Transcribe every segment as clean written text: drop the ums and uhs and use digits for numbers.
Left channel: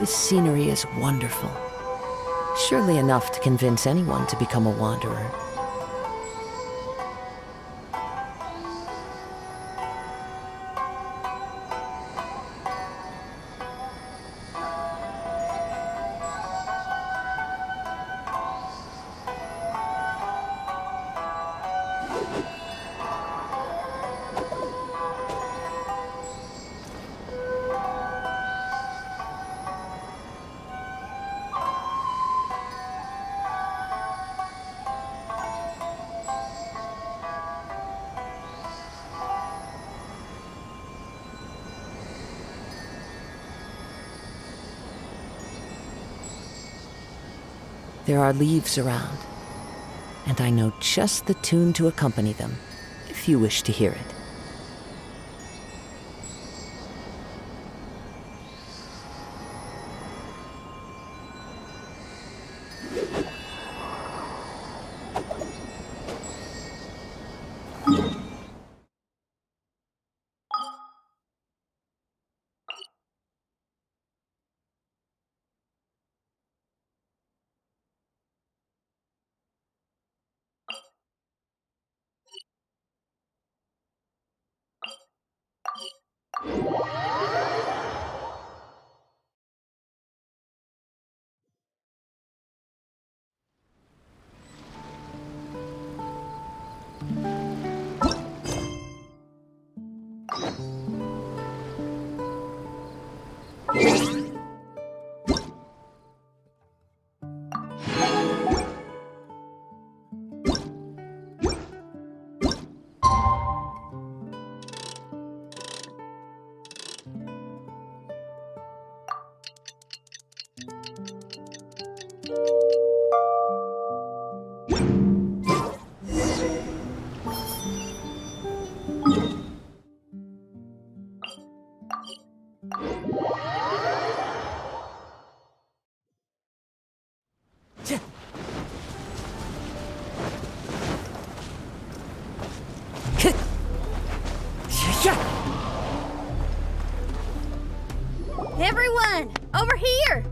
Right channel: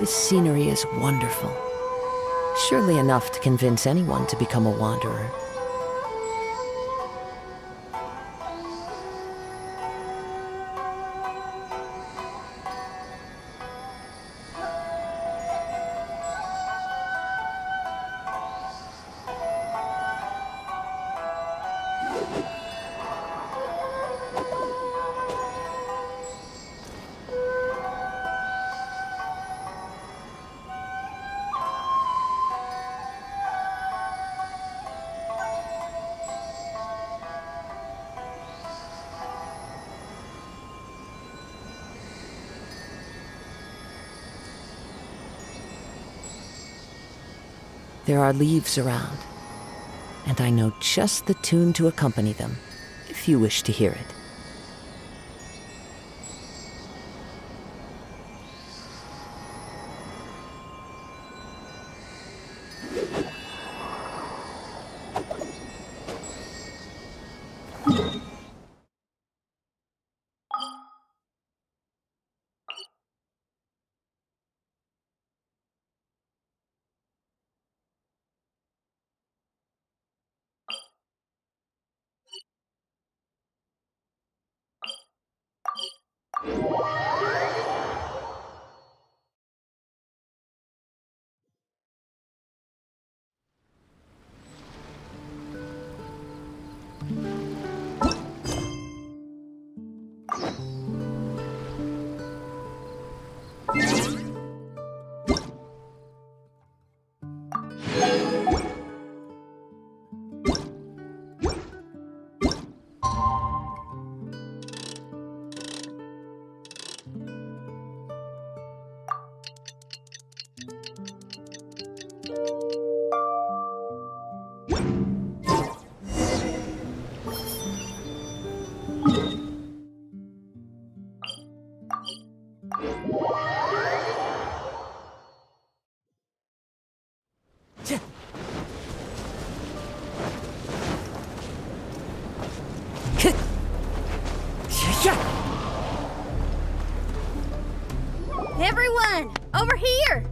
This scenery is wonderful. Surely enough to convince anyone to become a wanderer. There are leaves around, and I know just the tune to accompany them, if you wish to hear it. Everyone, over here!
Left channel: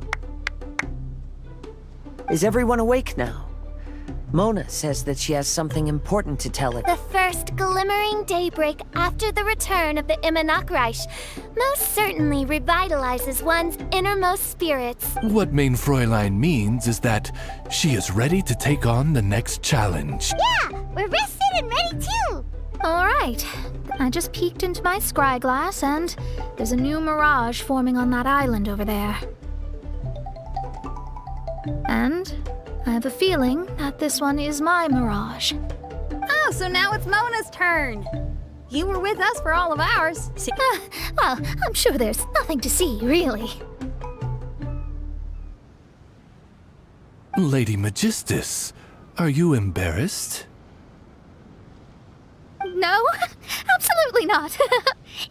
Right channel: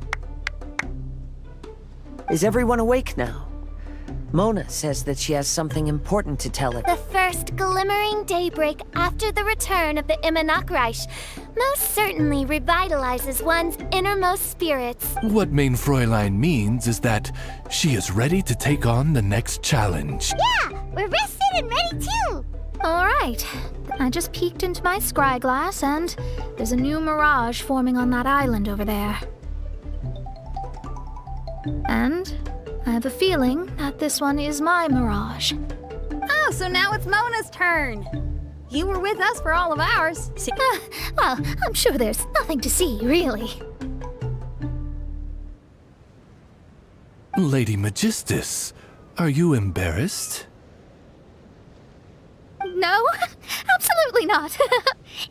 Is everyone awake now? Mona says that she has something important to tell it. The first glimmering daybreak after the return of the Immonakreich most certainly revitalizes one's innermost spirits. What Main Fräulein means is that she is ready to take on the next challenge. Yeah, we're rested and ready too! Alright, I just peeked into my scry glass and there's a new mirage forming on that island over there. And I have a feeling that this one is my mirage. Oh, so now it's Mona's turn. You were with us for all of ours. Well, I'm sure there's nothing to see, really. Lady Magistus, are you embarrassed? No, absolutely not.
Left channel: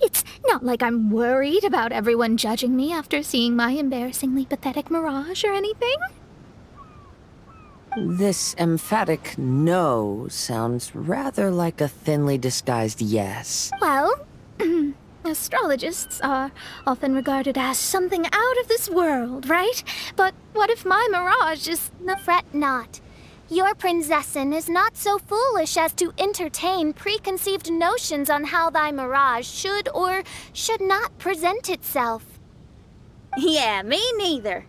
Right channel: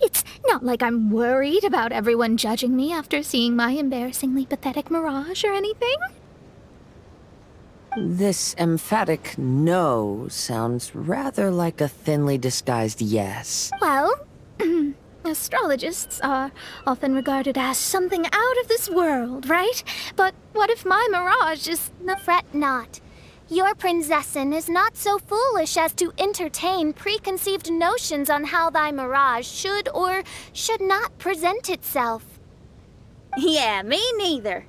It's not like I'm worried about everyone judging me after seeing my embarrassingly pathetic mirage or anything. This emphatic no sounds rather like a thinly disguised yes. Well, astrologists are often regarded as something out of this world, right? But what if my mirage is... Fret not. Your prinzessin is not so foolish as to entertain preconceived notions on how thy mirage should or should not present itself. Yeah, me neither.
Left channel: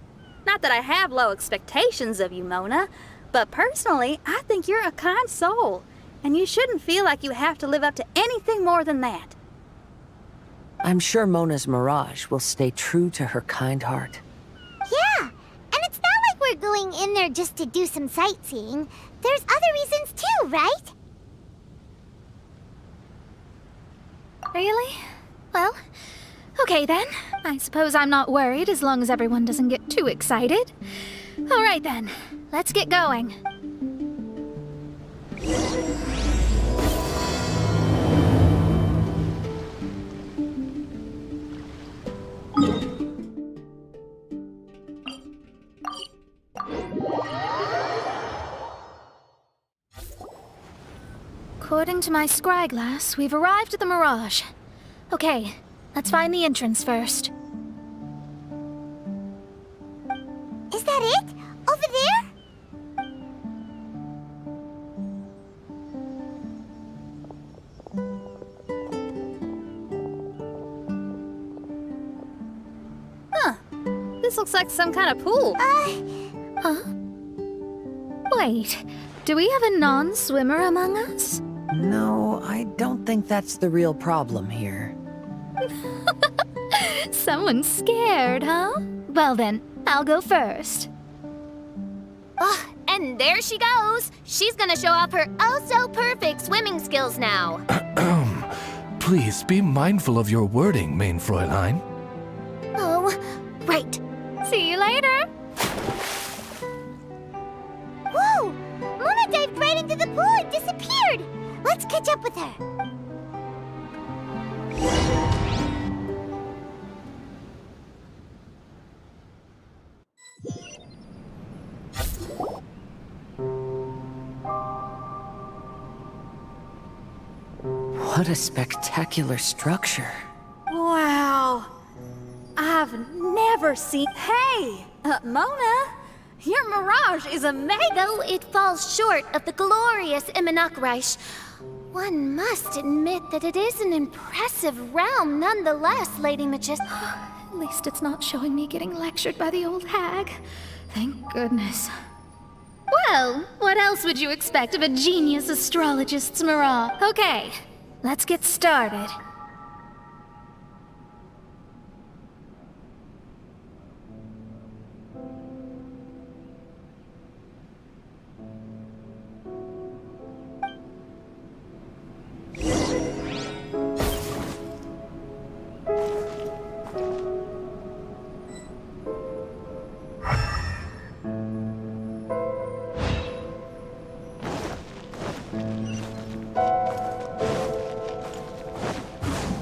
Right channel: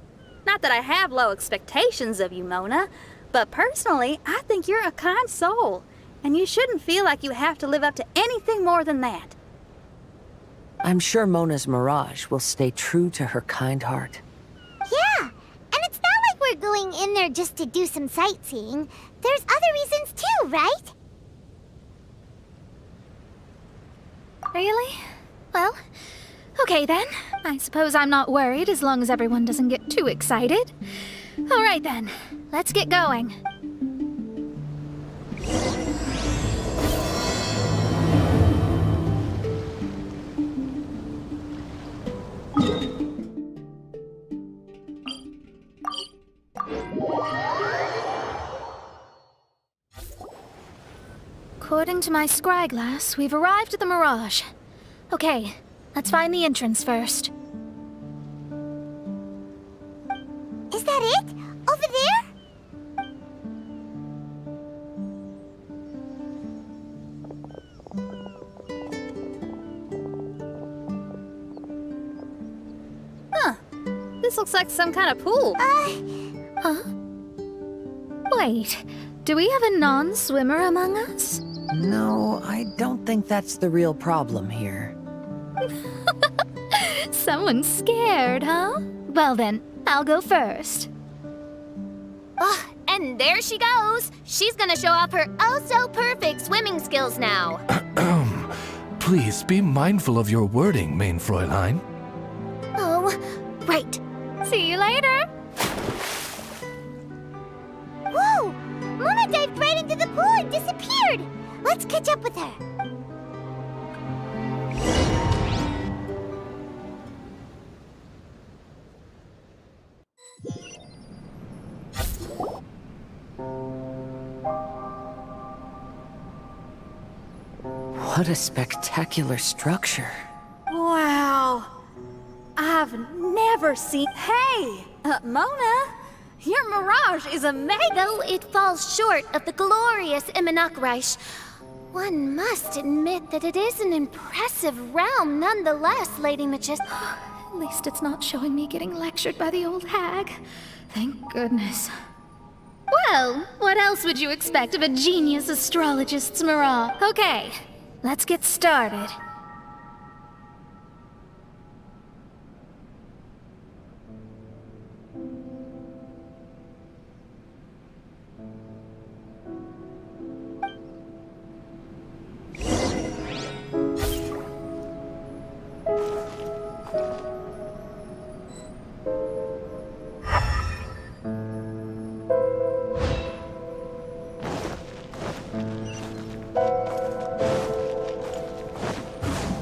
Not that I have low expectations of you, Mona, but personally, I think you're a kind soul, and you shouldn't feel like you have to live up to anything more than that. I'm sure Mona's mirage will stay true to her kind heart. Yeah, and it's not like we're going in there just to do some sightseeing. There's other reasons too, right? Really? Well, okay then. I suppose I'm not worried as long as everyone doesn't get too excited. All right then, let's get going. According to my scry glass, we've arrived at the Mirage. Okay, let's find the entrance first. This looks like some kind of pool. Huh? Wait, do we have a non-swimmer among us? No, I don't think that's the real problem here. Someone's scared, huh? Well then, I'll go first. And there she goes. She's gonna show off her oh-so-perfect swimming skills now. Please be mindful of your wording, main Fräulein. Oh, right. See you later! Whoa! Mona dived right into the pool and disappeared. Let's catch up with her. What a spectacular structure. Wow. I've never seen... Hey! Mona! Your mirage is amazing! Though it falls short of the glorious Immonakreich, one must admit that it is an impressive realm nonetheless, Lady Magician. At least it's not showing me getting lectured by the old hag. Thank goodness. Well, what else would you expect of a genius astrologist's mirage? Okay, let's get started.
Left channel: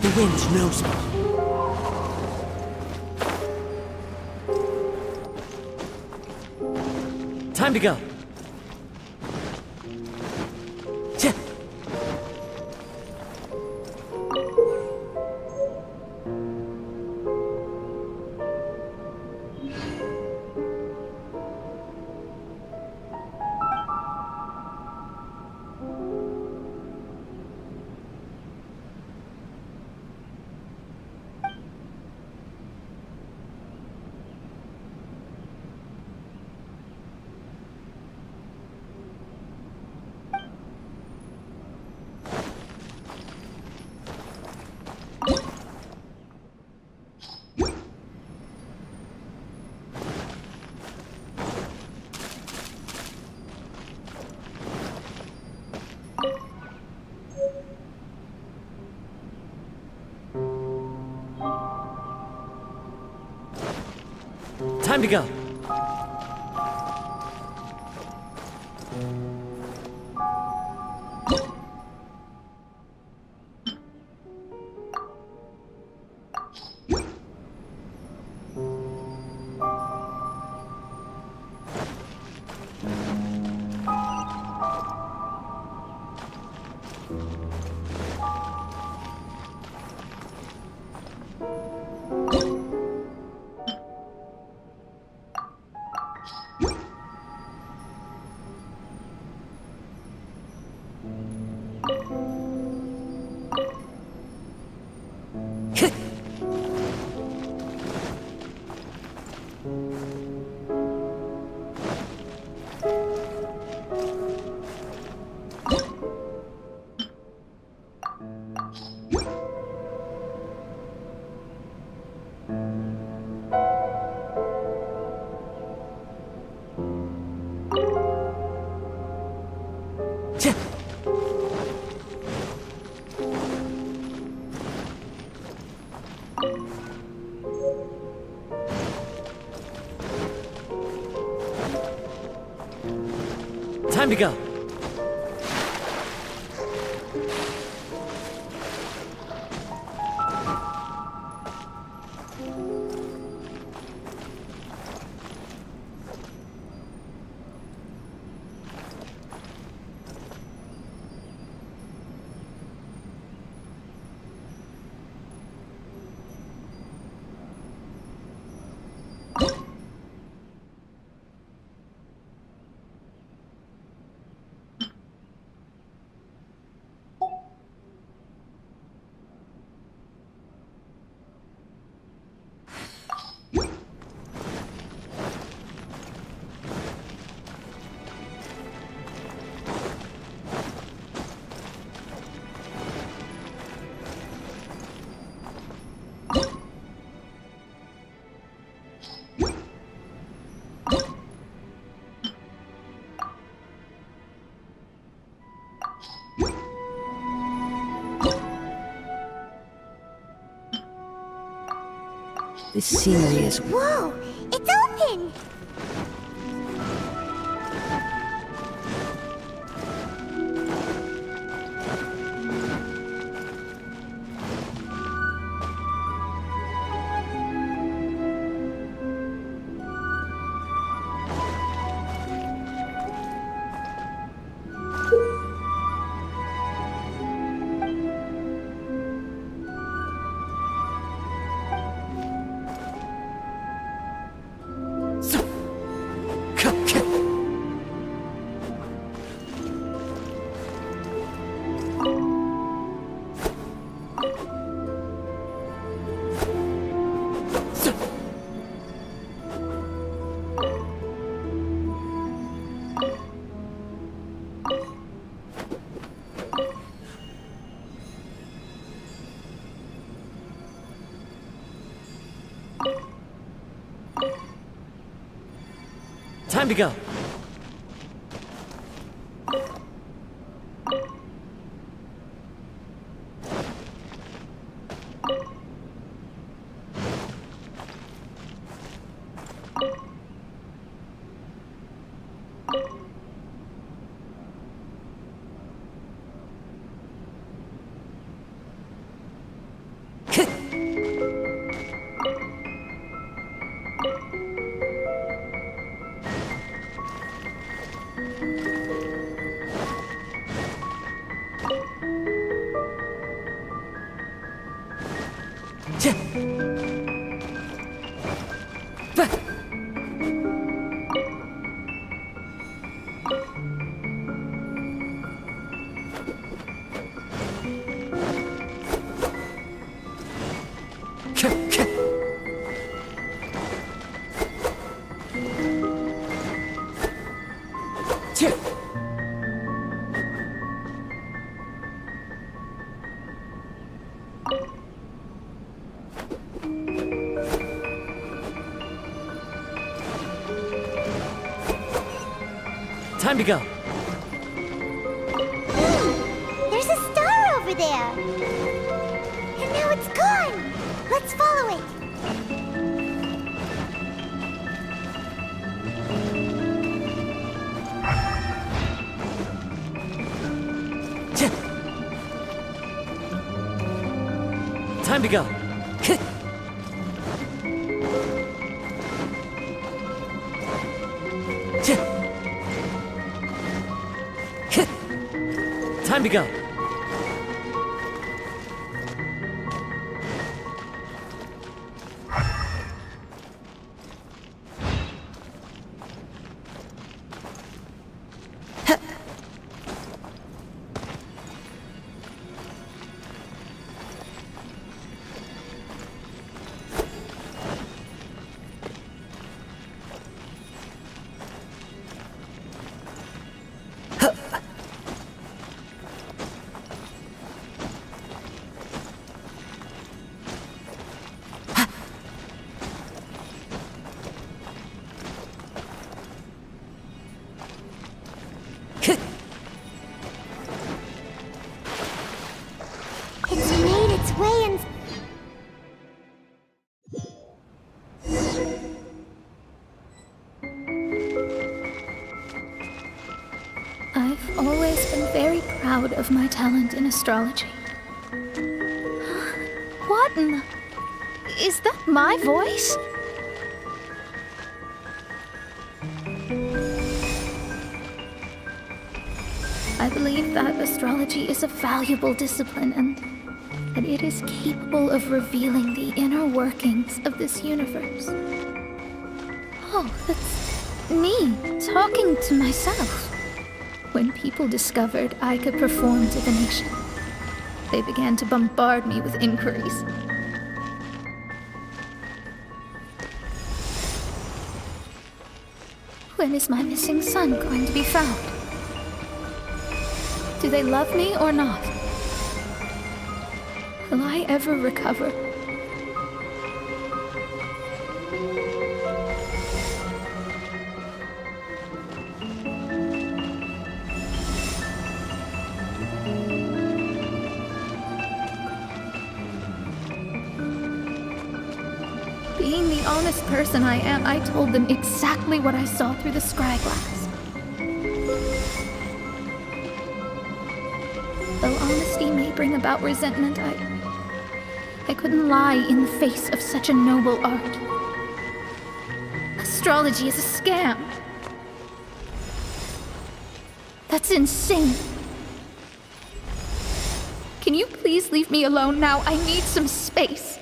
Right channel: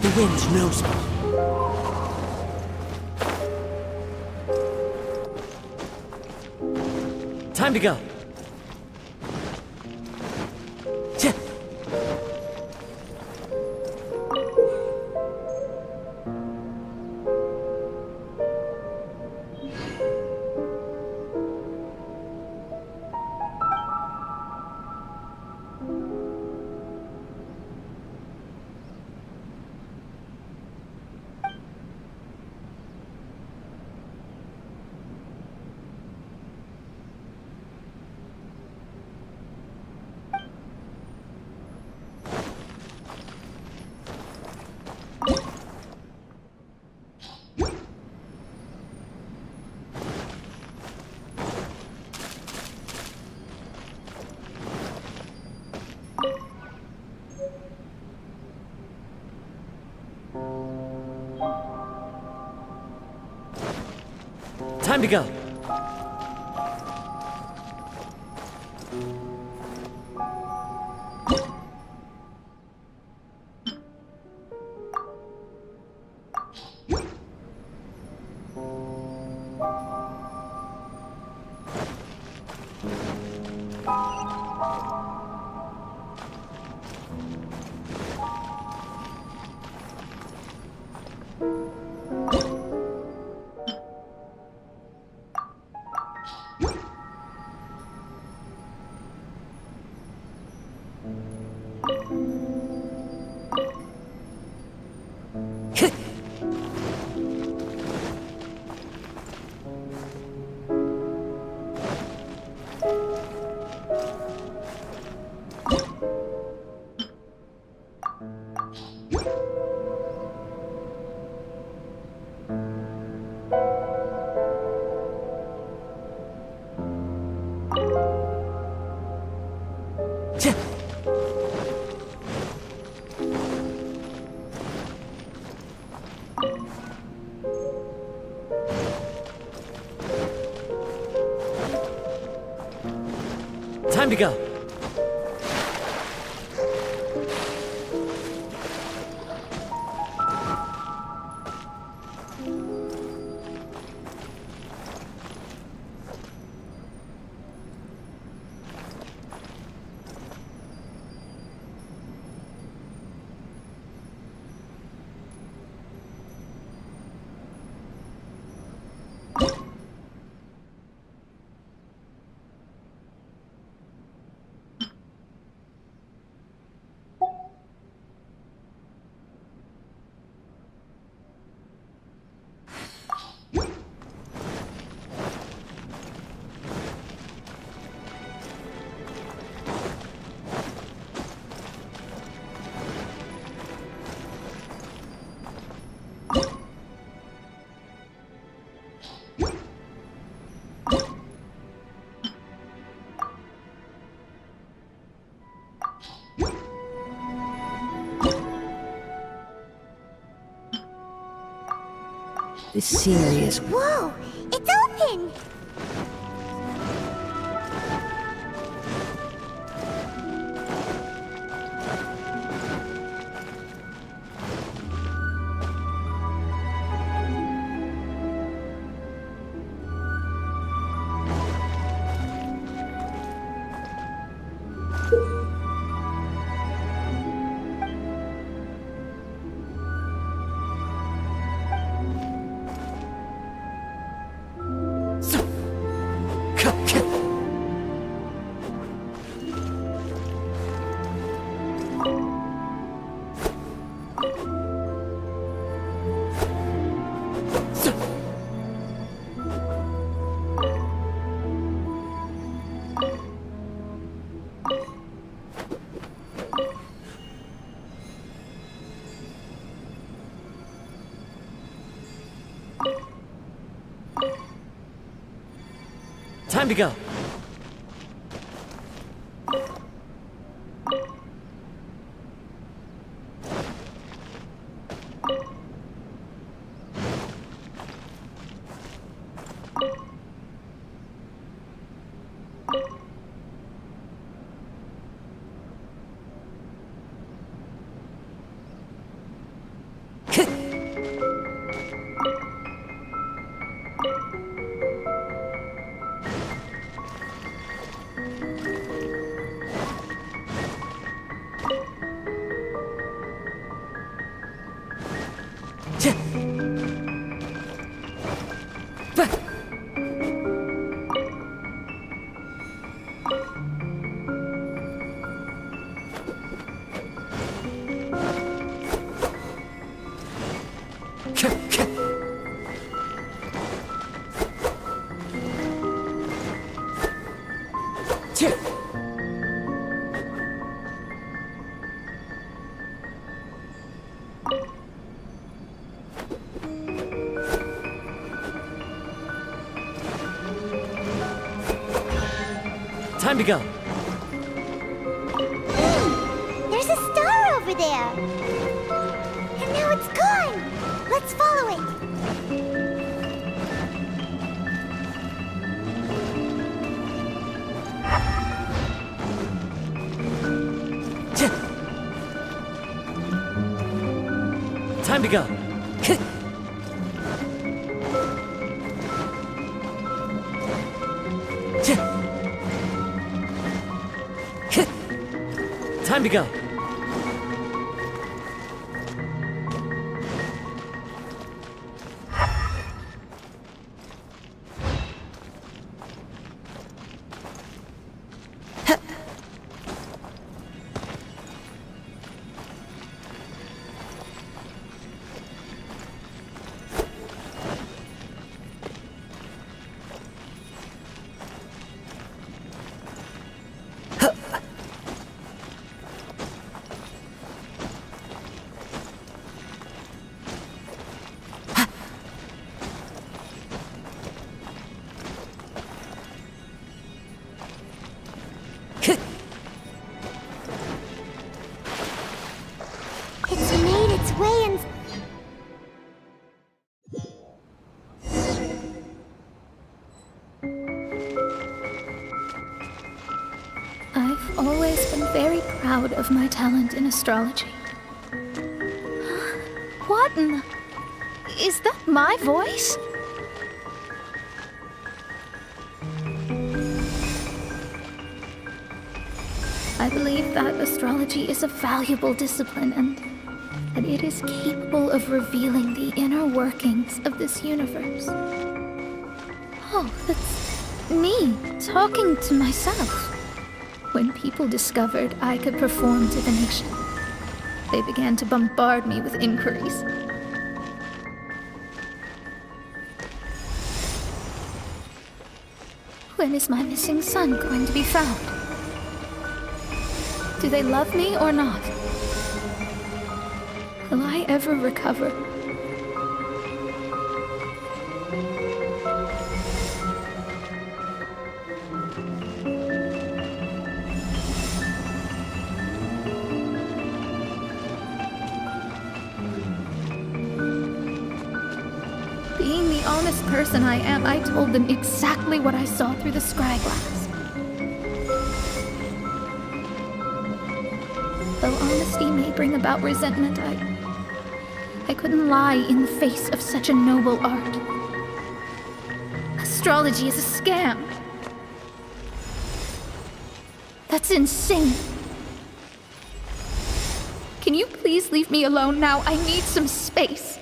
The wind knows me. Time to go. Time to go. Time to go. This scenery is... Whoa! It's open! Time to go. Time to go. There's a star over there. And now it's gone. Let's follow it. Time to go. Time to go. It's made its way in. I've always been very proud of my talent in astrology. What in the... Is that my voice? I believe that astrology is a valuable discipline and that it is capable of revealing the inner workings of this universe. Oh, that's me talking to myself. When people discovered I could perform divination, they began to bombard me with inquiries. When is my missing son going to be found? Do they love me or not? Will I ever recover? the honest person I am, I told them exactly what I saw through the scryglass. Though honesty may bring about resentment, I couldn't lie in the face of such a noble art. Astrology is a scam. That's insane. Can you please leave me alone now? I need some space.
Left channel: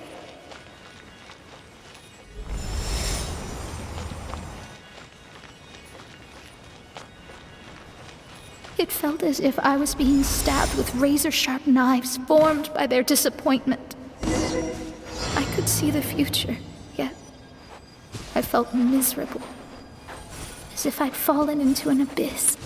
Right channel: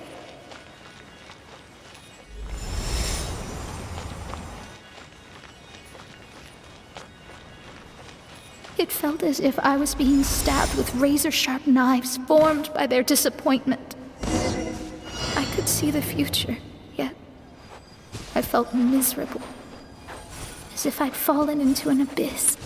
It felt as if I was being stabbed with razor-sharp knives formed by their disappointment. I could see the future, yet I felt miserable, as if I'd fallen into an abyss.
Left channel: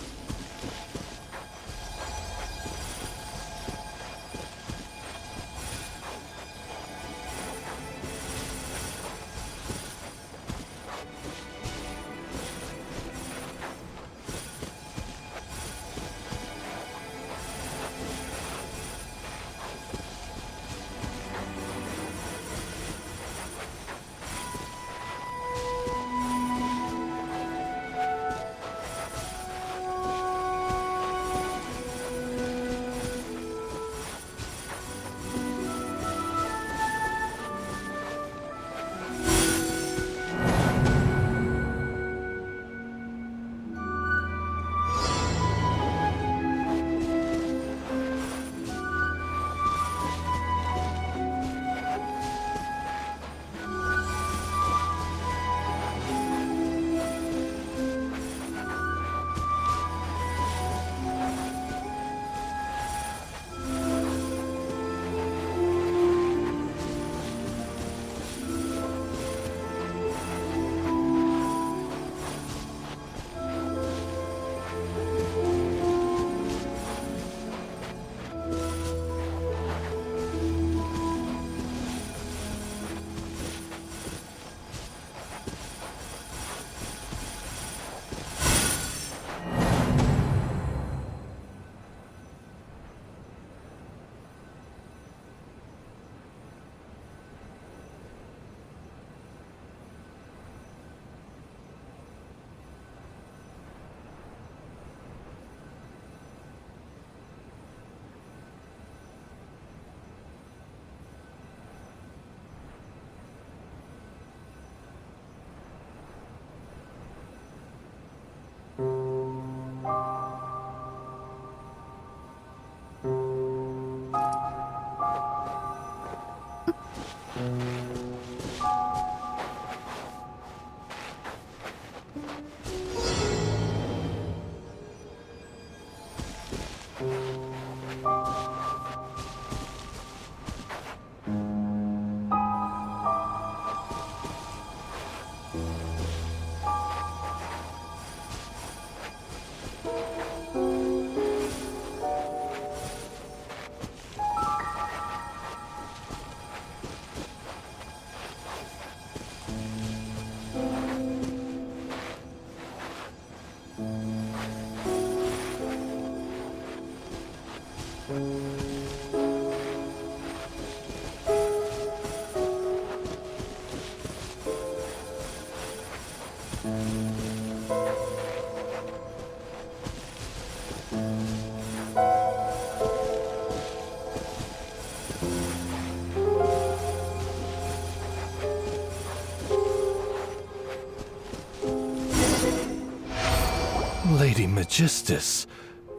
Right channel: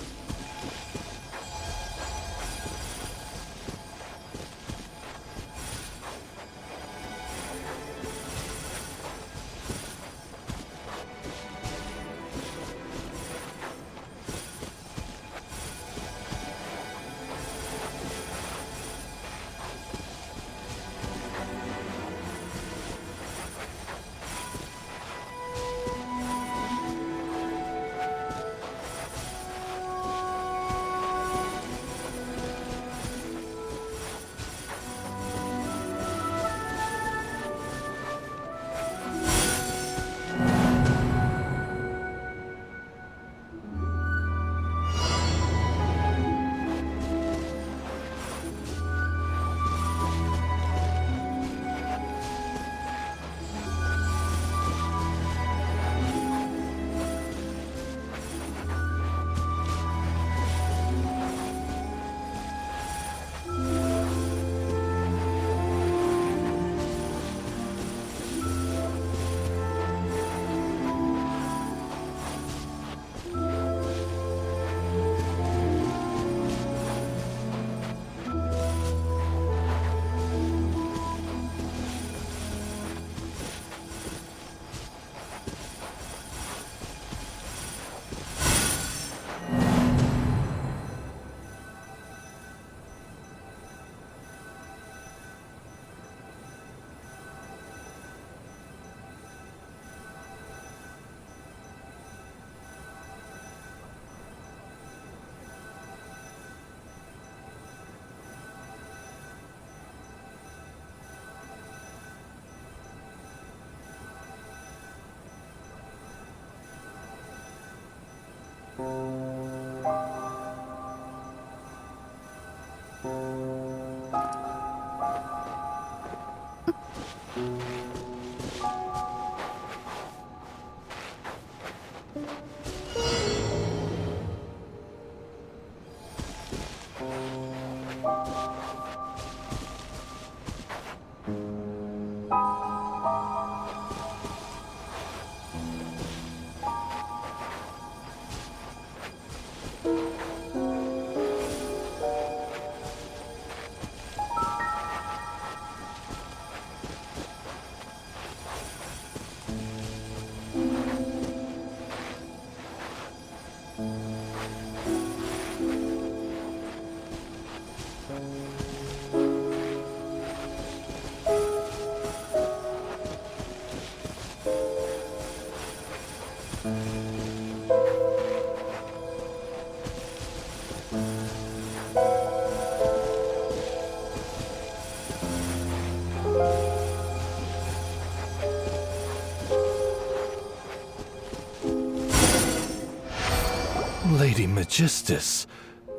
Lady Magistus,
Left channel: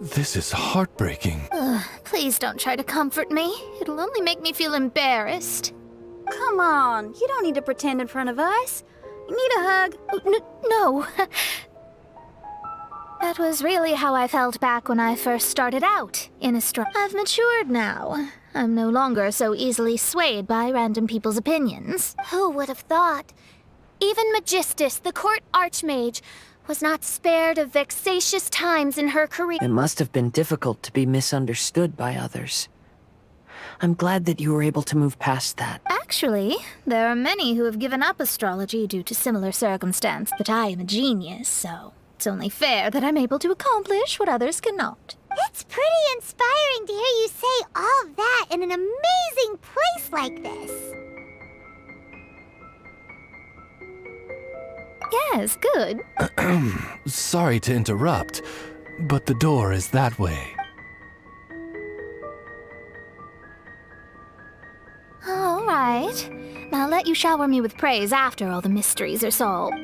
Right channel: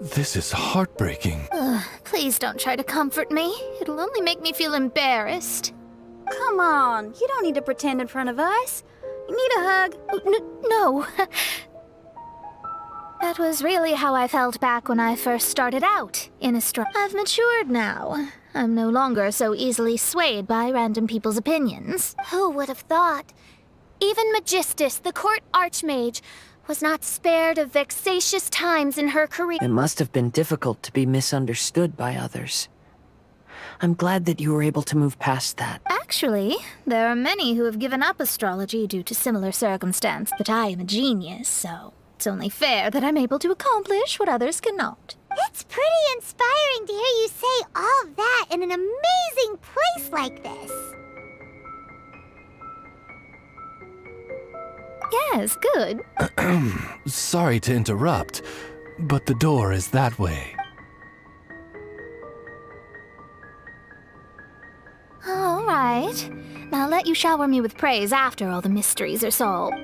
this is heartbreaking. Please don't try to comfort me. It'll only make me feel embarrassed. Come on, you don't need to pretend in front of us. You need a hug. No. That was really how I felt back when I first started out in astrology. I've matured now. I'm no longer so easily swayed by random people's opinions. Who would have thought? Even Magistus, the court archmage, was not spared of vexatious times in her career. It must have been difficult to be misunderstood by others. I'm glad that you were able to move past that. Actually, there are many who have given up astrology due to similar circumstance, but I am a genius, so it's only fair that I'm able to accomplish what others cannot. It's pretty inspiring to hear you say all that in an amazing place like this. Yes, good. Sorry to interrupt, but the door is that way. All right. I'll let you shower me with praise after all the mysteries are solved.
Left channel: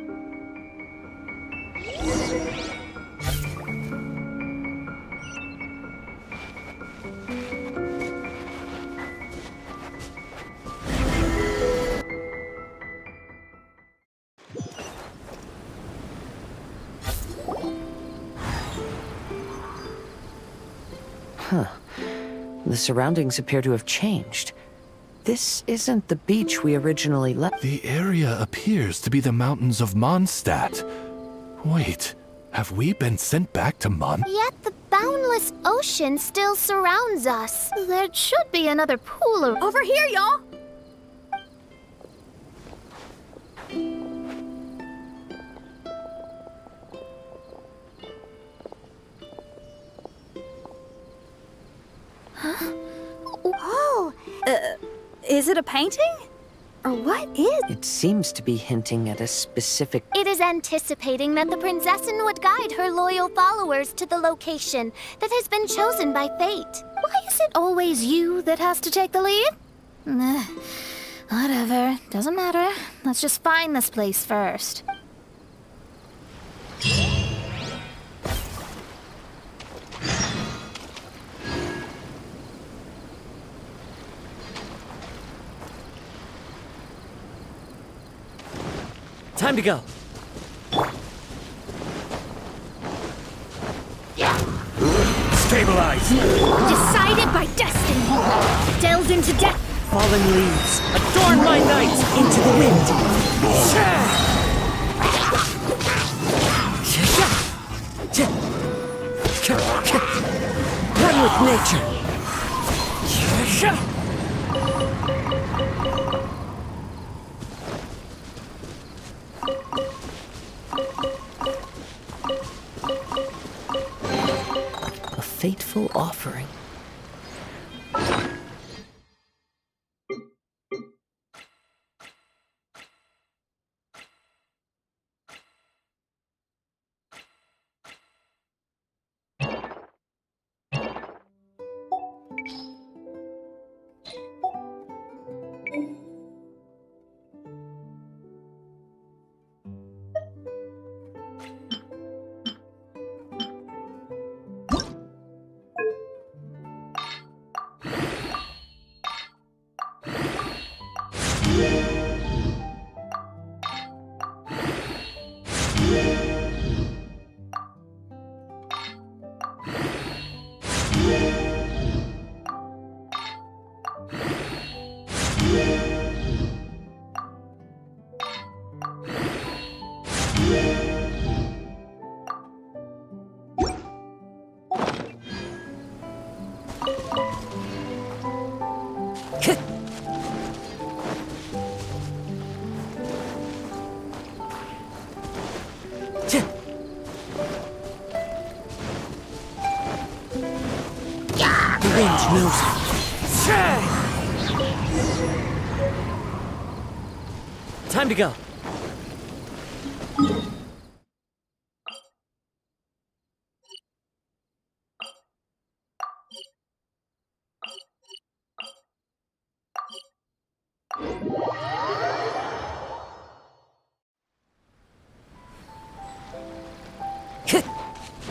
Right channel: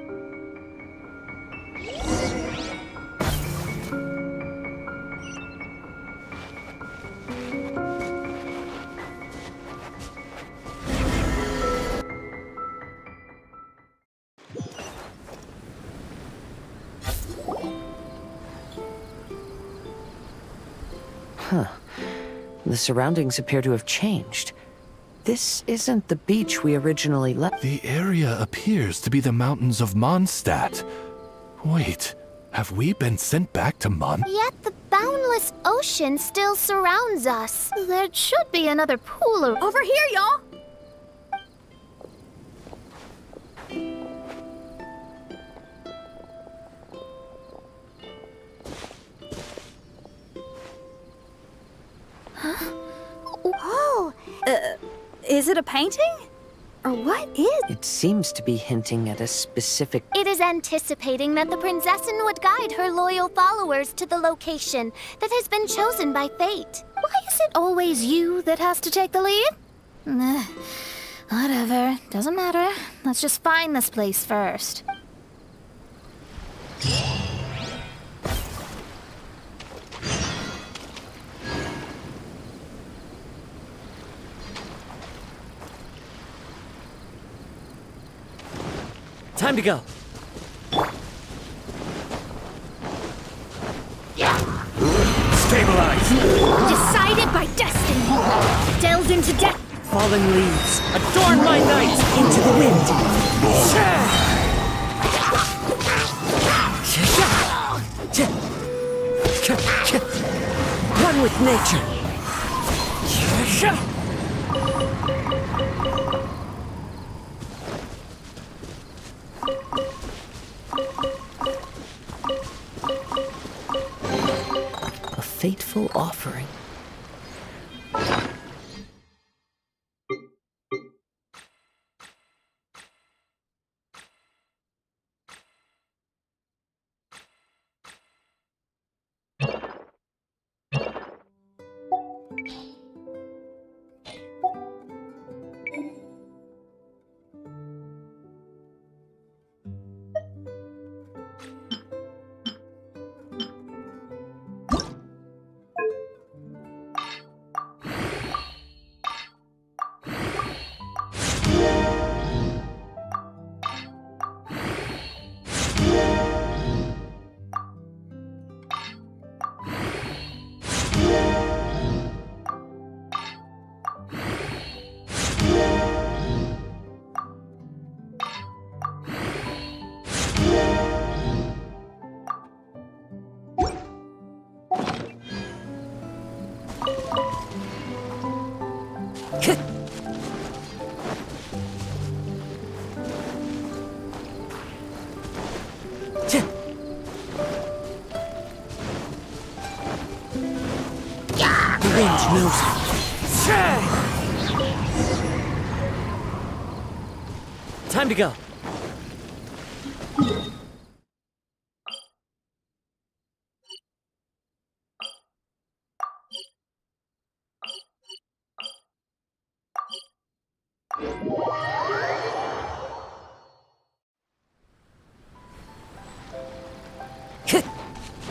The surroundings appear to have changed. This isn't the beach we originally left. The area appears to be the mountains of Mondstadt. Wait, have we been sent back to Yet the boundless ocean still surrounds us. There should be another pool Over here, y'all! Oh, Is it a painting? Or what is? It seems to be hinting at a specific... it is anticipating that the princessin would guide her loyal followers to the location that has been chosen by fate. Why is it always you that has to take the lead? Whatever, doesn't matter. Let's just find this place first. Time to go. Stabilize! Decided by destiny. Delved into death. Fallen leaves, adorn my night into the wind. One with nature. A fateful offering. Time to go.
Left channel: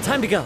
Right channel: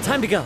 Time to go.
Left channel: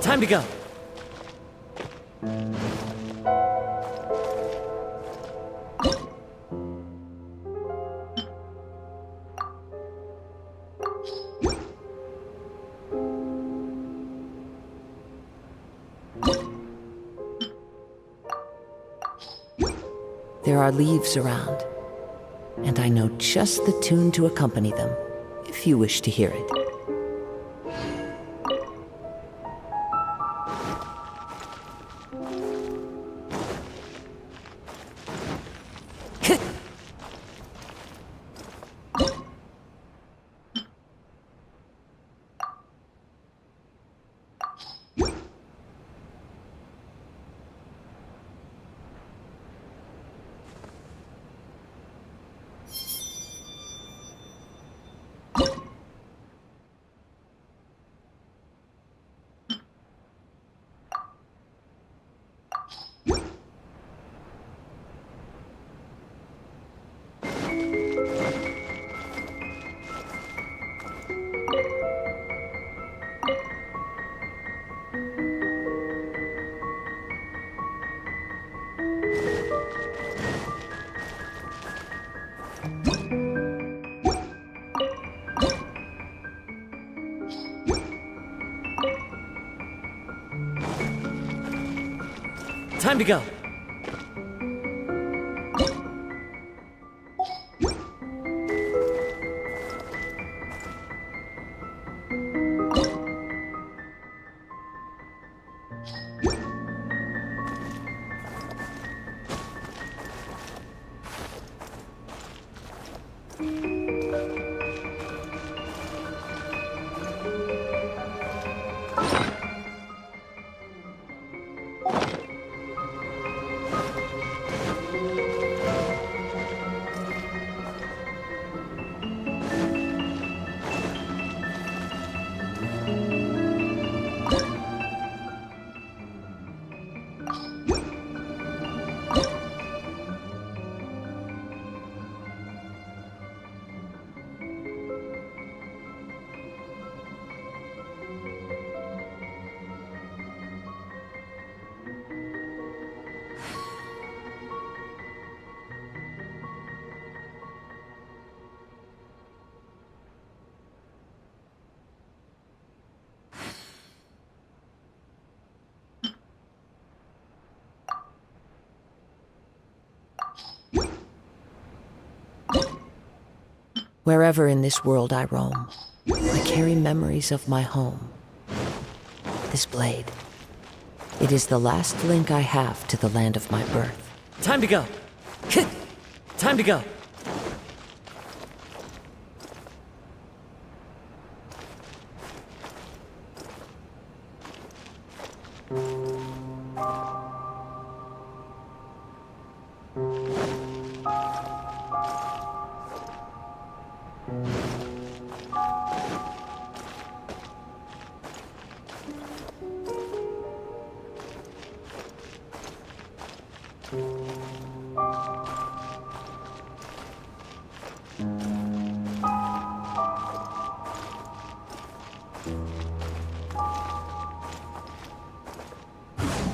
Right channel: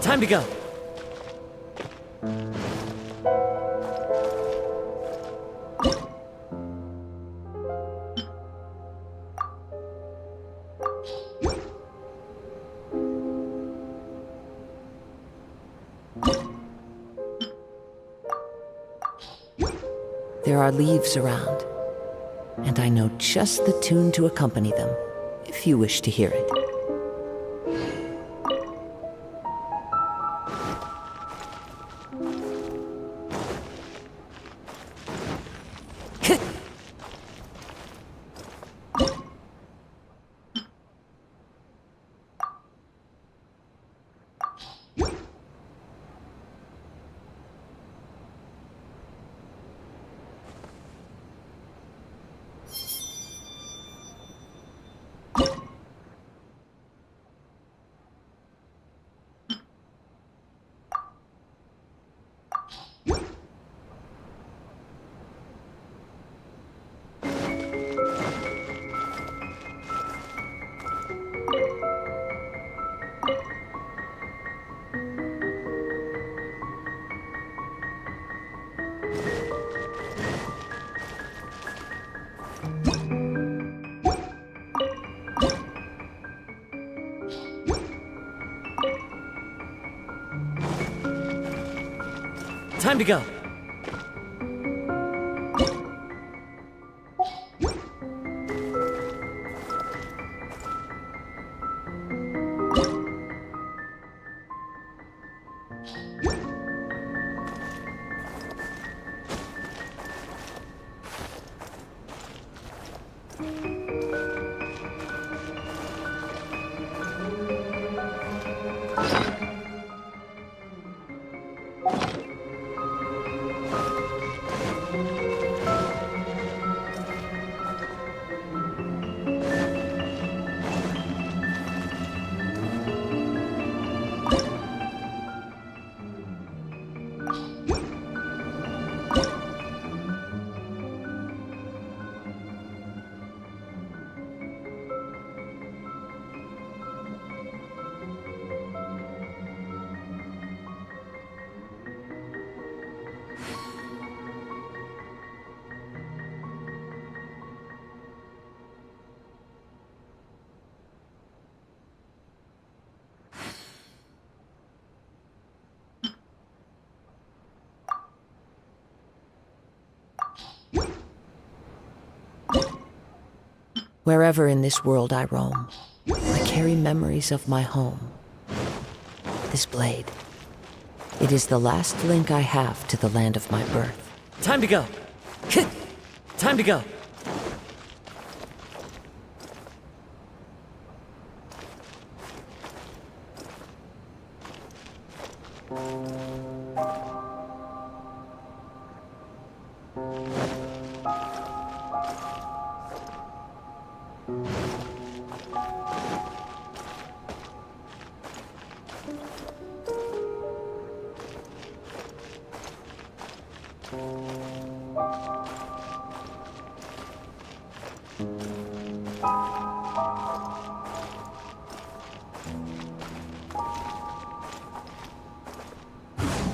Time to go. There are leaves around, and I know just the tune to accompany them, if you wish to hear it. Time to go. Wherever in this world I roam, I carry memories of my home. This blade, it is the last link I have to the land of my birth. Time to go. Time to go.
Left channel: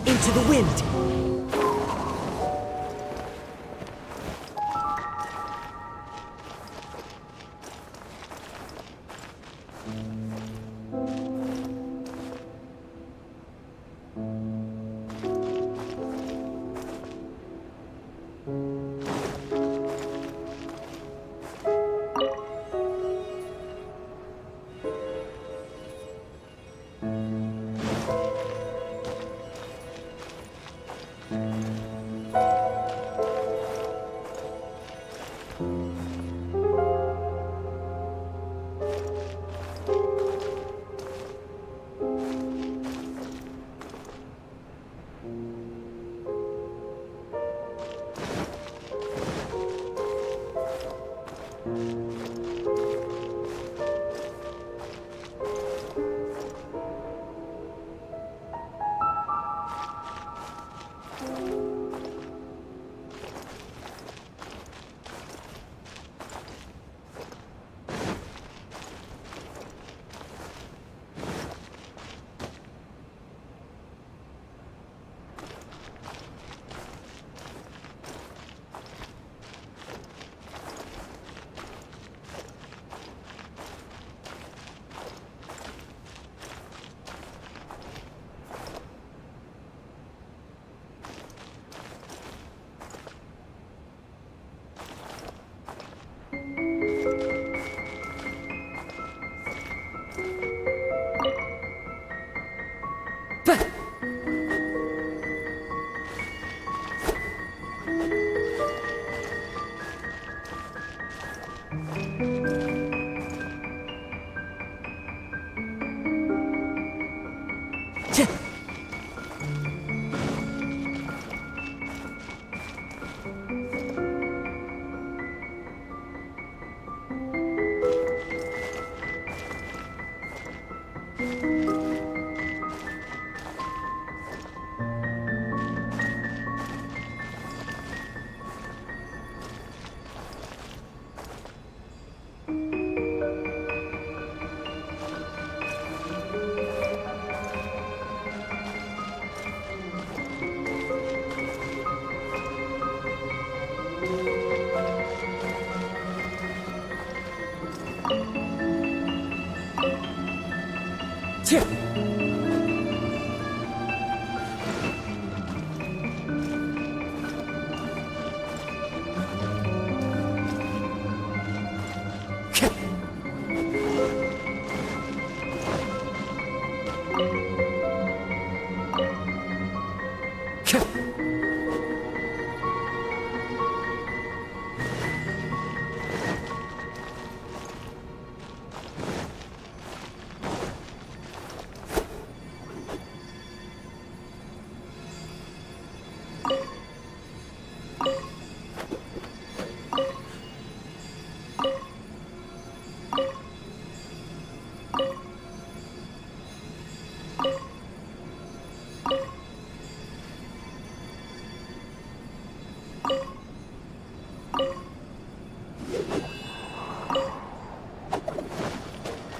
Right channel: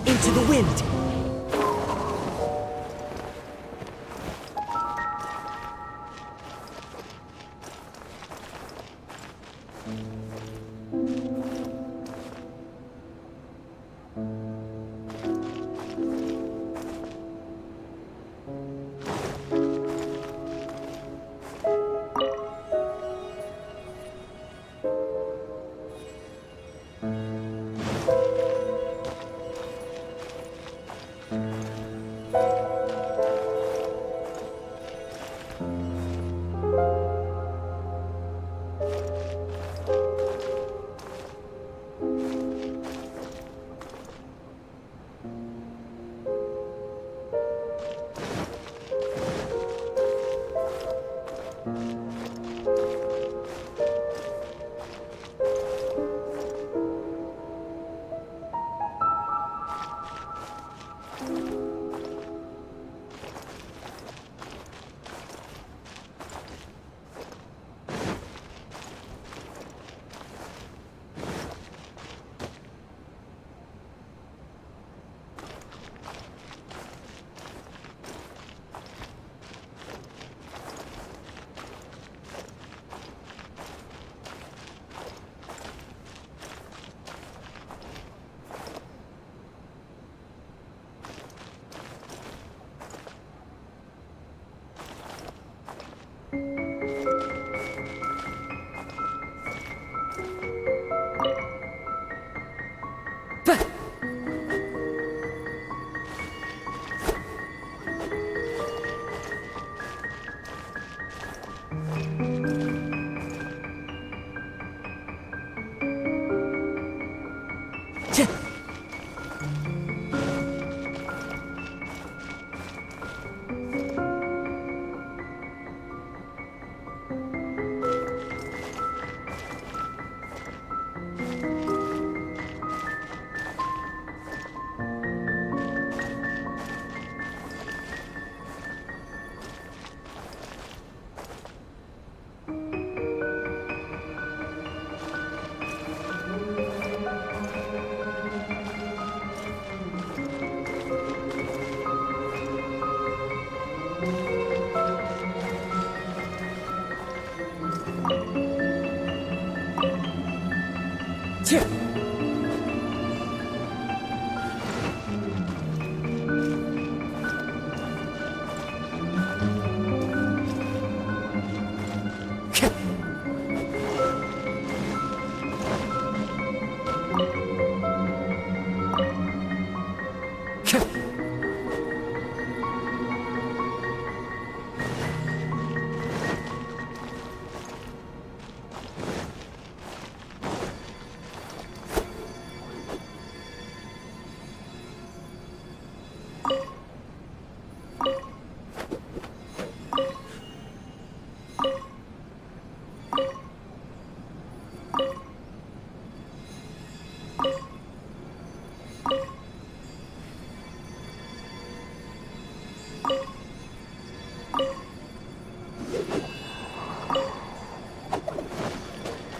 Into the wind!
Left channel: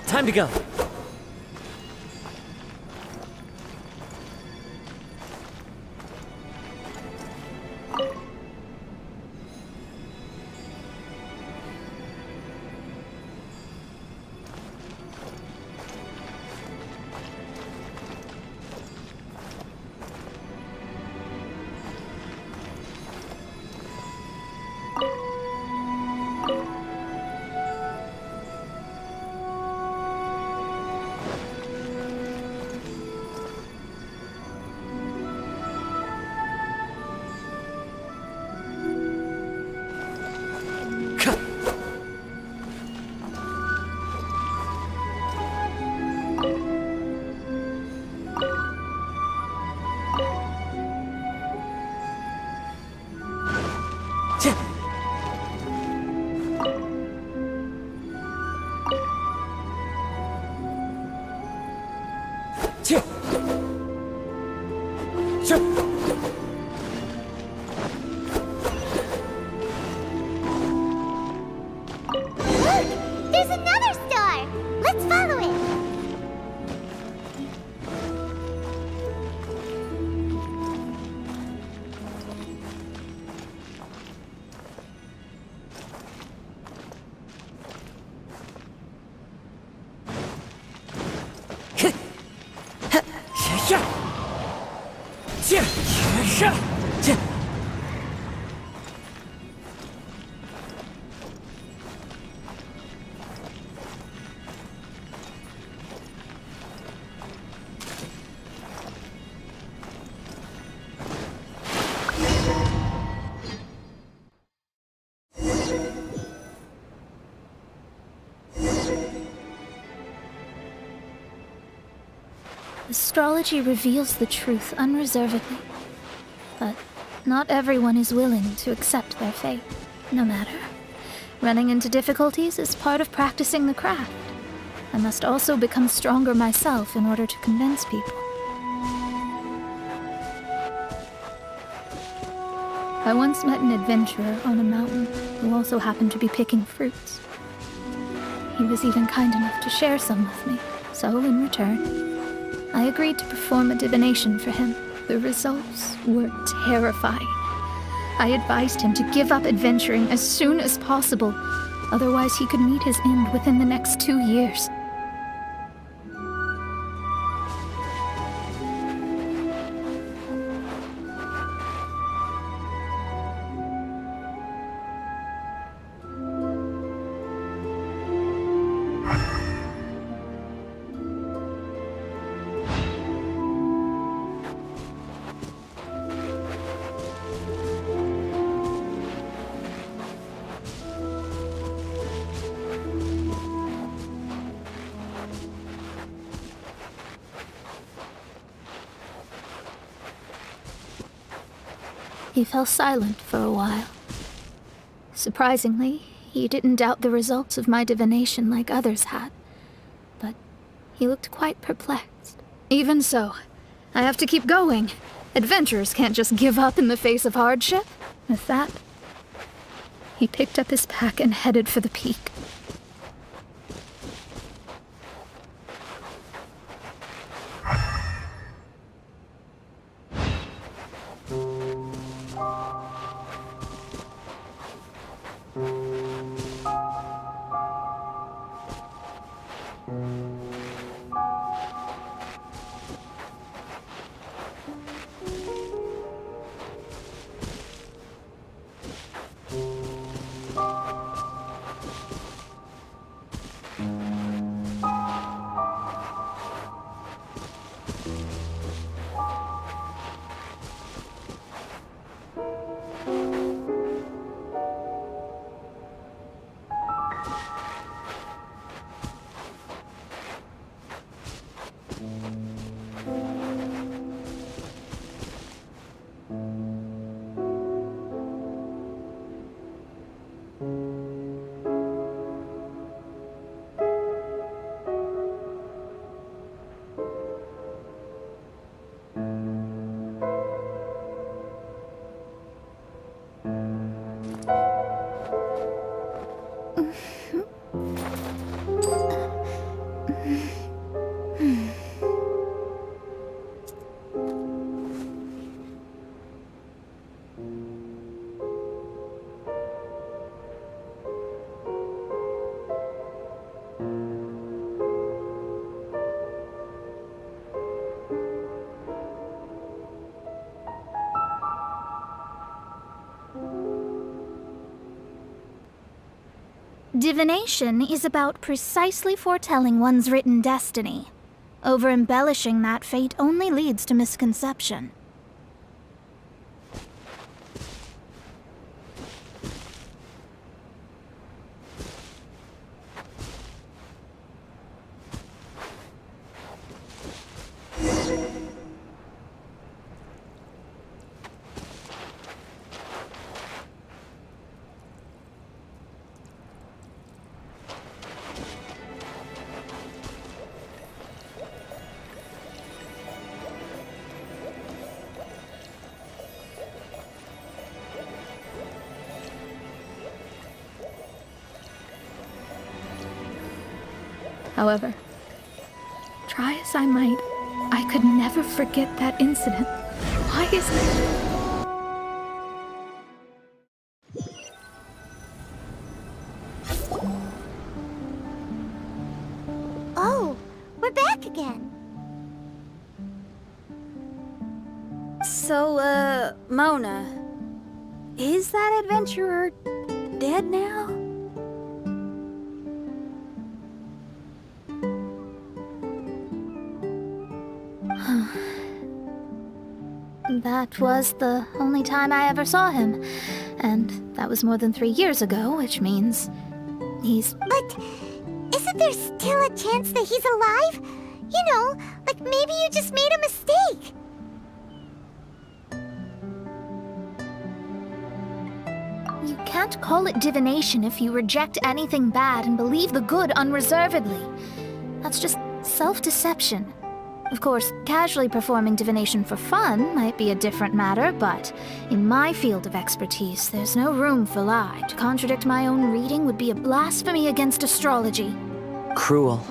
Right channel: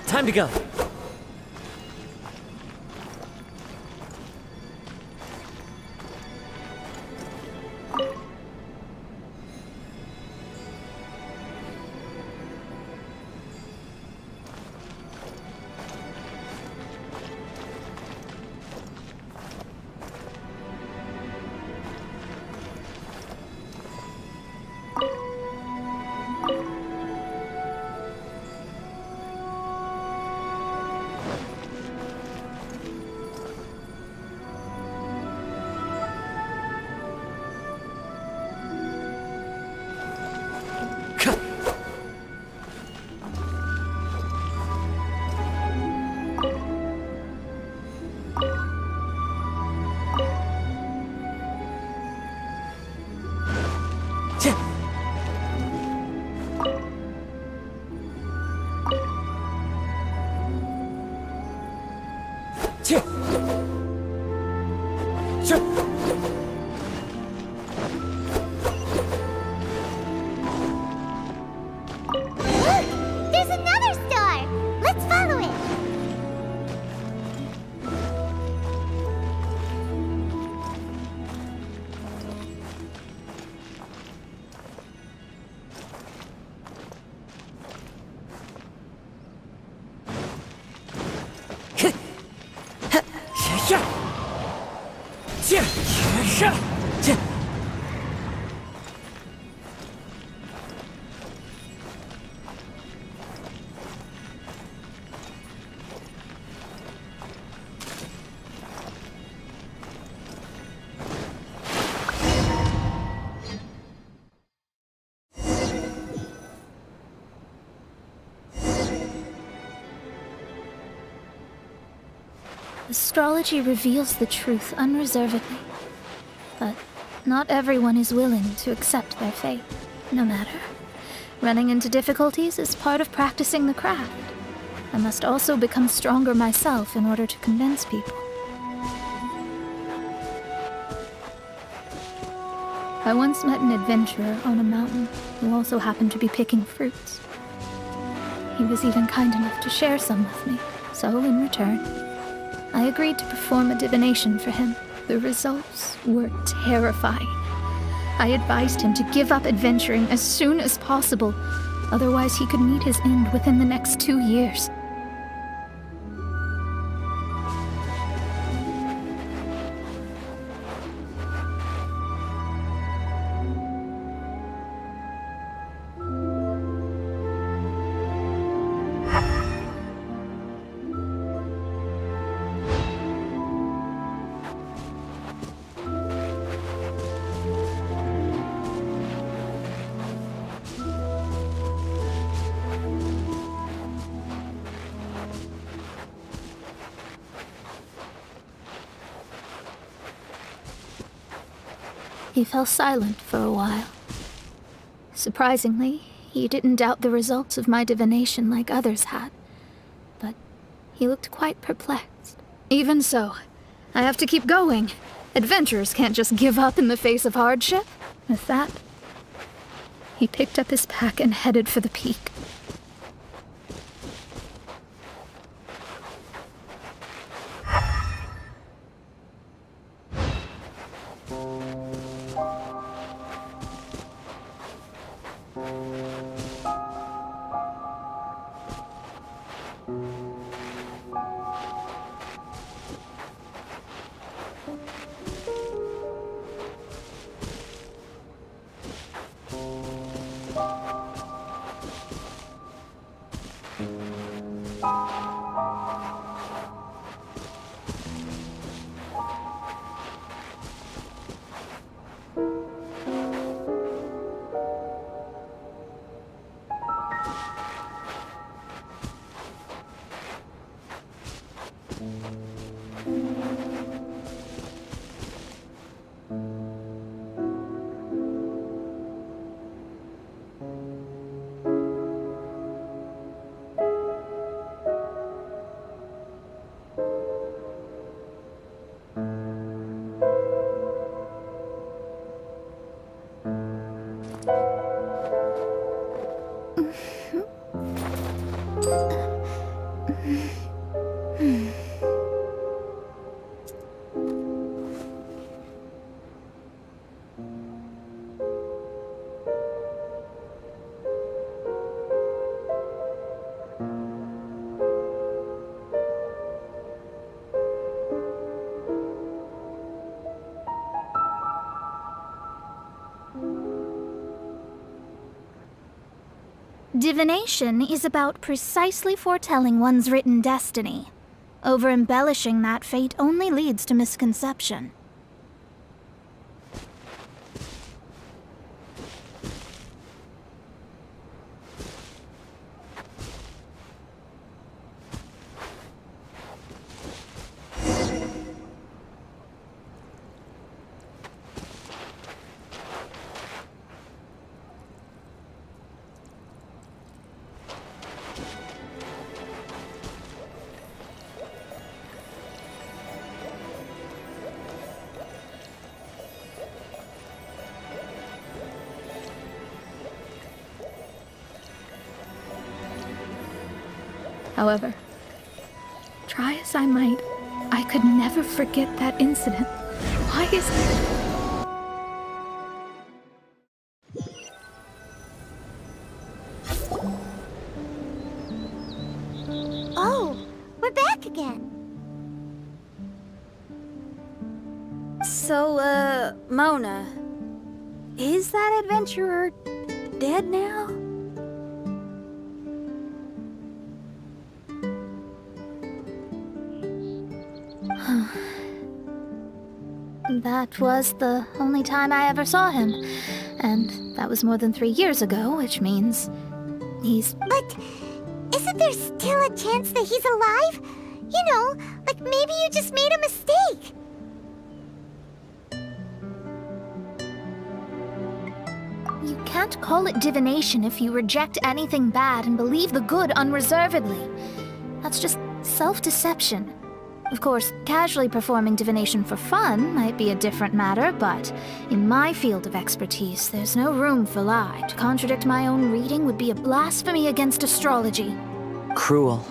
Time to go. Look! There's another star! Let's follow it! Astrology reveals the truth unreservedly, but not everyone is willing to accept their fate, no matter. Running into difficulties is part of practicing the craft. I must also become stronger myself in order to convince people. I once met an adventurer on a mountain who also happened to be picking fruits. He was even kind enough to share some with me, so in return, I agreed to perform a divination for him. The results were terrifying. I advised him to give up adventuring as soon as possible, otherwise he could meet his end within the next 2 years. He fell silent for a while. Surprisingly, he didn't doubt the results of my divination like others had, but he looked quite perplexed. Even so, I have to keep going. Adventurers can't just give up in the face of hardship. With that, he picked up his pack and headed for the peak. Divination is about precisely foretelling one's written destiny. Over-embellishing that fate only leads to misconception. However, try as I might, I could never forget that incident. Why is that? Oh, we're back again. So, Mona, is that adventurer dead now? That was the only time I ever saw him. And that was more than 3 years ago, which means he's... But isn't there still a chance that he's alive? You know, like maybe you just made a mistake. You can't call it divination if you reject anything bad and believe the good unreservedly. That's just self-deception. Of course, casually performing divination for fun might be a different matter, but in my field of expertise, there's no room for lie. To contradict my own reading would be a blasphemy against astrology. Cruel,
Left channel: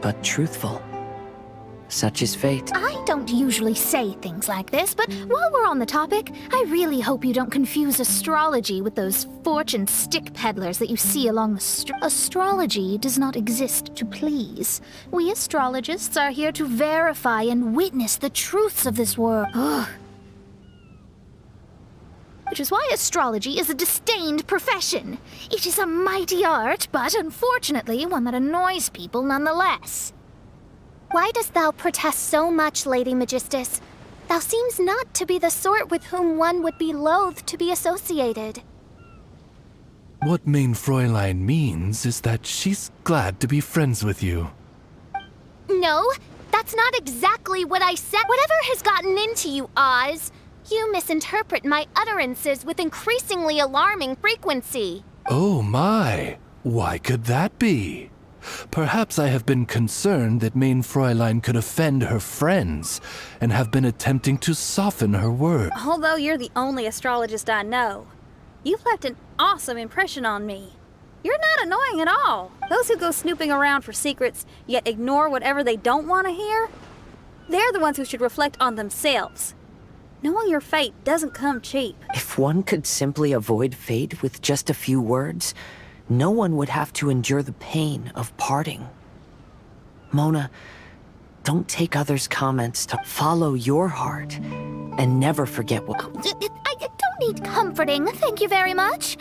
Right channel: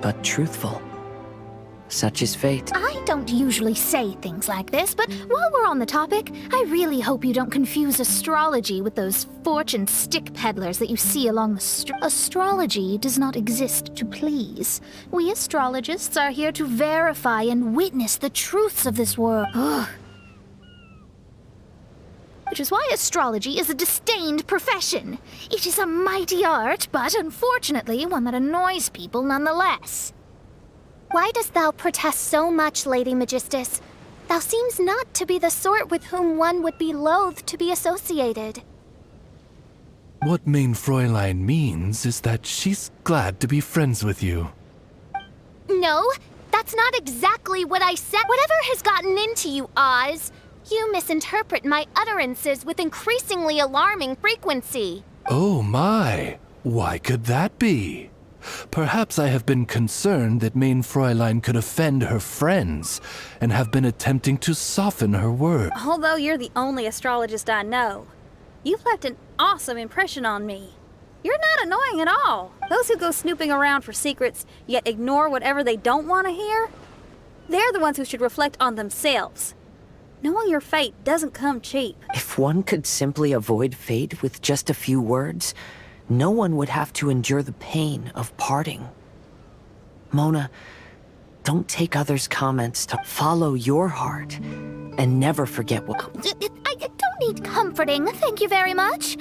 but truthful. Such is fate. I don't usually say things like this, but while we're on the topic, I really hope you don't confuse astrology with those fortune stick peddlers that you see along the street. Astrology does not exist to please. We astrologists are here to verify and witness the truths of this world. Ugh. Which is why astrology is a disdained profession. It is a mighty art, but unfortunately one that annoys people nonetheless. Why dost thou protest so much, Lady Magistus? Thou seems not to be the sort with whom one would be loath to be associated. What Main Fräulein means is that she's glad to be friends with you. No, that's not exactly what I said. Whatever has gotten into you, Oz? You misinterpret my utterances with increasingly alarming frequency. Oh my, why could that be? Perhaps I have been concerned that Main Fräulein could offend her friends, and have been attempting to soften her words. Although you're the only astrologist I know, you've left an awesome impression on me. You're not annoying at all. Those who go snooping around for secrets, yet ignore whatever they don't want to hear, they're the ones who should reflect on themselves. Knowing your fate doesn't come cheap. If one could simply avoid fate with just a few words, no one would have to endure the pain of parting. Mona, don't take others' comments to follow your heart, and never forget what... I don't need comforting, thank you very much.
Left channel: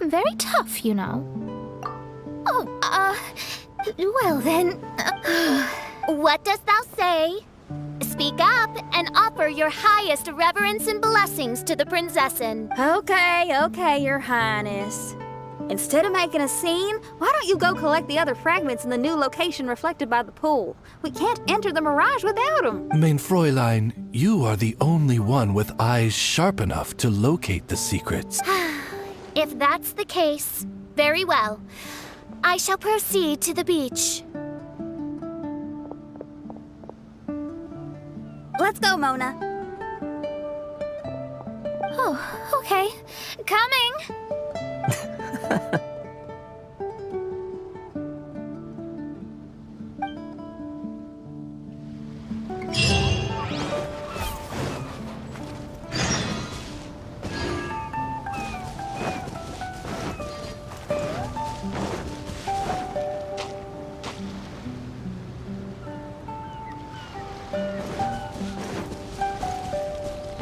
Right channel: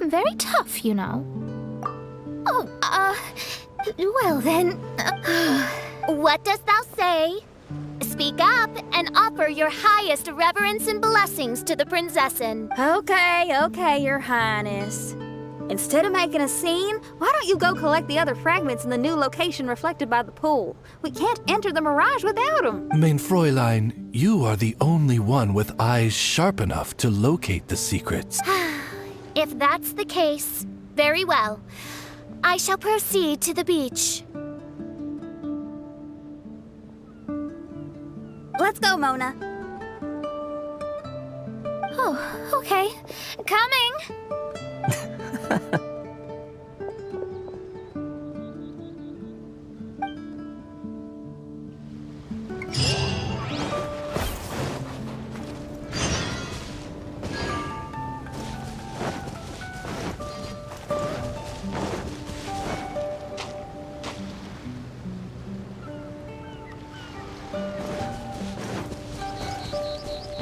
I'm very tough, you know. Oh, well then... What dost thou say? Speak up and offer your highest reverence and blessings to the Prinzessin. Okay, Your Highness. Instead of making a scene, why don't you go collect the other fragments in the new location reflected by the pool? We can't enter the Mirage without them. Main Fräulein, you are the only one with eyes sharp enough to locate the secrets. If that's the case, very well. I shall proceed to the beach. Let's go, Mona. Oh, okay. Coming!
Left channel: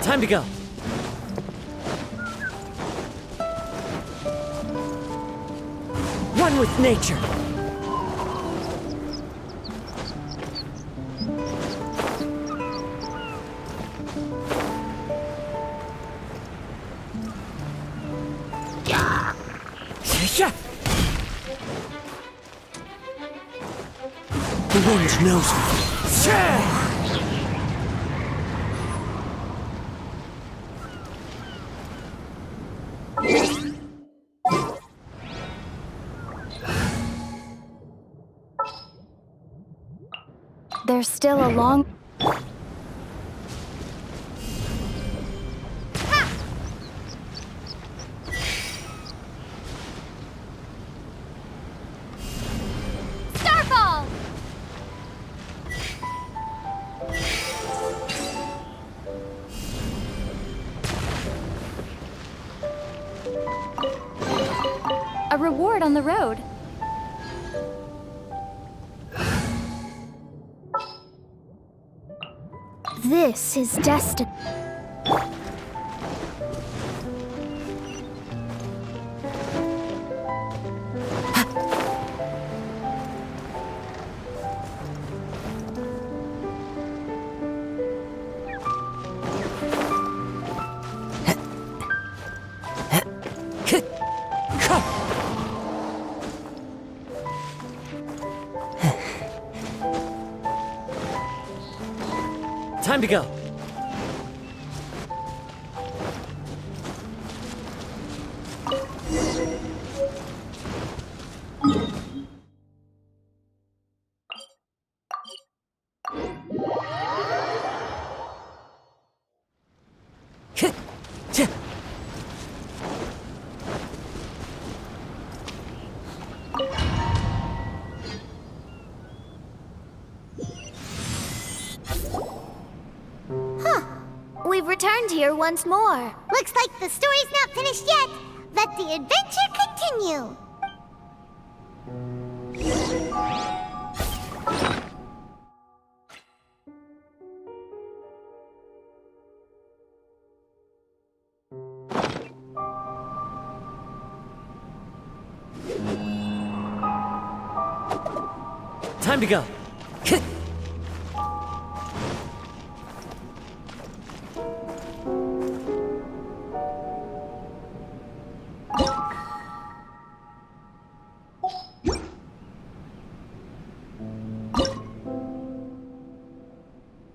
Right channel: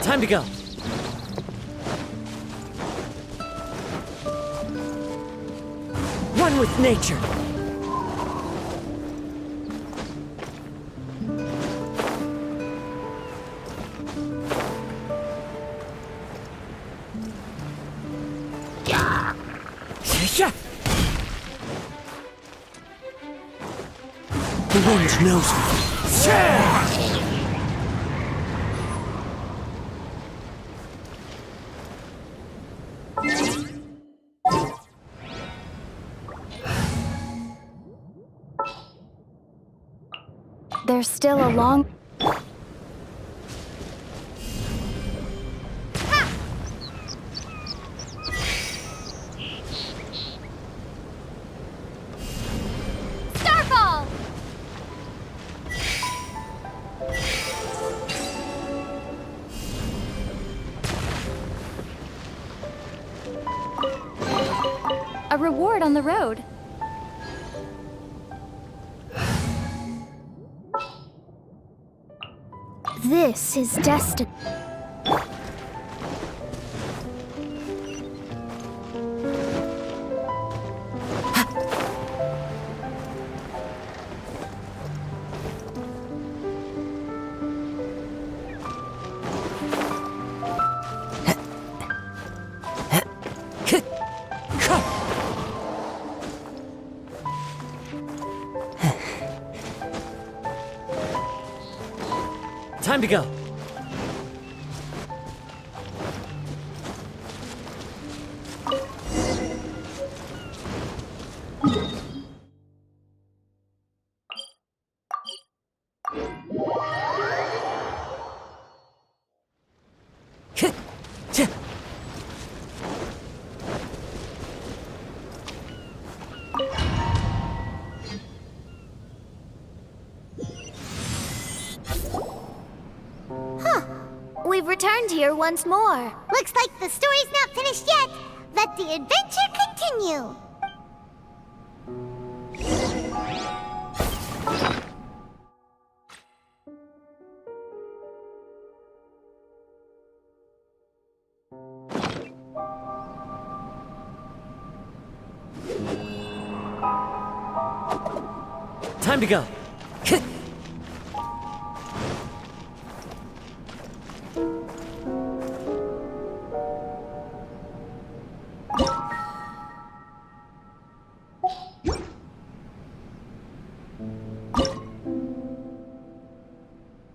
Time to go. One with nature. The wind knows me. There's still a long... Starfall! A reward on the road. This is destiny. Time to go. We've returned here once more. Looks like the story's not finished yet. Let the adventure continue. Time to go.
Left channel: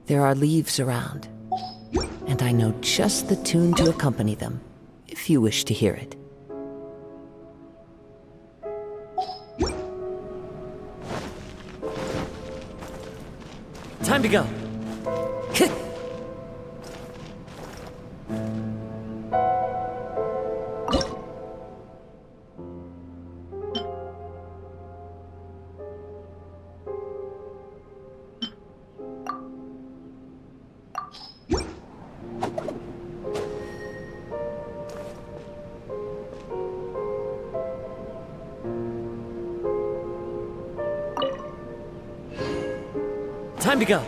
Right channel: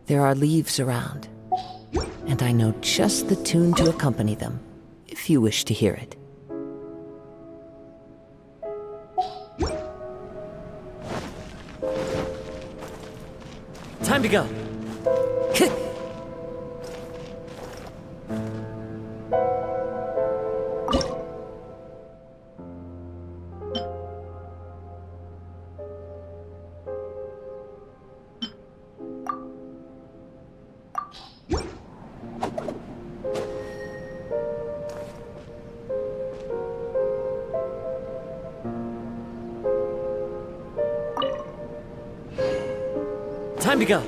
There are leaves around. and I know just the tune to accompany them, if you wish to hear it. Time to go. Time to go.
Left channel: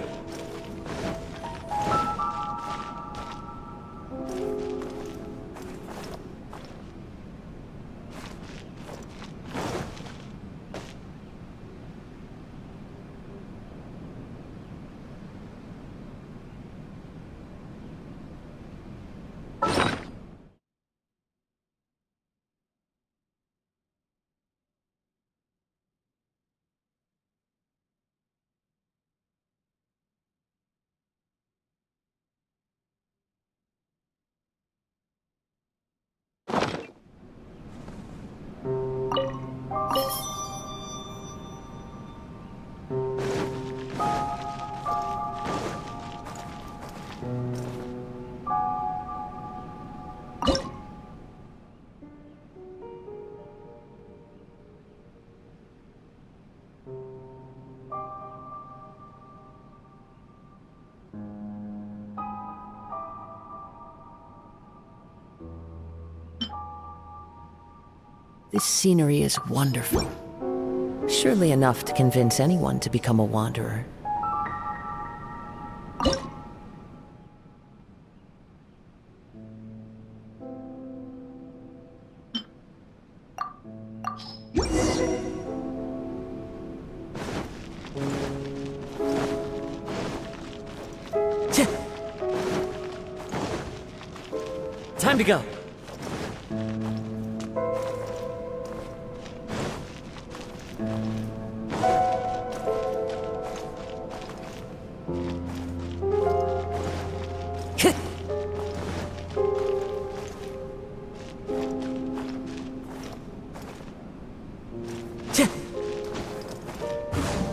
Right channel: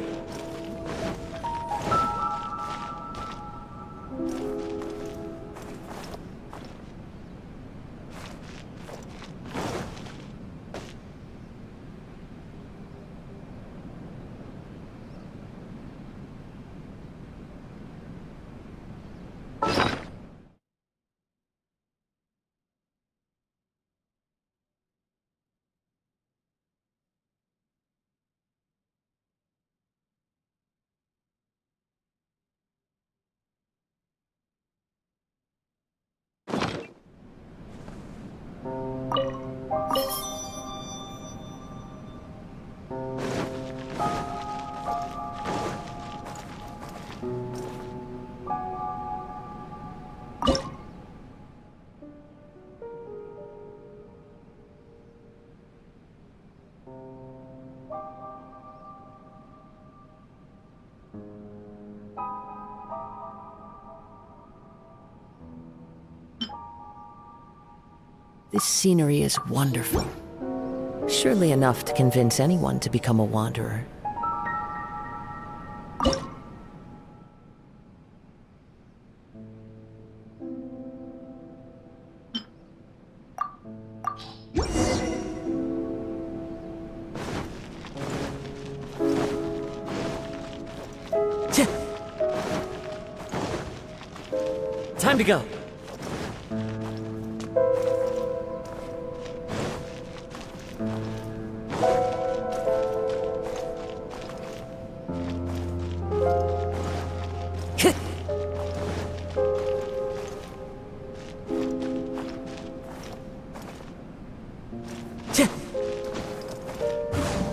This scenery is wonderful. Surely enough to convince anyone to become a wanderer. Time to go.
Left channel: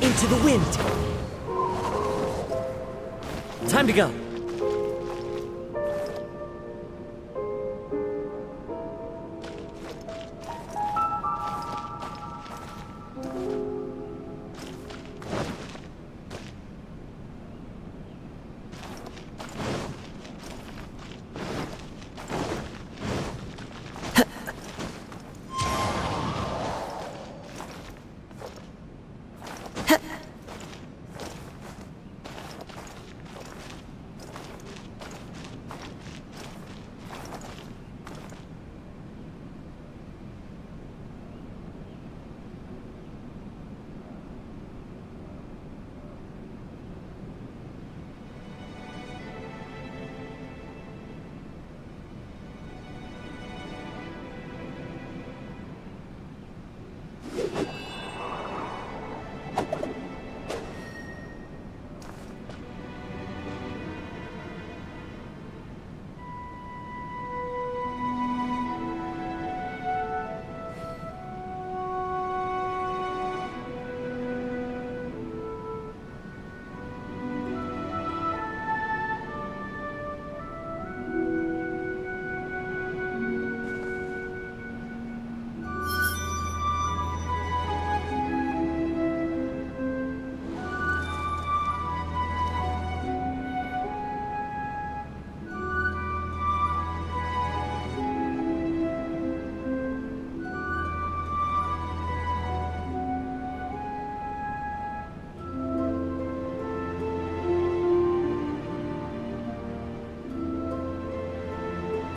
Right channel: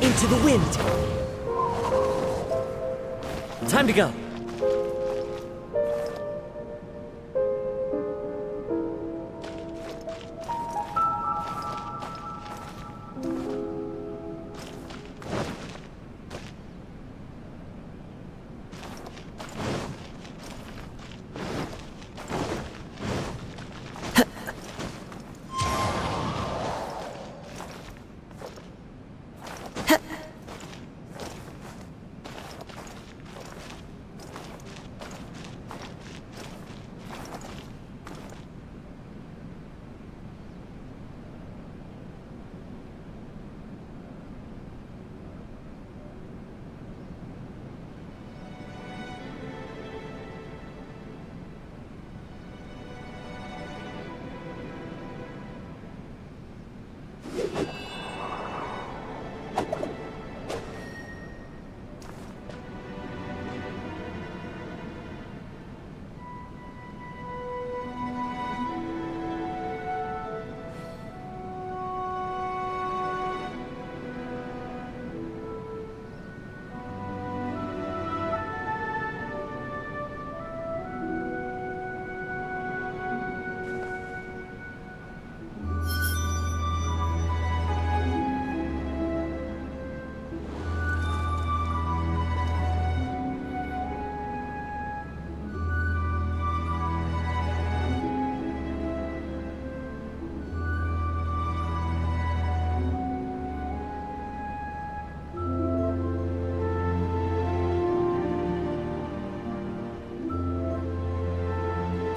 Into the wind! Time to go.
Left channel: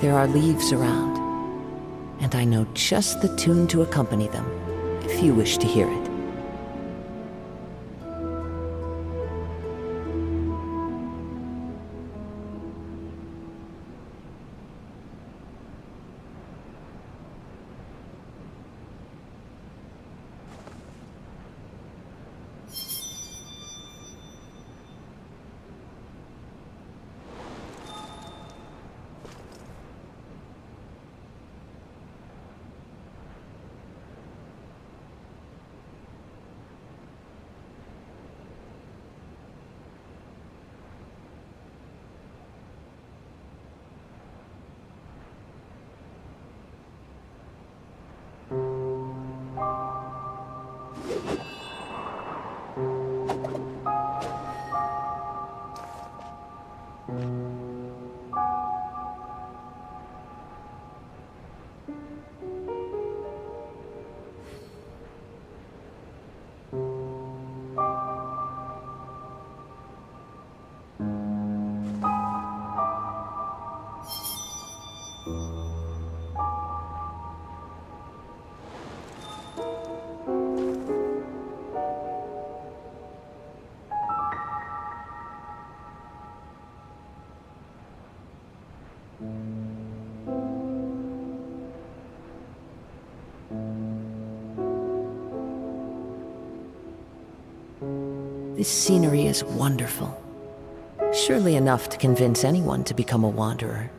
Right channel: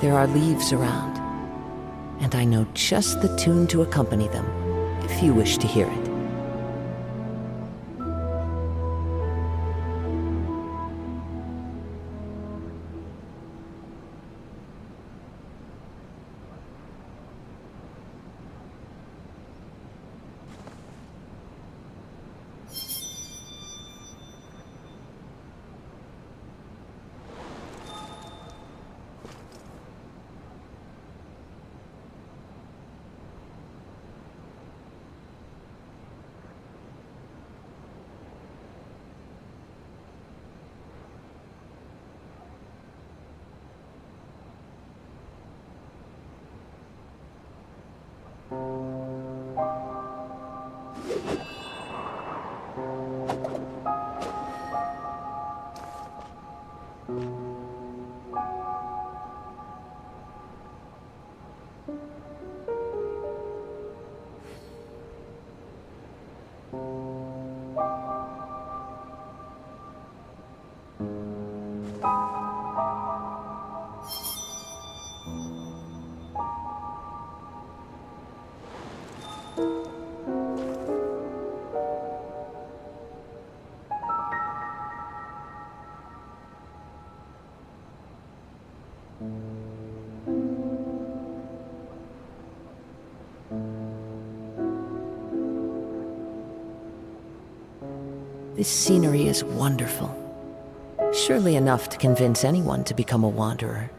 There are leaves around, and I know just the tune to accompany them, if you wish to hear it. This scenery is wonderful. Surely enough to convince anyone to become a wanderer.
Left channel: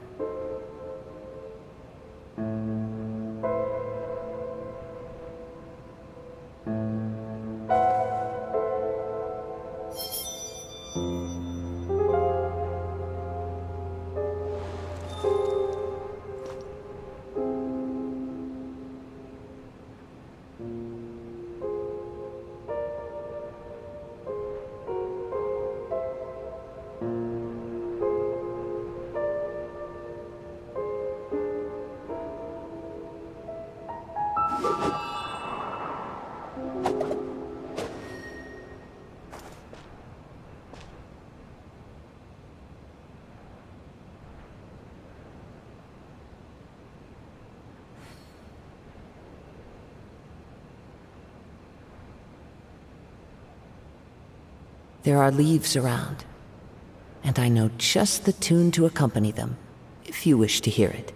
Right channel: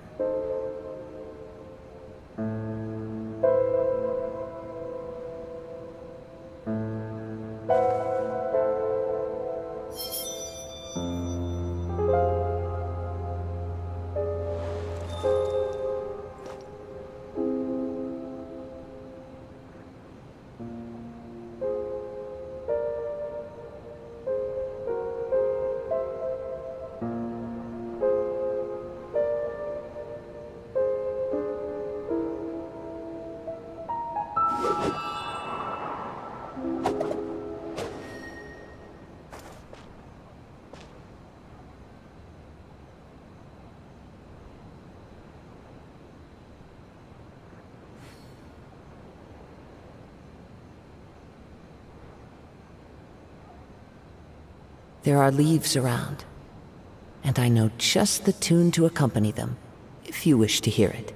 There are leaves around, and I know just the tune to accompany them, if you wish to hear it.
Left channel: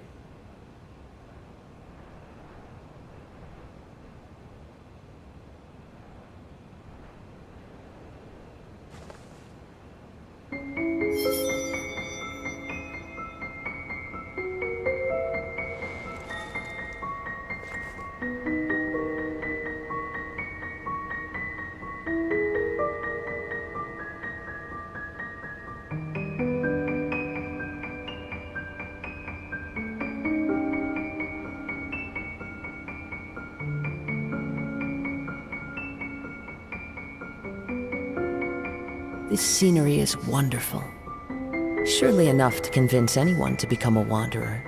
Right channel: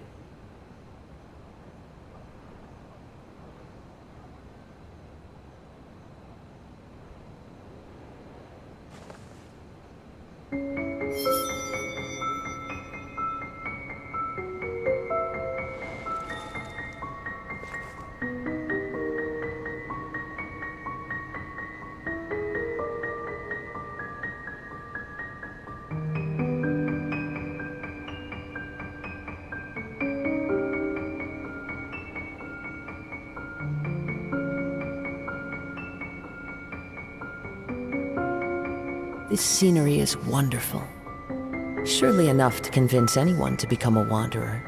This scenery is wonderful. Surely enough to convince anyone to become a wanderer.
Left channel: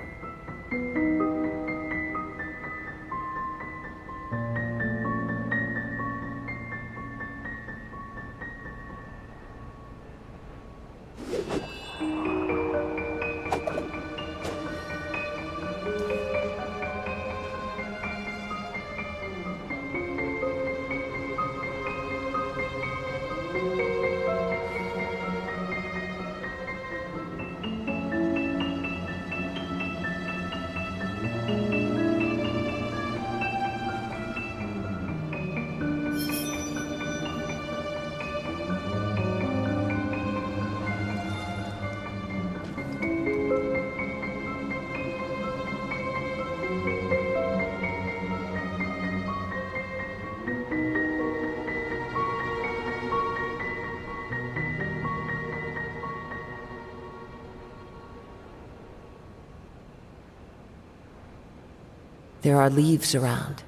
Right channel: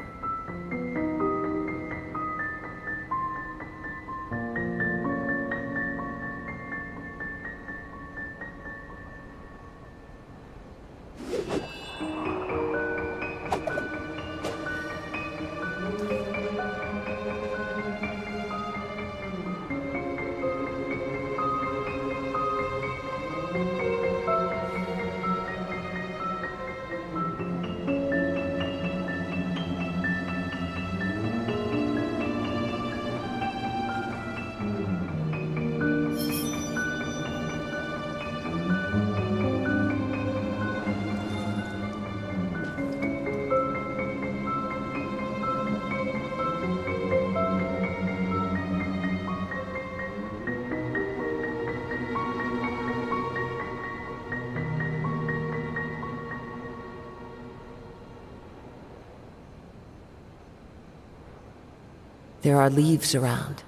There are leaves around,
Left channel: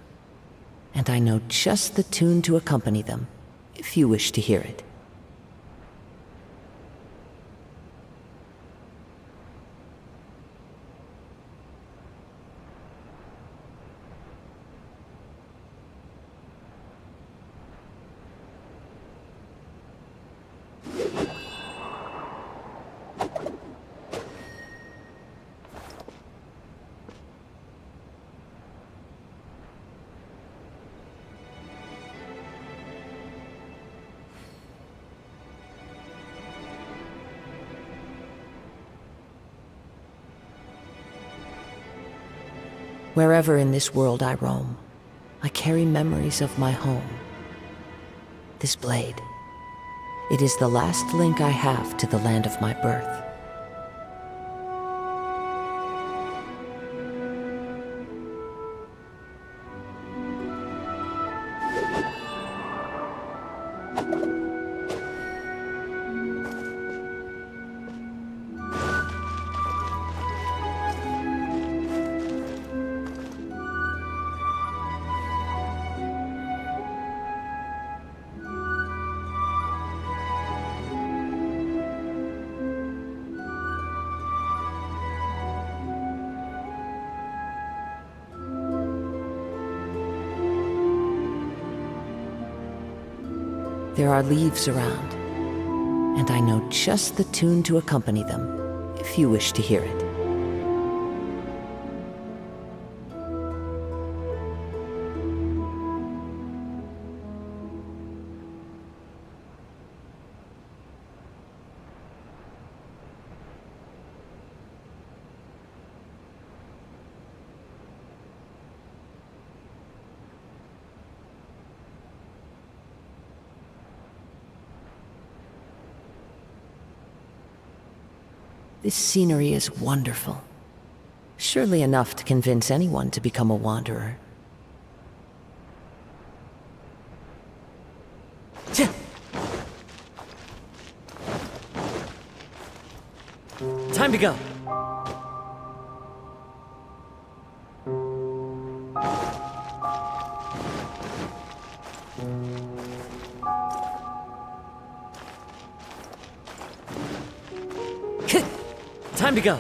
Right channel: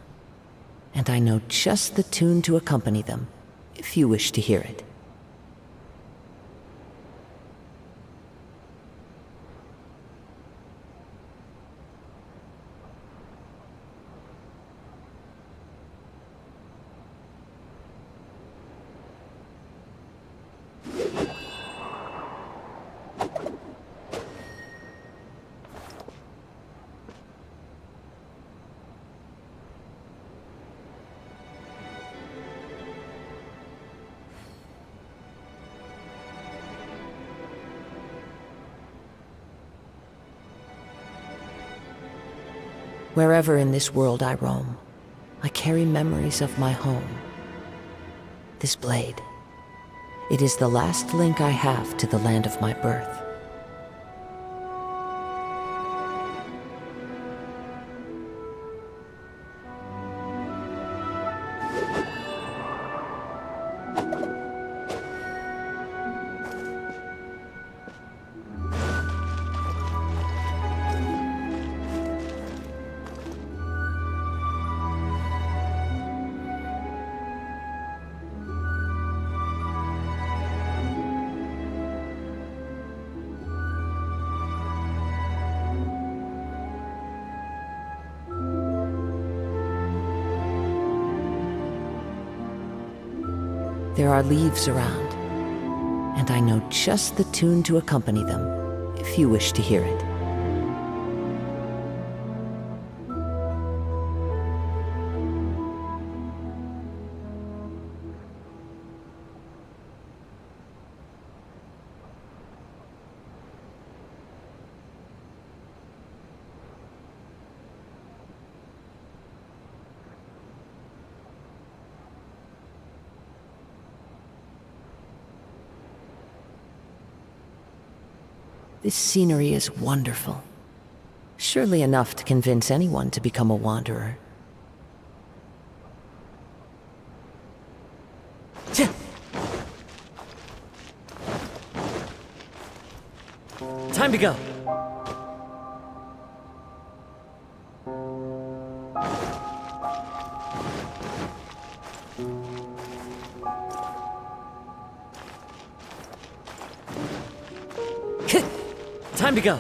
and I know just the tune to accompany them, if you wish to hear it. Wherever in this world I roam, I carry memories of my home. This blade, it is the last link I have to the land of my birth. There are leaves around, and I know just the tune to accompany them, if you wish to hear it. This scenery is wonderful. Surely enough to convince anyone to become a wanderer. Time to go. Time to go.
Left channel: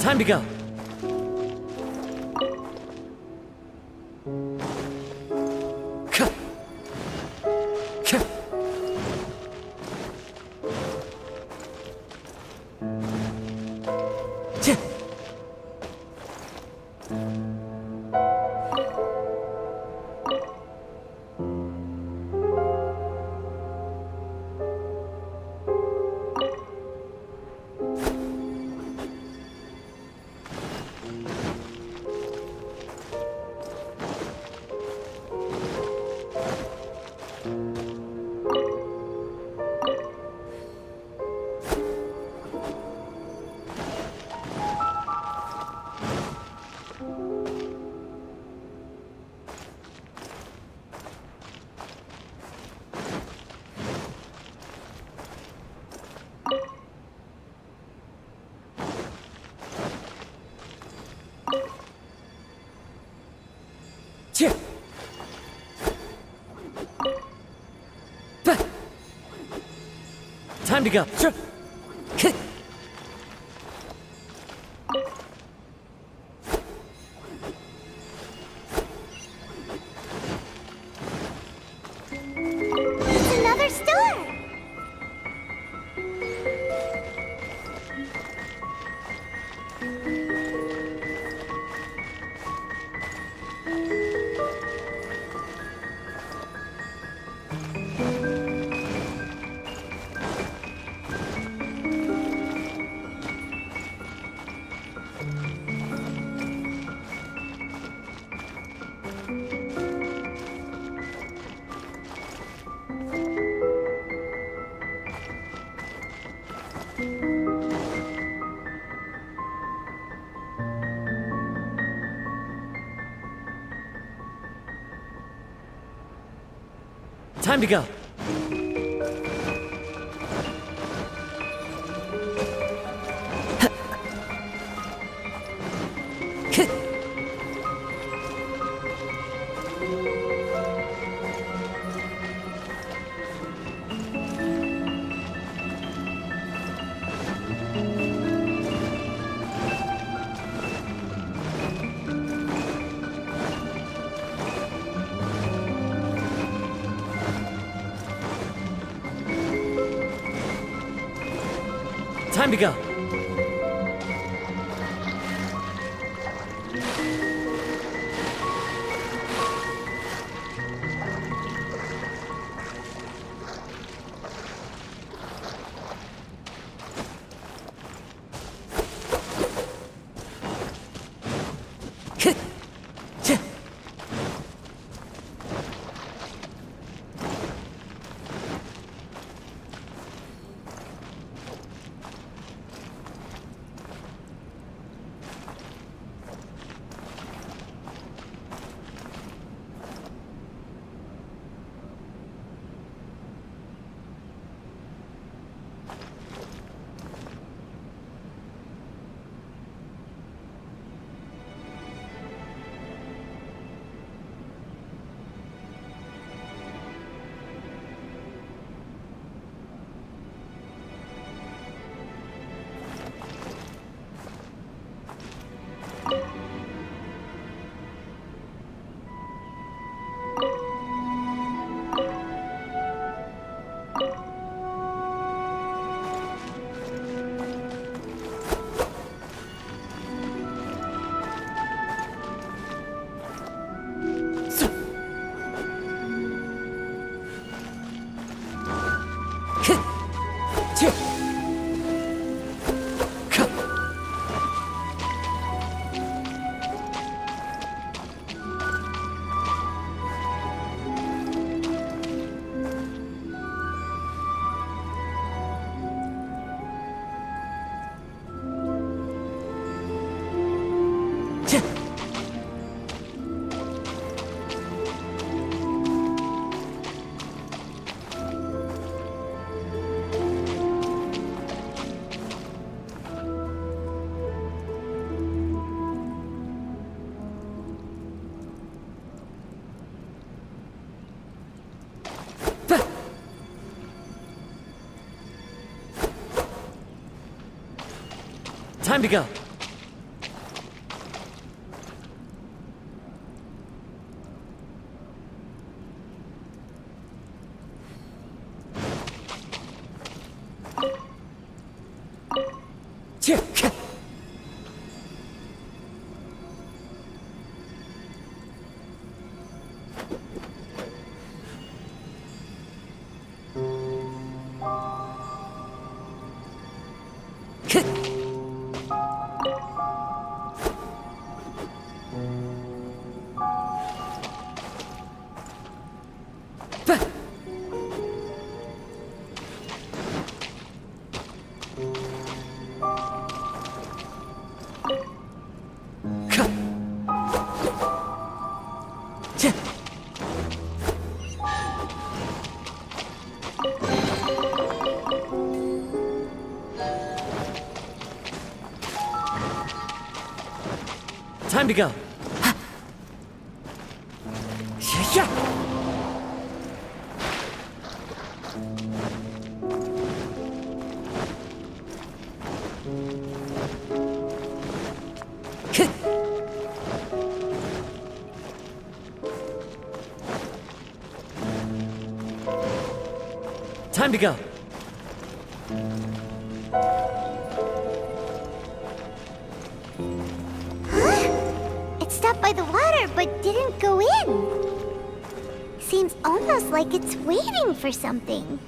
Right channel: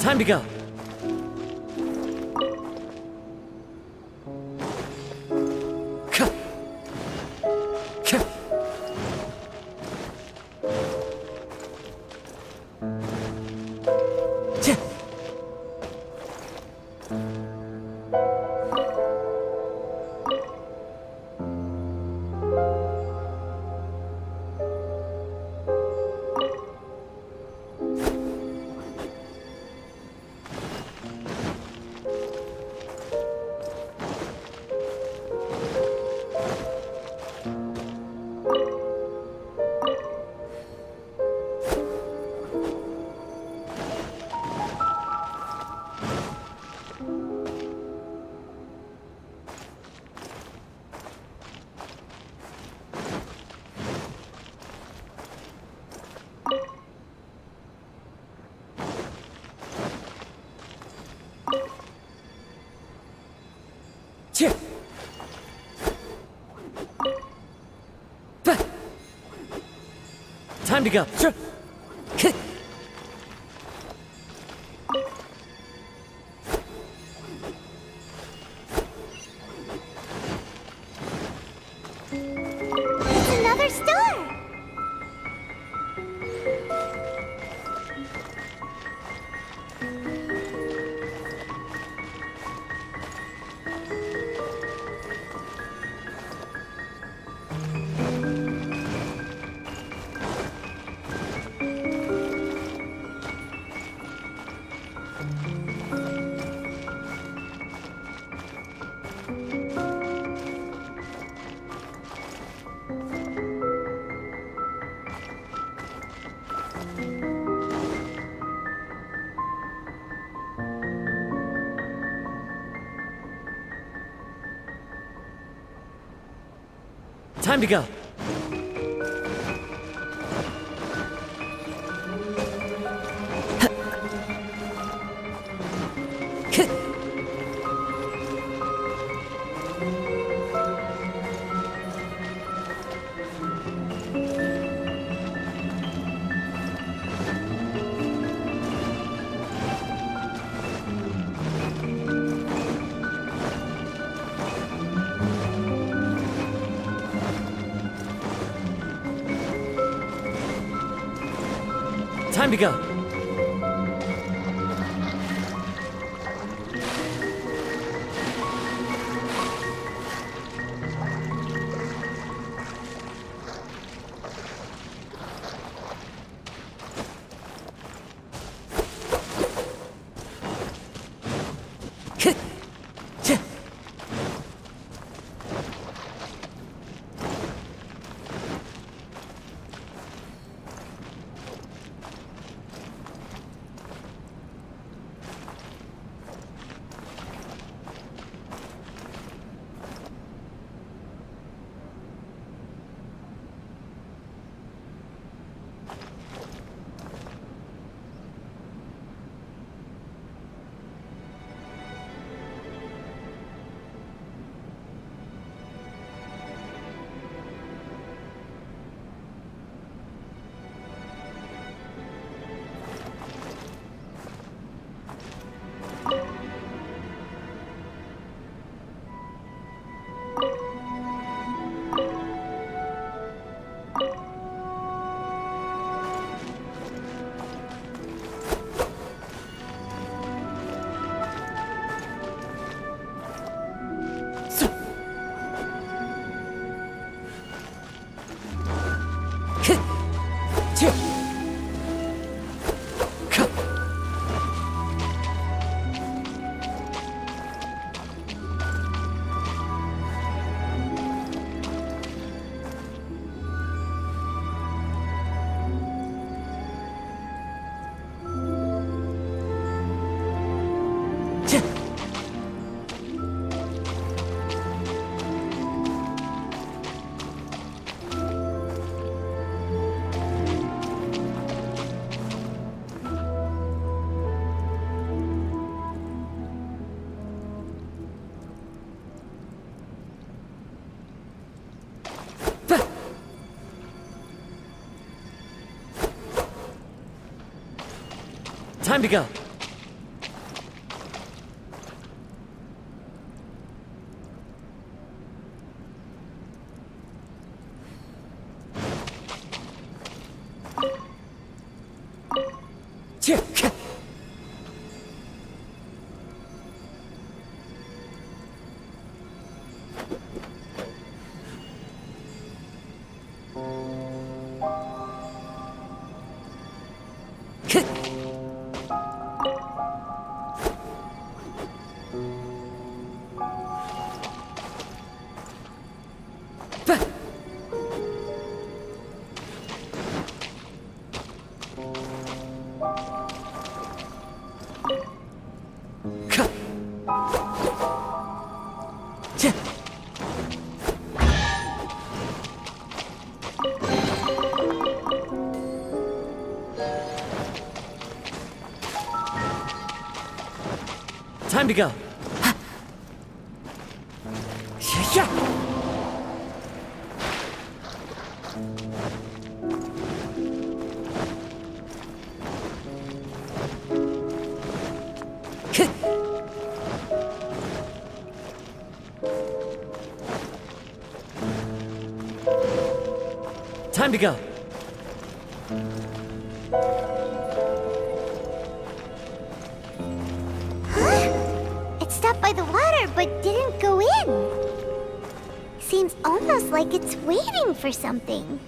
Time to go. Time to go. It's another store! Time to go. Time to go. Time to go. Time to go. Time to go. It stopped by the water, but didn't go in. Seems almost like it's waiting for something.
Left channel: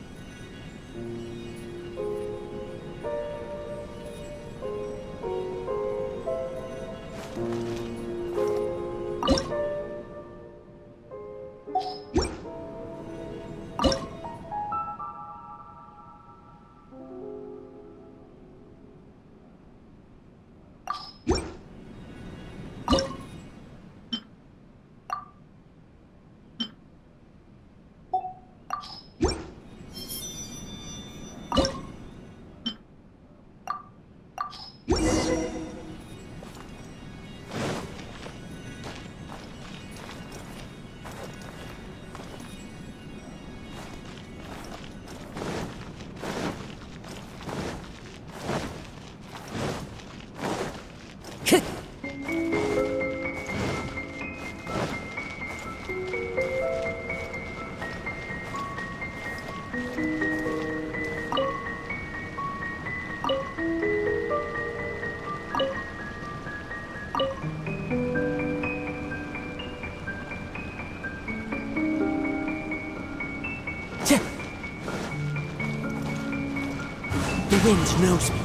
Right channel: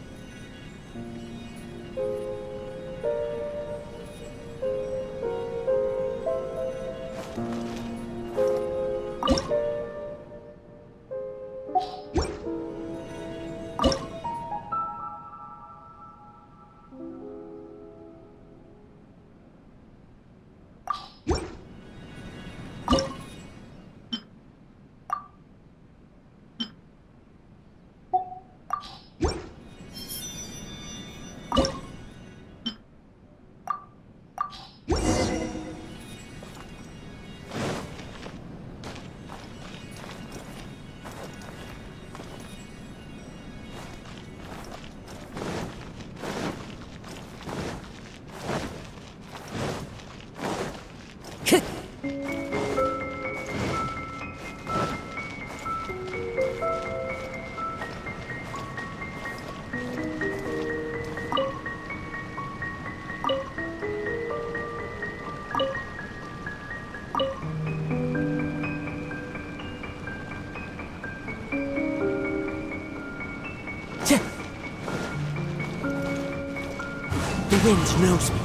The wind knows me.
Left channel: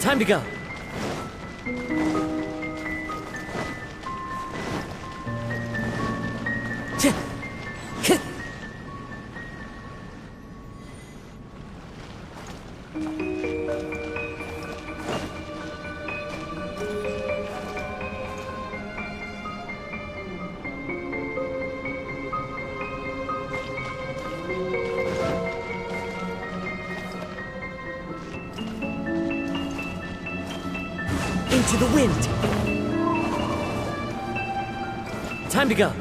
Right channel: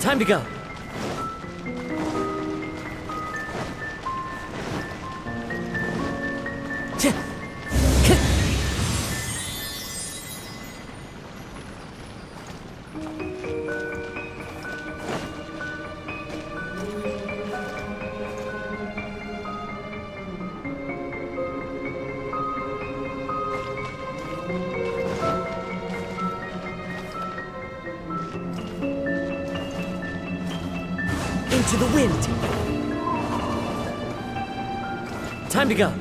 Time to go. Into the wind. Time to go.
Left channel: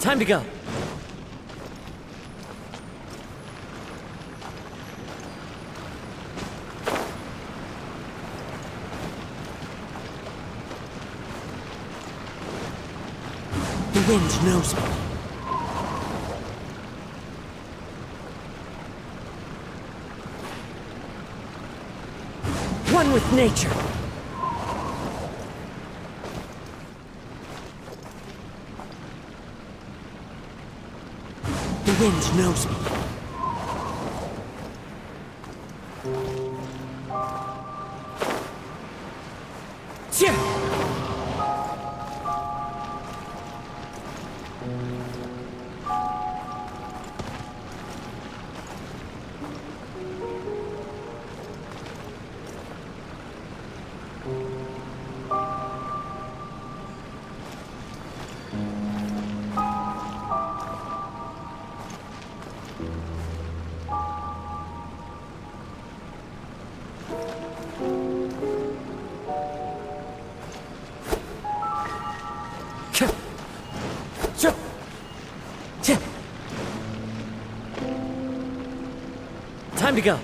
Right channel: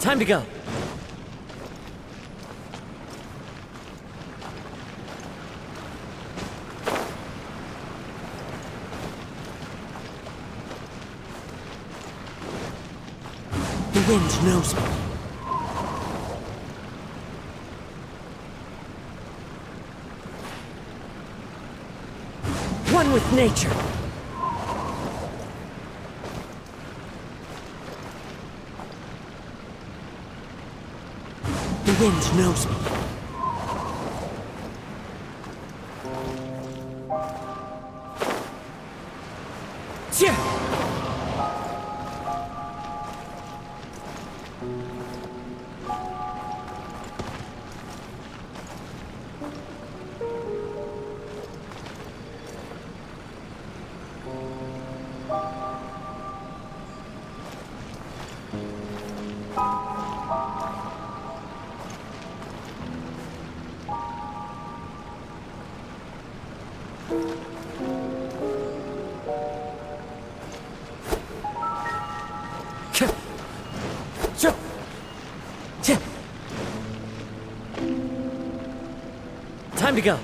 Time to go. The wind knows me. One with nature. The wind knows me. Time to go.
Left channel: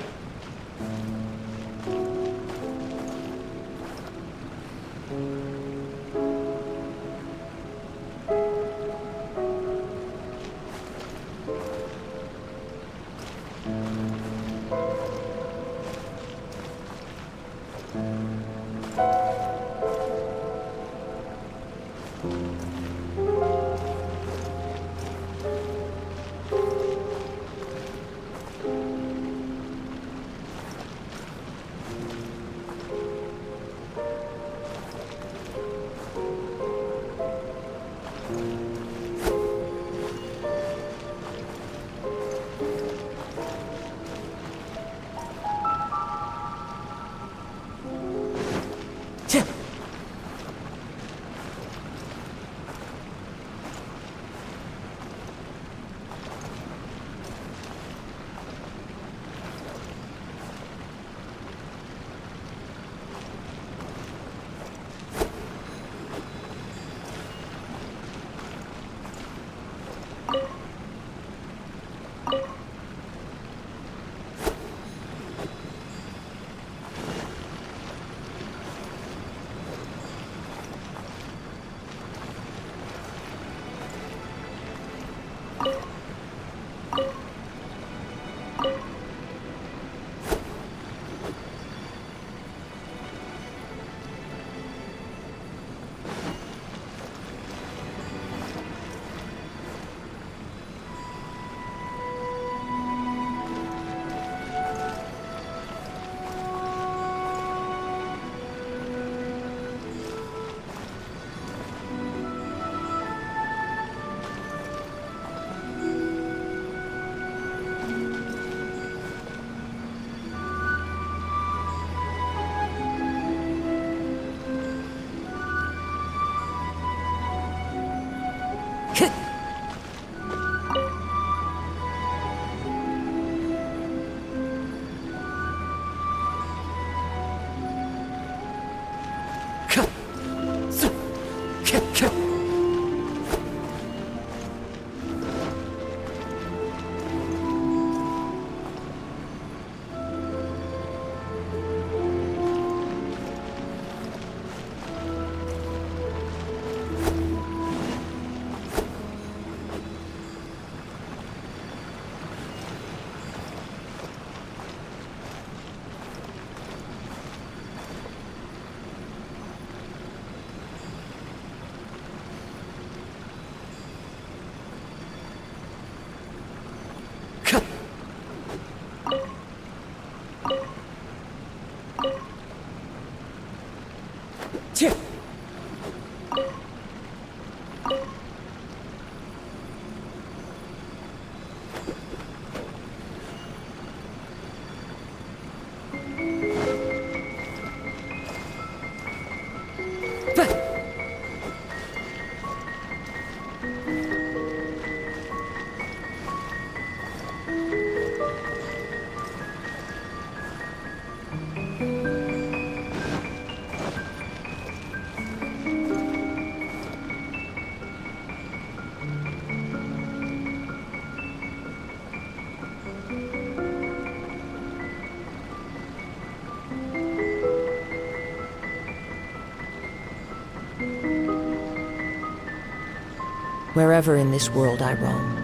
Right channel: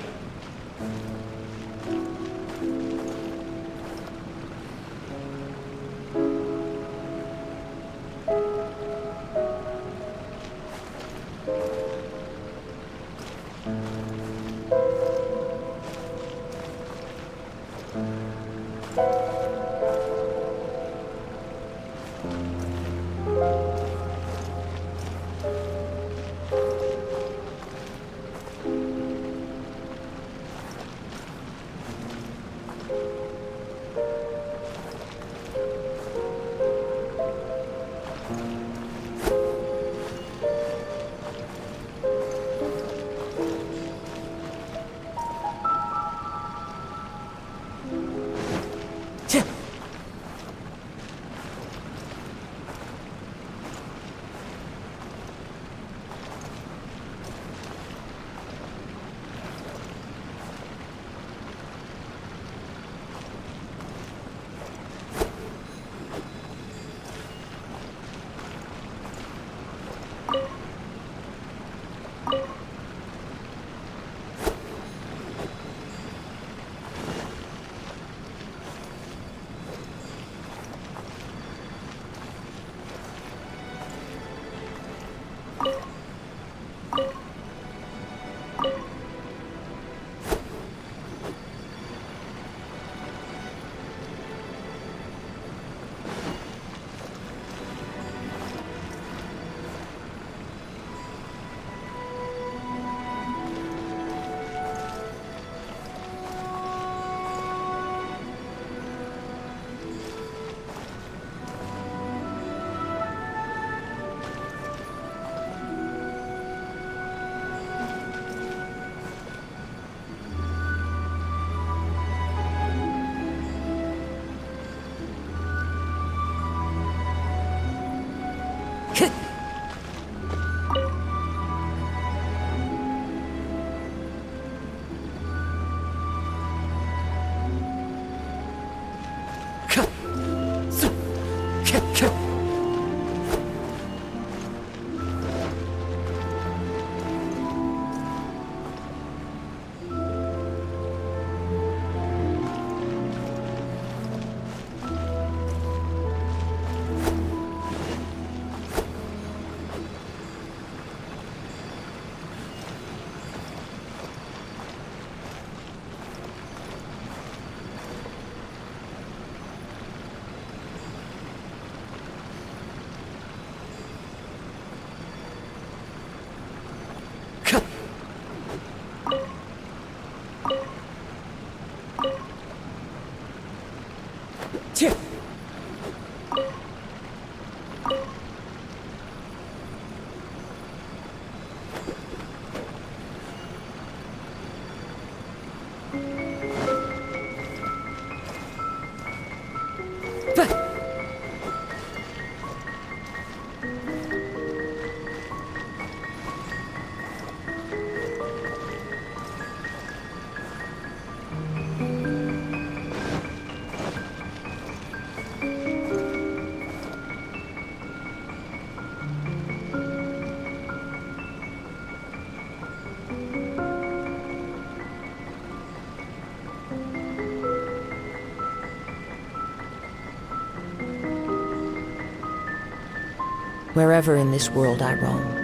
Wherever in this world I roam,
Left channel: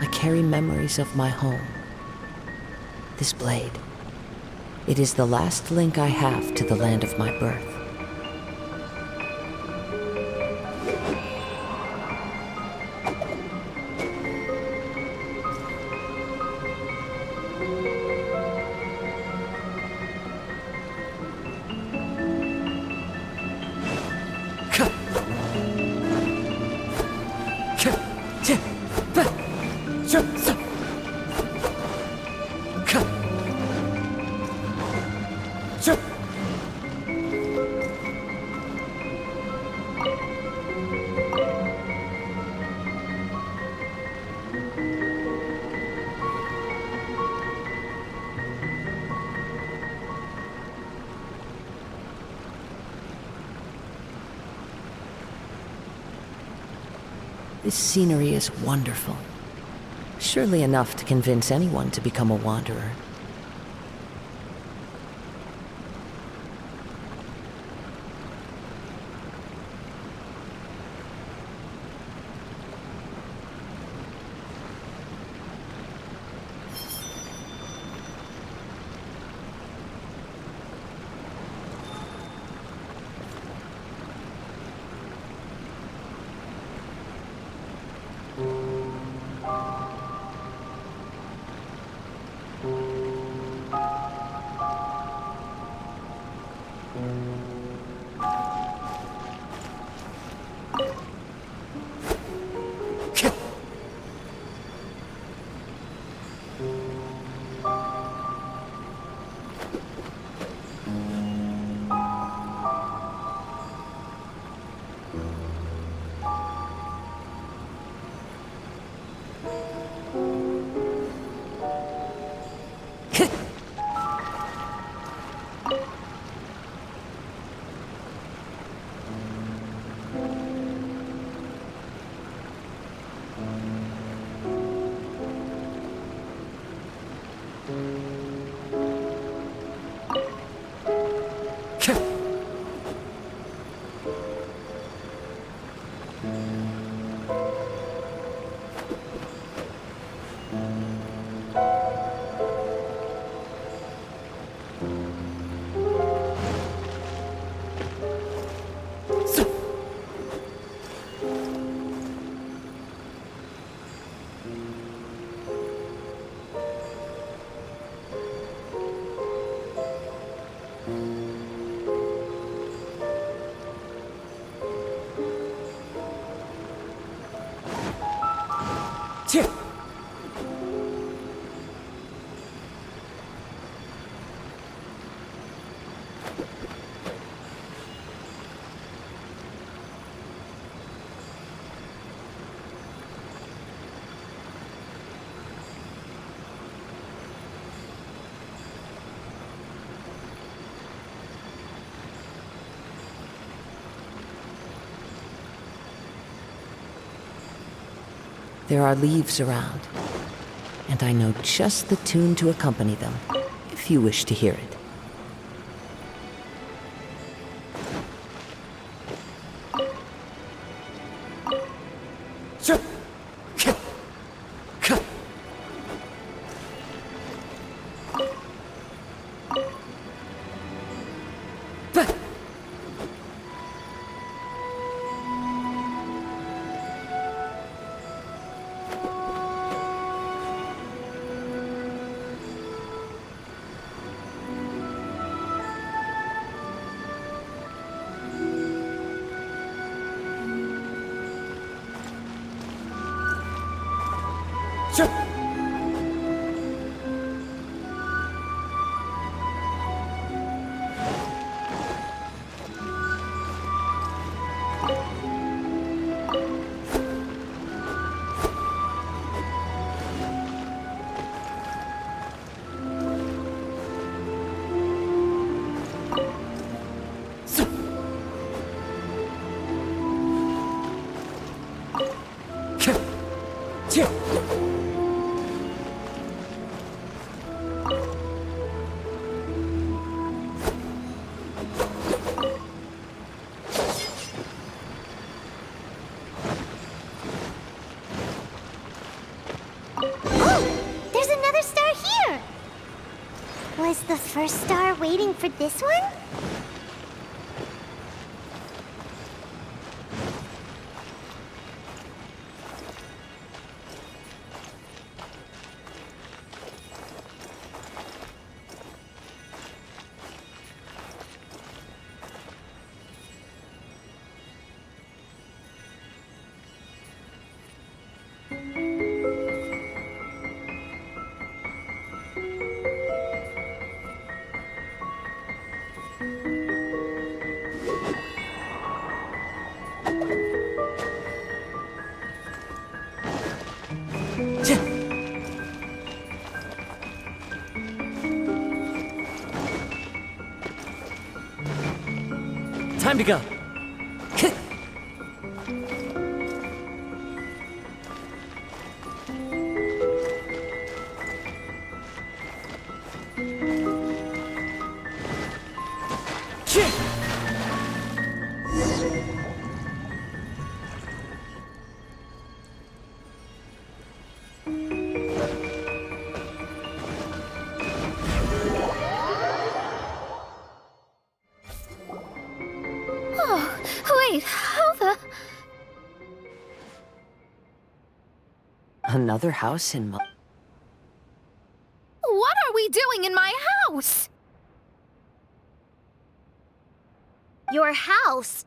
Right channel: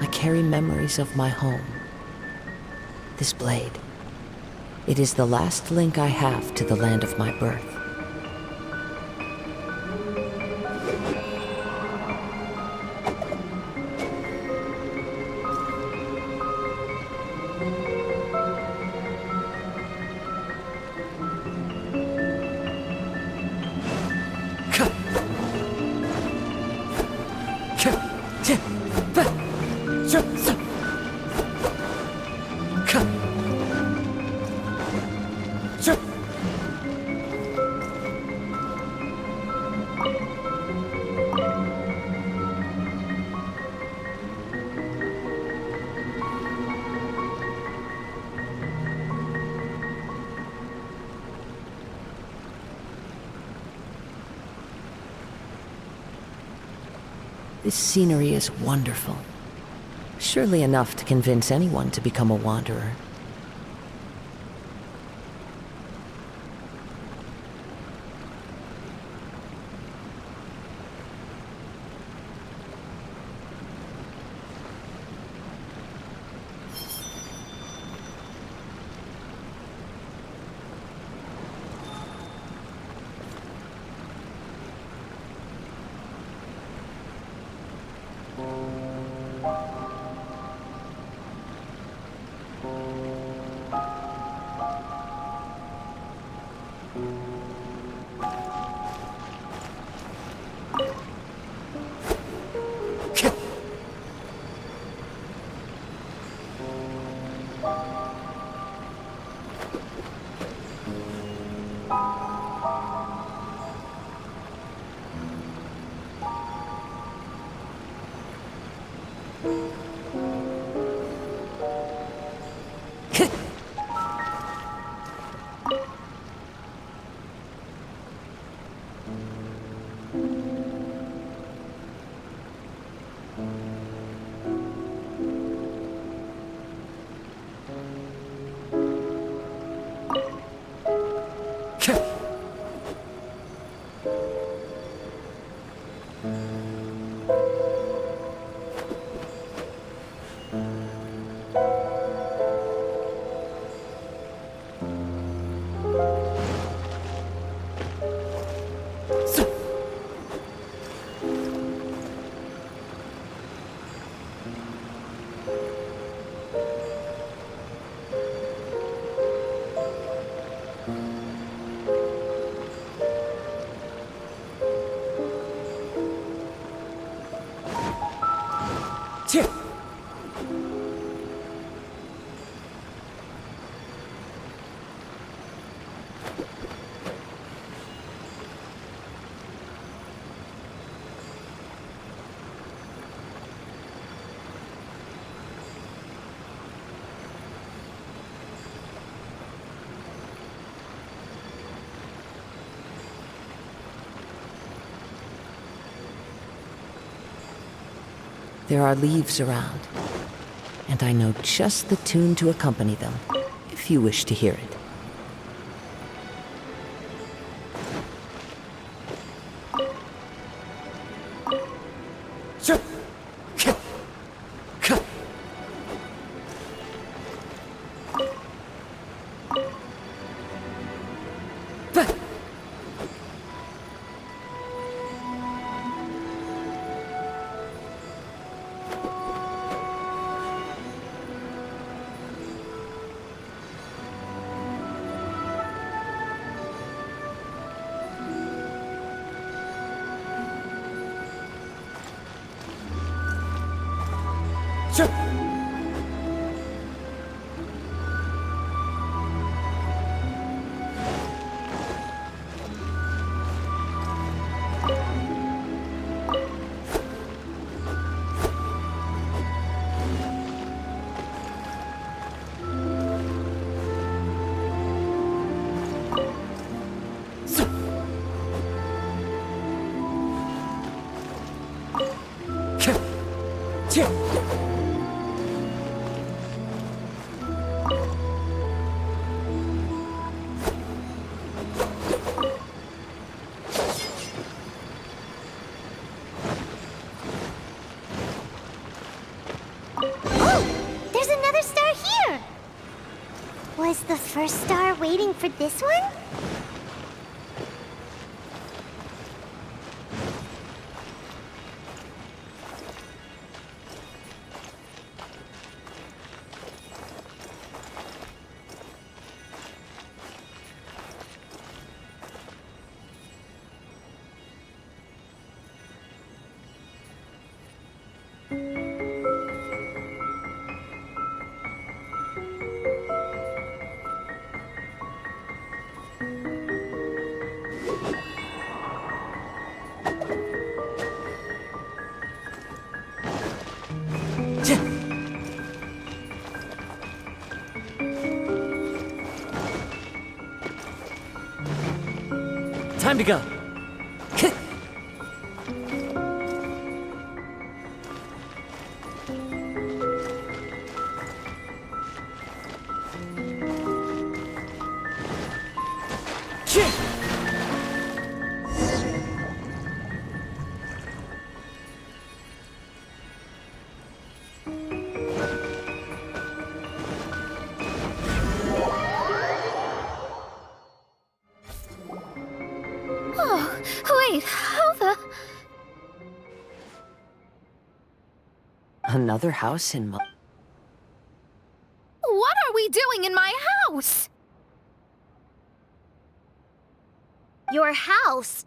I carry memories of my home. This blade, it is the last link I have to the land of my birth. This scenery is wonderful. Surely enough to convince anyone to become a wanderer. Cheer! There are leaves around, and I know just the tune to accompany them, if you wish to hear it. Sure. Sure. Was the first star waiting for this one? Time to go. Another house in What are we doing in my house? Your house?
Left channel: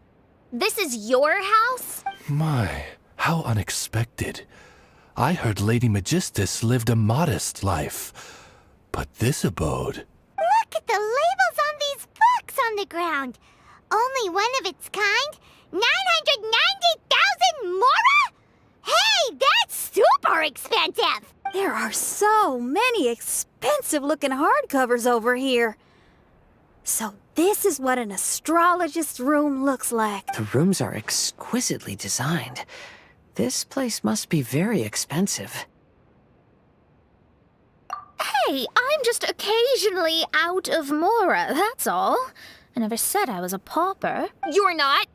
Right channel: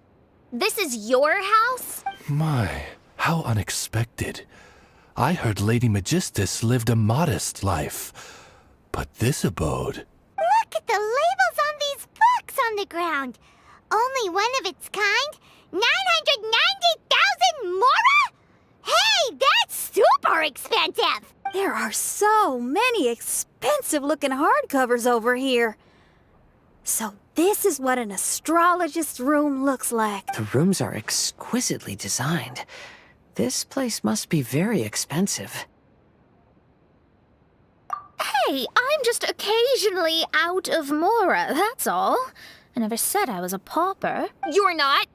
This is your house? My, how unexpected. I heard Lady Magistus lived a modest life, but this abode... Look at the labels on these books on the ground. Only one of its kind? 990,000 mora? Hey, that's super expensive. There are so many expensive-looking hardcovers over here. So this is what an astrologist's room looks like. The rooms are exquisitely designed. This place must be very expensive. Hey, I'm just occasionally out of Mora, that's all. I never said I was a pauper. You're not?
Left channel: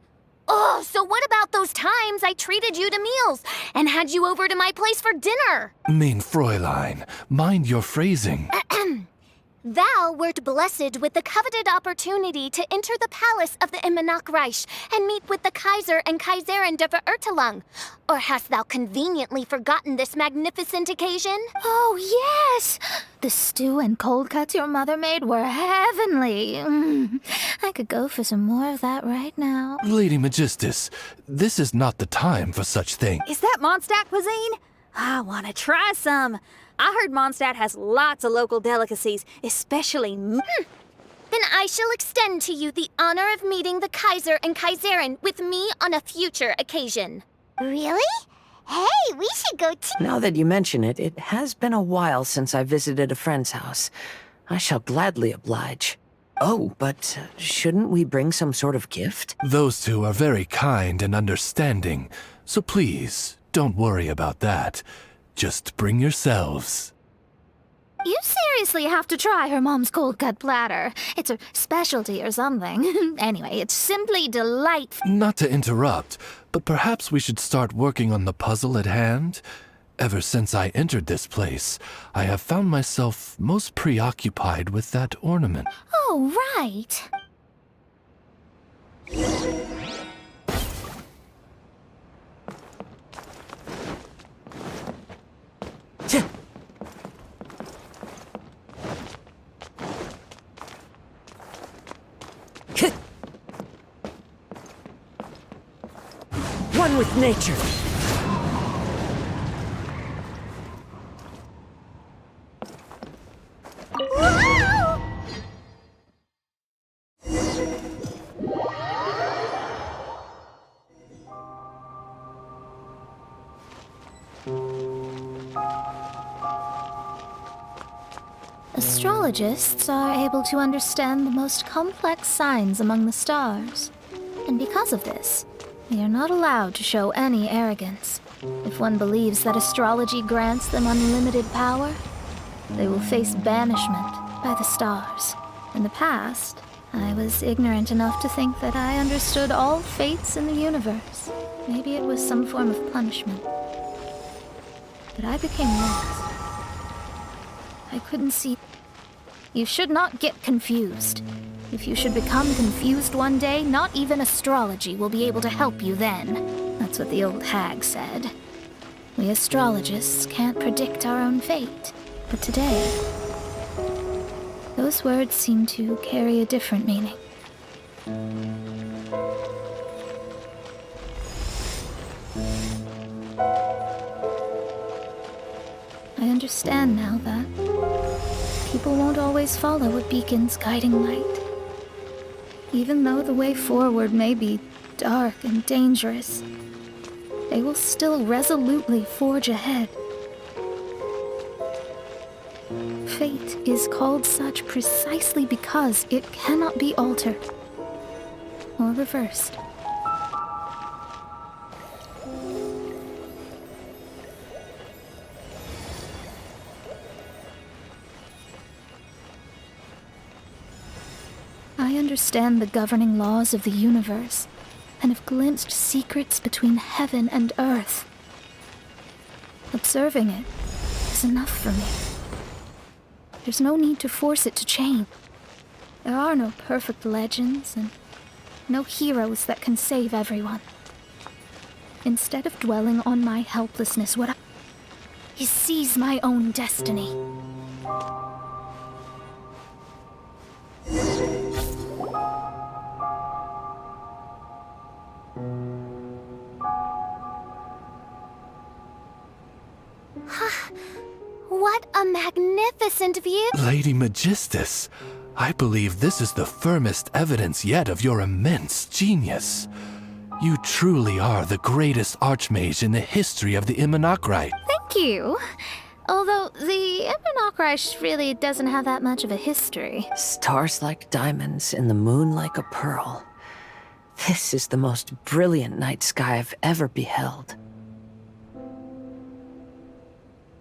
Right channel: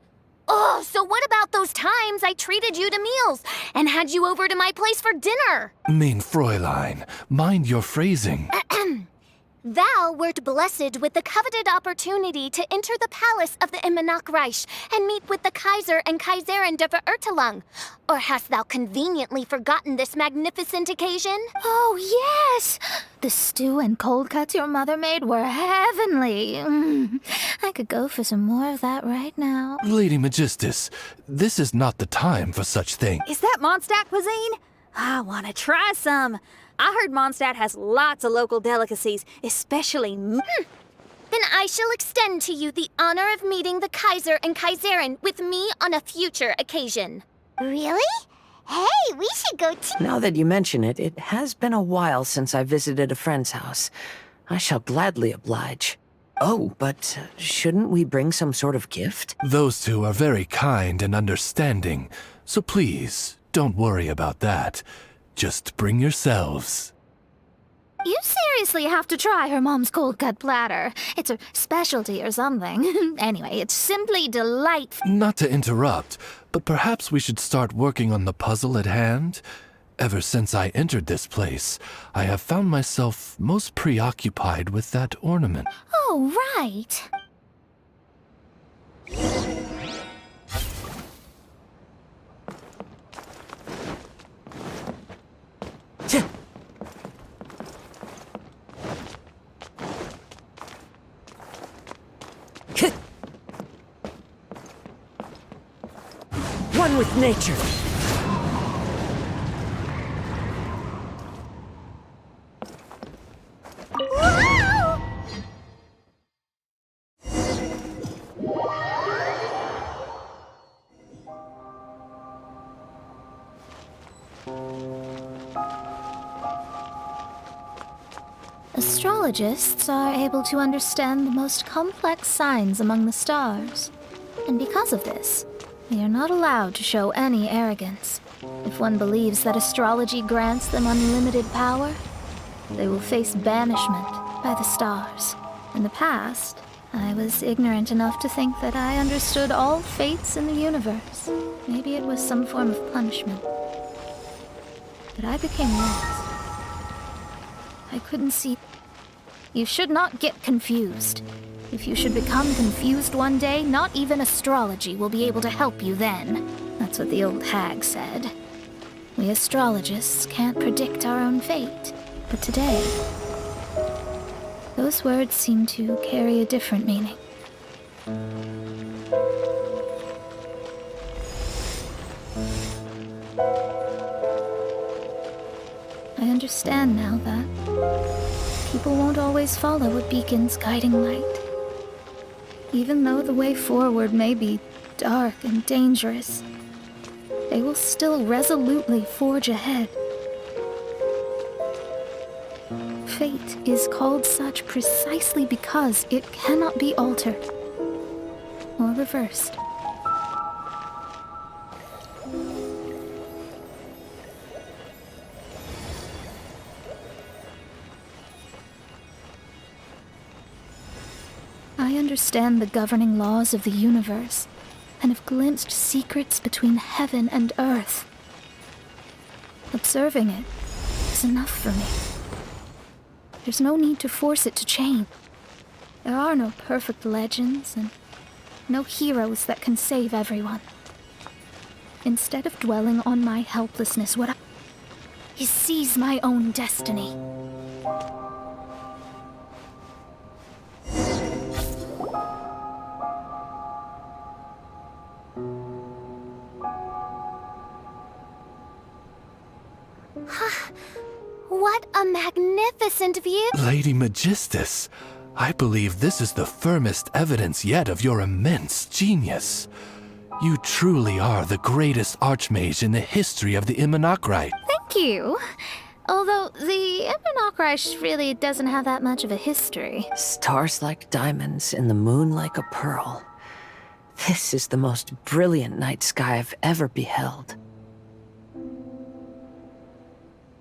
Oh, so what about those times I treated you to meals and had you over to my place for dinner? Mein Fräulein, mind your phrasing. Thou wert blessed with the coveted opportunity to enter the palace of the Immanakreich and meet with the Kaiser and Kaiserin der Verurteilung. Or hast thou conveniently forgotten this magnificent occasion? Oh, yes! The stew and cold cuts your mother made were heavenly. I could go for some more of that right now. Lady Magistus, this is not the time for such things. Is that Mondstadt cuisine? I want to try some. I heard Mondstadt has lots of local delicacies, especially Then I shall extend to you the honor of meeting the Kaiser and Kaiserin with me on a future occasion. Really? Hey, we should go too. Now that you mention it, it has been a while since I visited a friend's house. I shall gladly oblige. Oh, but shouldn't we bring some sort of gift? Those two are very kind and understanding, so please, don't worry about that. Just bring yourselves. You seriously have to try her mom's cold cut platter. It's her specialty or something. Anyway, it's simply delightful. Not to interrupt, but perhaps we should start working on the puzzle at hand? Ever since I entered this place, I have found myself most preoccupied with that ornament. Oh, right. One with nature. Astrologists are able to understand the most complex signs among the stars. And because of this, they are not allowed to show any arrogance. If one believes that astrology grants them unlimited power, they will face banishment by the stars. In the past, I was ignorant enough to think that I understood all fates in the universe. Maybe it was some form of punishment. But I became lost. I couldn't see. You should not get confused. If you should become confused one day, not even astrology will be able to help you then. That's what the old hag said. We astrologists can't predict our own fate. But today, those words seem to carry a different meaning. I understand now that people won't always follow a beacon's guiding light. Even though the way forward may be dark and dangerous, they will still resolutely forge ahead. Fate is called such precisely because it cannot be altered or reversed. I understand the governing laws of the universe and have glimpsed secrets between heaven and earth. Observing it is enough for me. There's no need to force it to change. There are no perfect legends and no heroes that can save everyone. Instead of dwelling on my helplessness, what I is seize my own destiny. What a magnificent view! Lady Magistus, I believe this is the firmest evidence yet of your immense genius. You truly are the greatest archmage in the history of the Immanakreich. Thank Thank you. Although the Ebonokrish really doesn't have that much of a history. Stars like diamonds and the moon like a pearl. This is the most brilliant night sky I've ever beheld.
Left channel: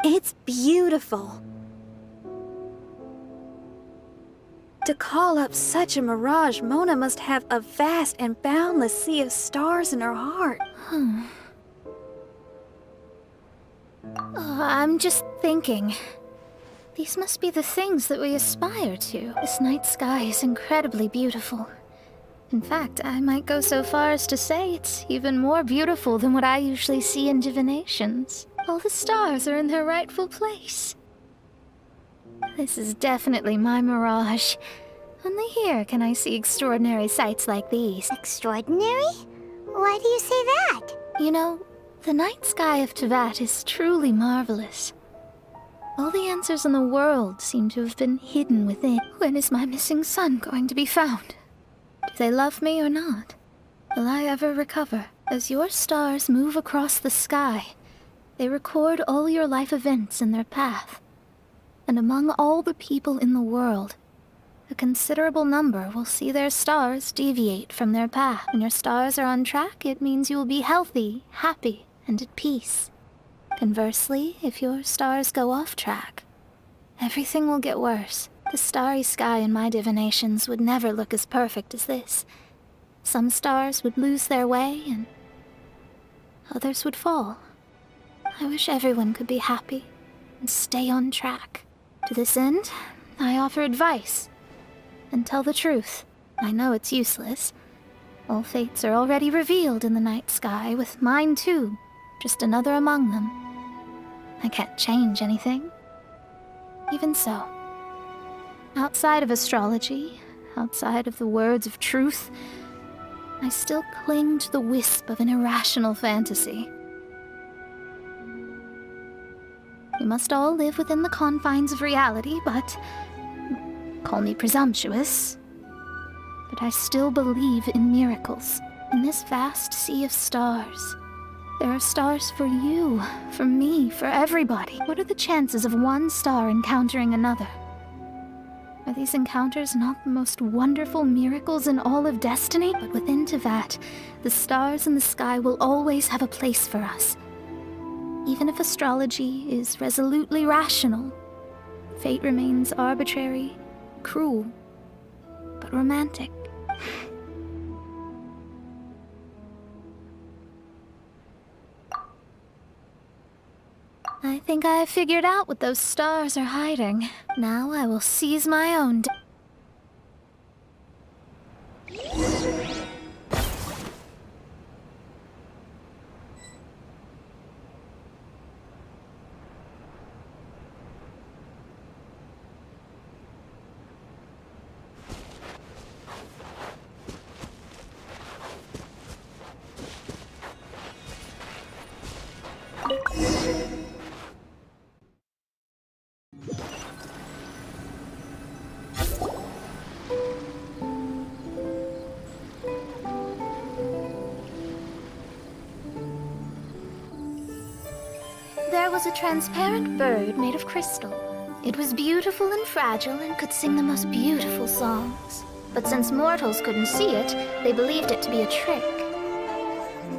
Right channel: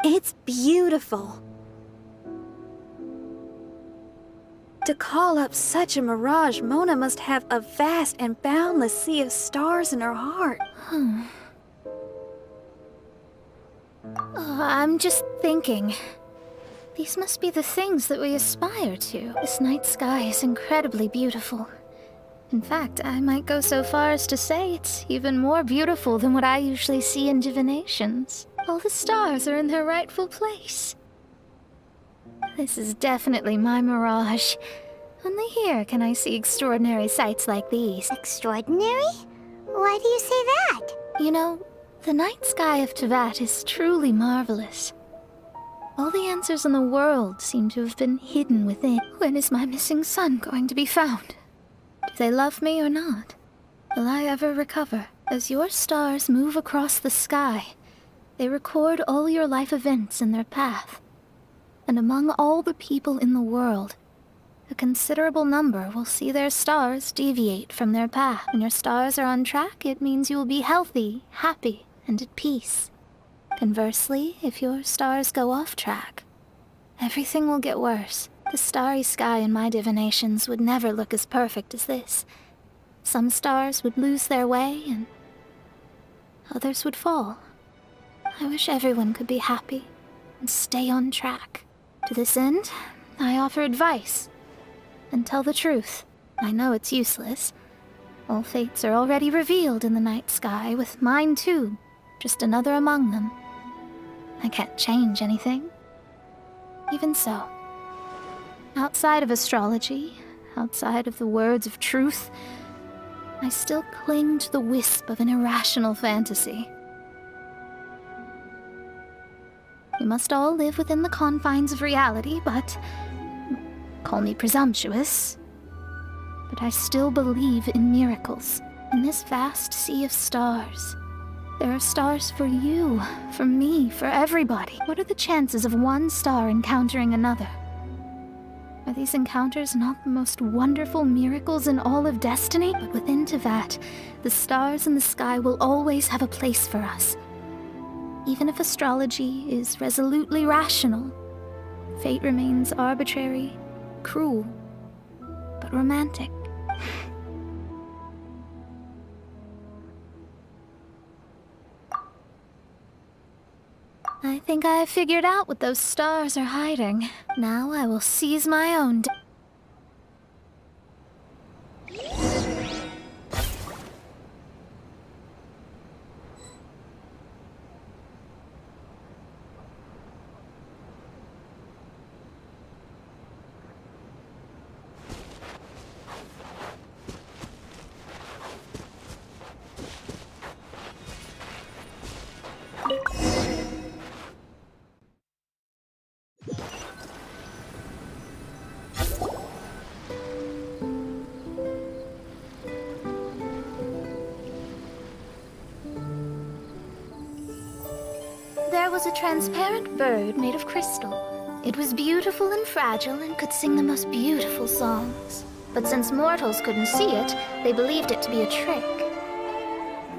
It's beautiful. To call up such a mirage, Mona must have a vast and boundless sea of stars in her heart. I'm just thinking. These must be the things that we aspire to. This night sky is incredibly beautiful. In fact, I might go so far as to say it's even more beautiful than what I usually see in divinations. All the stars are in their rightful place. This is definitely my mirage. Only here can I see extraordinary sights like these. Extraordinary? Why do you say that? You know, the night sky of Tevat is truly marvelous. All the answers in the world seem to have been hidden within. When is my missing son going to be found? Do they love me or not? Will I ever recover? As your stars move across the sky, they record all your life events in their path. And among all the people in the world, a considerable number will see their stars deviate from their path. When your stars are on track, it means you will be healthy, happy, and at peace. Conversely, if your stars go off track, everything will get worse. The starry sky in my divinations would never look as perfect as this. Some stars would lose their way, and others would fall. I wish everyone could be happy and stay on track. To this end, I offer advice and tell the truth. I know it's useless. All fates are already revealed in the night sky, with mine too, just another among them. I can't change anything. Even so, outside of astrology, outside of the words of truth, I still cling to the wisp of an irrational fantasy. We must all live within the confines of reality, but call me presumptuous. But I still believe in miracles. In this vast sea of stars, there are stars for you, for me, for everybody. What are the chances of one star encountering another? Are these encounters not the most wonderful miracles in all of destiny? But within Tevat, the stars in the sky will always have a place for us. Even if astrology is resolutely rational, fate remains arbitrary, cruel, but romantic. I think I have figured out what those stars are hiding. Now I will seize my own. There was a transparent bird made of crystal. It was beautiful and fragile and could sing the most beautiful songs. But since mortals couldn't see it, they believed it to be a trick.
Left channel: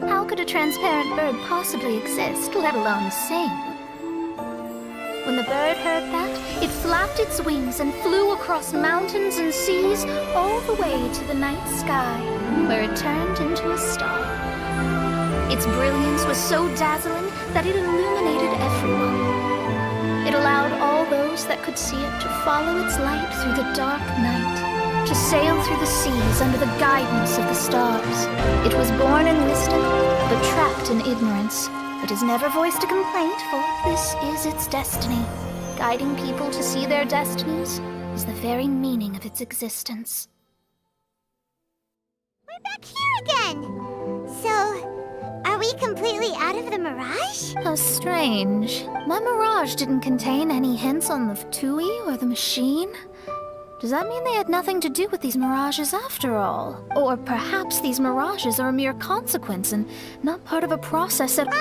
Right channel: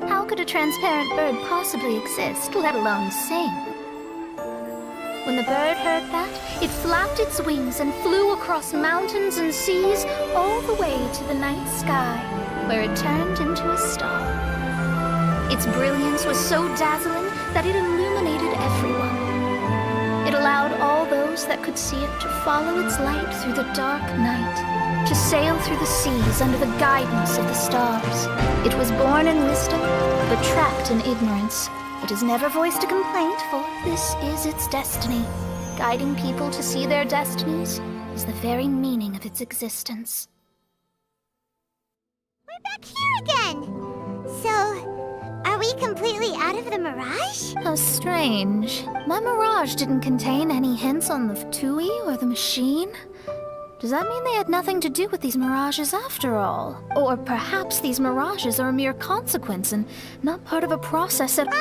How could a transparent bird possibly exist, let alone sing? When the bird heard that, it flapped its wings and flew across mountains and seas all the way to the night sky, where it turned into a star. Its brilliance was so dazzling that it illuminated everyone. It allowed all those that could see it to follow its light through the dark night, to sail through the seas under the guidance of the stars. It was born in wisdom, but trapped in ignorance. It has never voiced a complaint, for this is its destiny. Guiding people to see their destinies is the very meaning of its existence. We're back here again! So, are we completely out of the mirage? How strange. My mirage didn't contain any hints on the Tui or the machine. Does that mean they had nothing to do with these mirages after all? Or perhaps these mirages are a mere consequence and not part of a process at—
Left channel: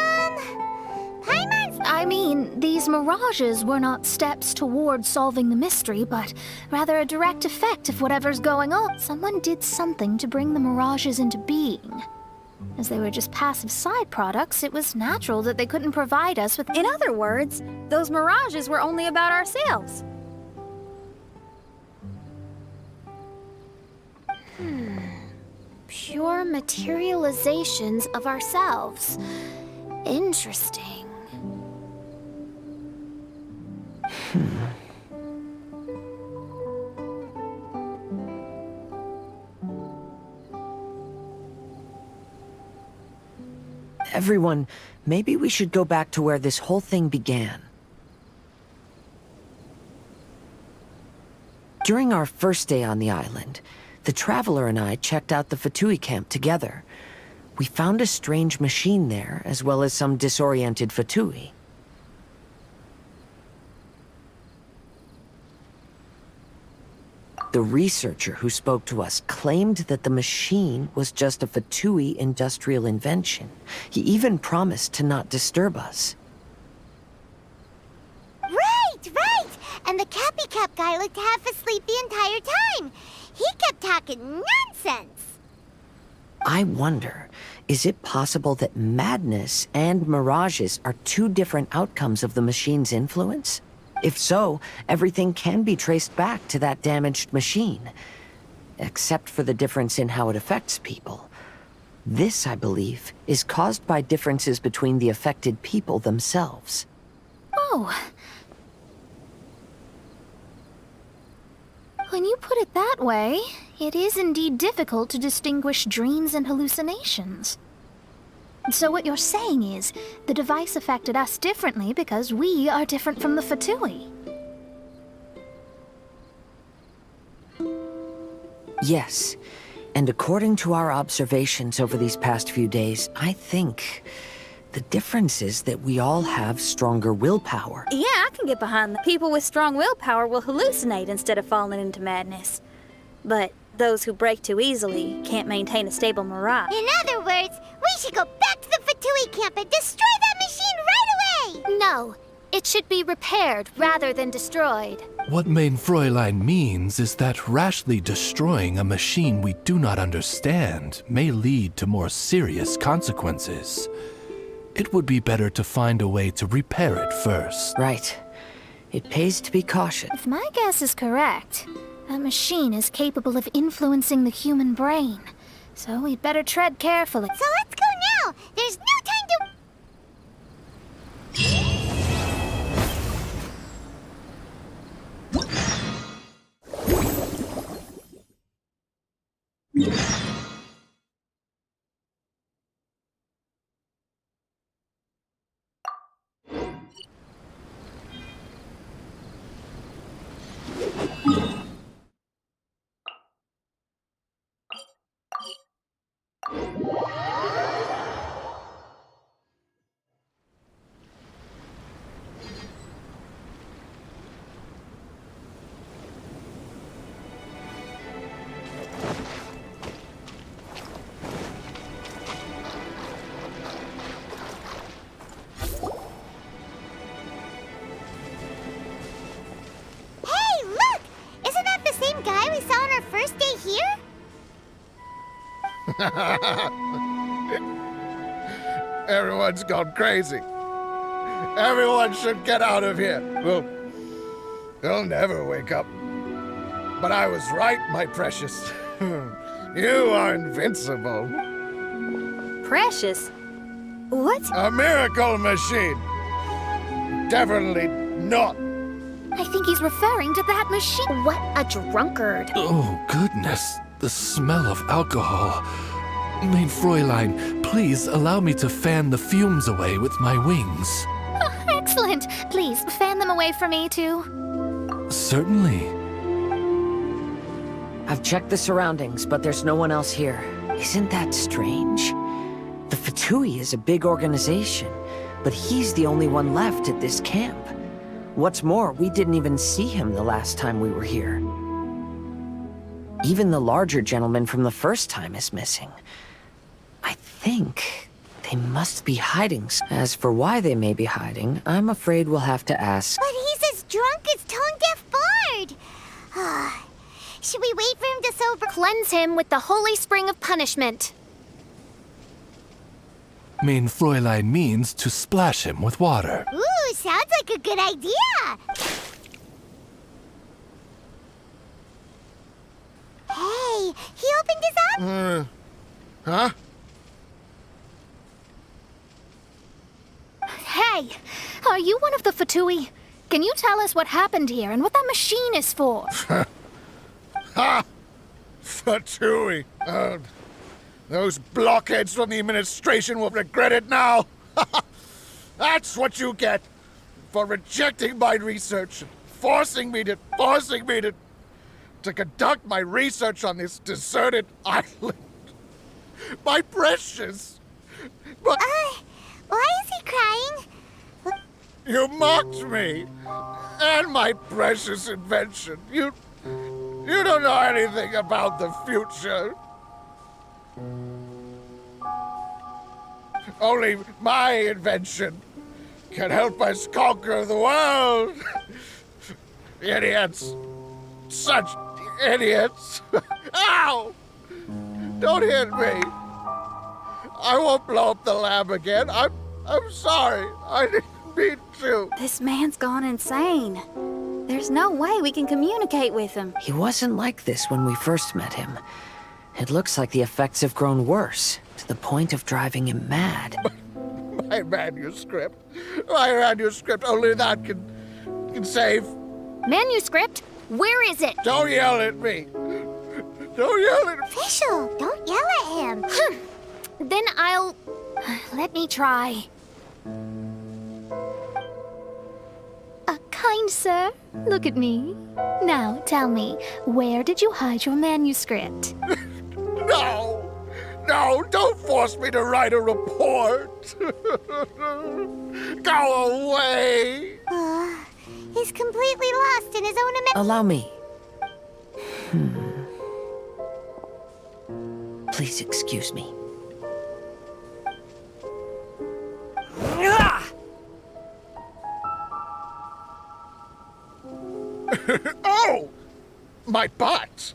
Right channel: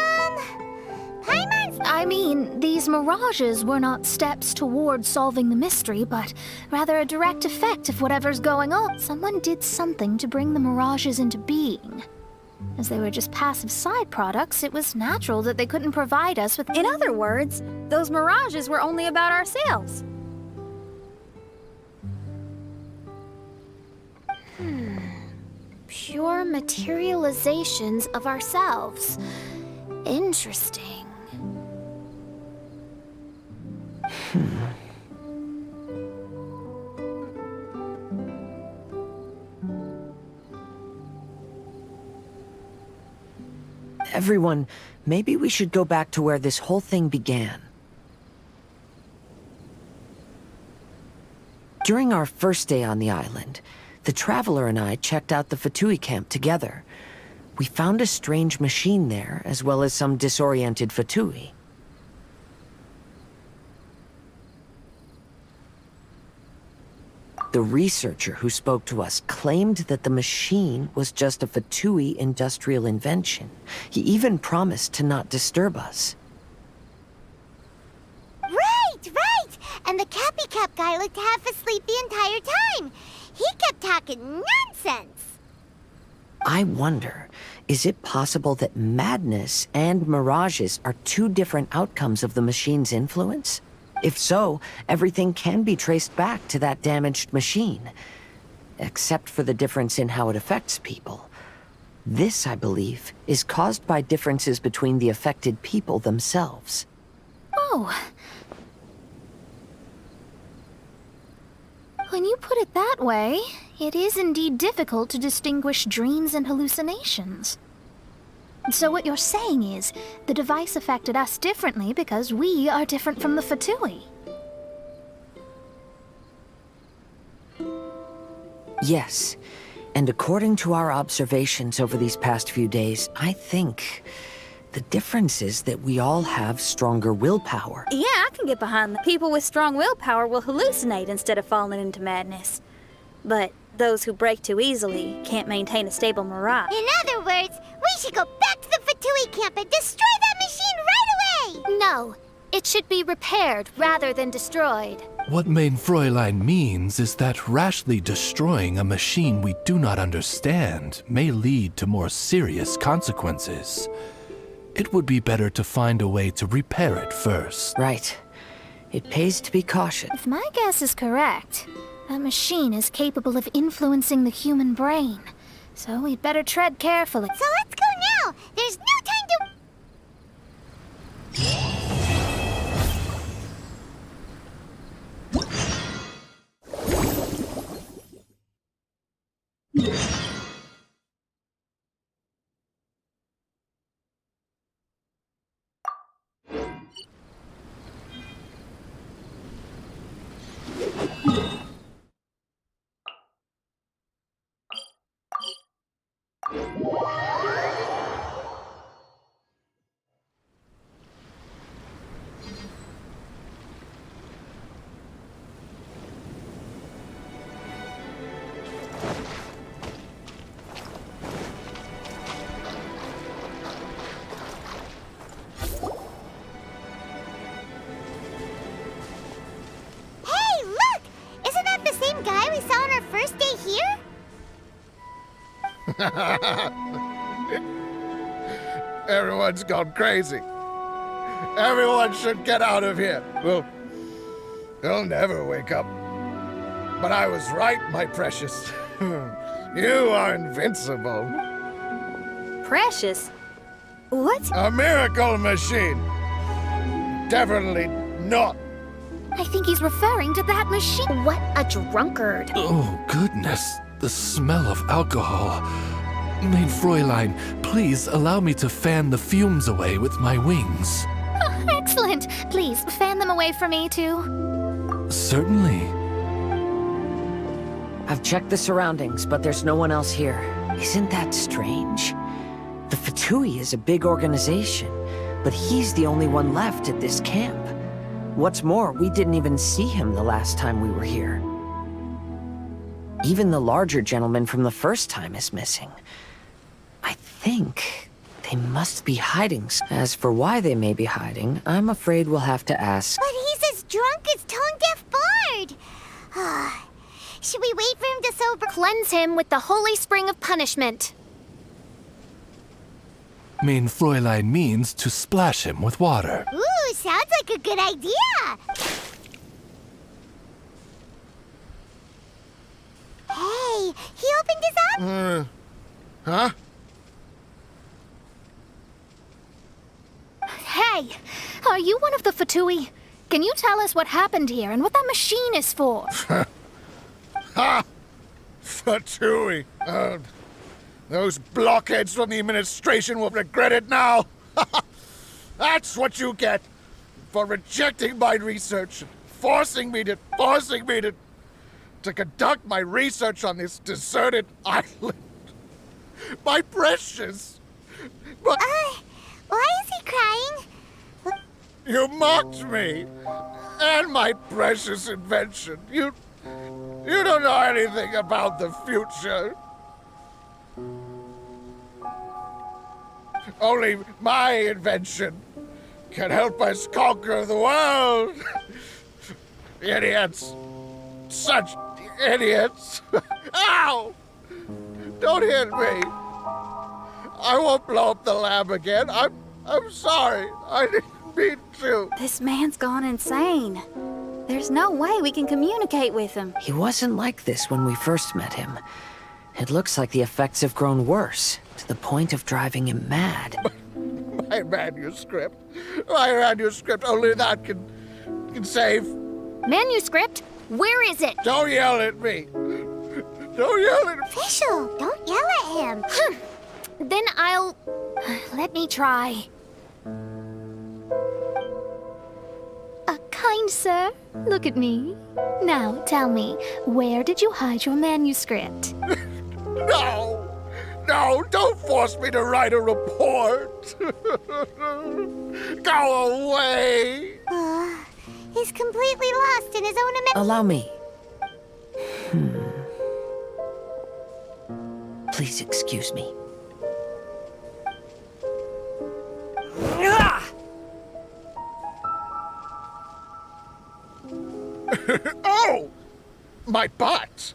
Paimon's I mean, these mirages were not steps toward solving the mystery, but rather a direct effect of whatever's going on. Someone did something to bring the mirages into being. As they were just passive side products, it was natural that they couldn't provide us with... In other words, those mirages were only about ourselves. Pure materializations of ourselves. Interesting. Everyone, maybe we should go back to where this whole thing began. During our first day on the island, the Traveler and I checked out the Fatui camp together. We found a strange machine there, as well as some disoriented Fatui. The researcher who spoke to us claimed that the machine was just a Fatui industrial invention. He even promised to not disturb us. Right! And the Cappy Cap guy looked half asleep the entire time. He kept talking nonsense. I wonder, is it possible that madness and mirages are two different outcomes of the machine's influence? If so, everything can be traced back to that damaged machine, except for the difference in how it affects people. This, I believe, is caused by differences between the affected people themselves. Oh. When you put it that way, it is indeed difficult to distinguish dreams and hallucinations. So what you're saying is, the device affected us differently because we are different from the Fatui. Yes, and according to our observations over these past few days, I think the difference is that we all have stronger willpower. Yeah, I can get behind that. People with strong willpower will hallucinate instead of falling into madness. But those who break too easily can't maintain a stable mirage. In other words, we should go back to the Fatui camp and destroy that machine right away! No, it should be repaired rather than destroyed. What Main Fräulein means is that rashly destroying a machine we do not understand may lead to more serious consequences. It would be better to find a way to repair it first. Right. It pays to be cautious. If my guess is correct, that machine is capable of influencing the human brain. So we'd better tread carefully. So let's go now! There's no time to... Everyone's gone crazy. Everyone should get out of here. Well, they'll never wake up. But I was right, my precious. You are invincible. Precious? What? A miracle machine. Definitely not. I think he's referring to that machine. What a drunkard. Oh, goodness. The smell of alcohol. Main Fräulein, please allow me to fan the fumes away with my wings. Oh, excellent. Please, fan them away for me, too. Certainly. I've checked the surroundings, but there's no one else here. Isn't that strange? The Fatui is a big organization, but he's the only one left at this camp. What's more, we didn't even see him the last time we were here. Even the larger gentleman from the first time is missing. I think They must be hiding. As for why they may be hiding, I'm afraid we'll have to ask. But he's as drunk as tone-deaf Bard. Should we wait for him to sober? Cleanse him with the holy spring of punishment. Mein Fräulein means to splash him with water. Ooh, sounds like a good idea. Hey, he opened his up. Huh? Hey, are you one of the Fatui? Can you tell us what happened here and what that machine is for? Ha! Fatui. Those blockheads from the administration will regret it now. That's what you get for rejecting my research and forcing me to conduct my research on this deserted island. My precious. But Why is he crying? you mocked me and my precious invention. You don't know anything about the future. Only my invention can help us conquer the world. Idiots. Such idiots. Ow! Don't hit me. I won't blow up the lab again. I'm sorry. I didn't mean to. This man's gone insane. There's no way we can communicate with him. He wasn't like this when we first met him. It looks like the effects have grown worse, to the point of driving him mad. My manuscript. Only that can save. Manuscript? Where is it? Don't yell at me. Don't yell at me. Fischl, don't yell at him. Then I'll... Let me try. Kind sir, look at me. Now tell me, where did you hide your manuscript? No, don't force me to write a report. Go away. He's completely lost in his own Allow me. Please excuse me. Oh! My butt!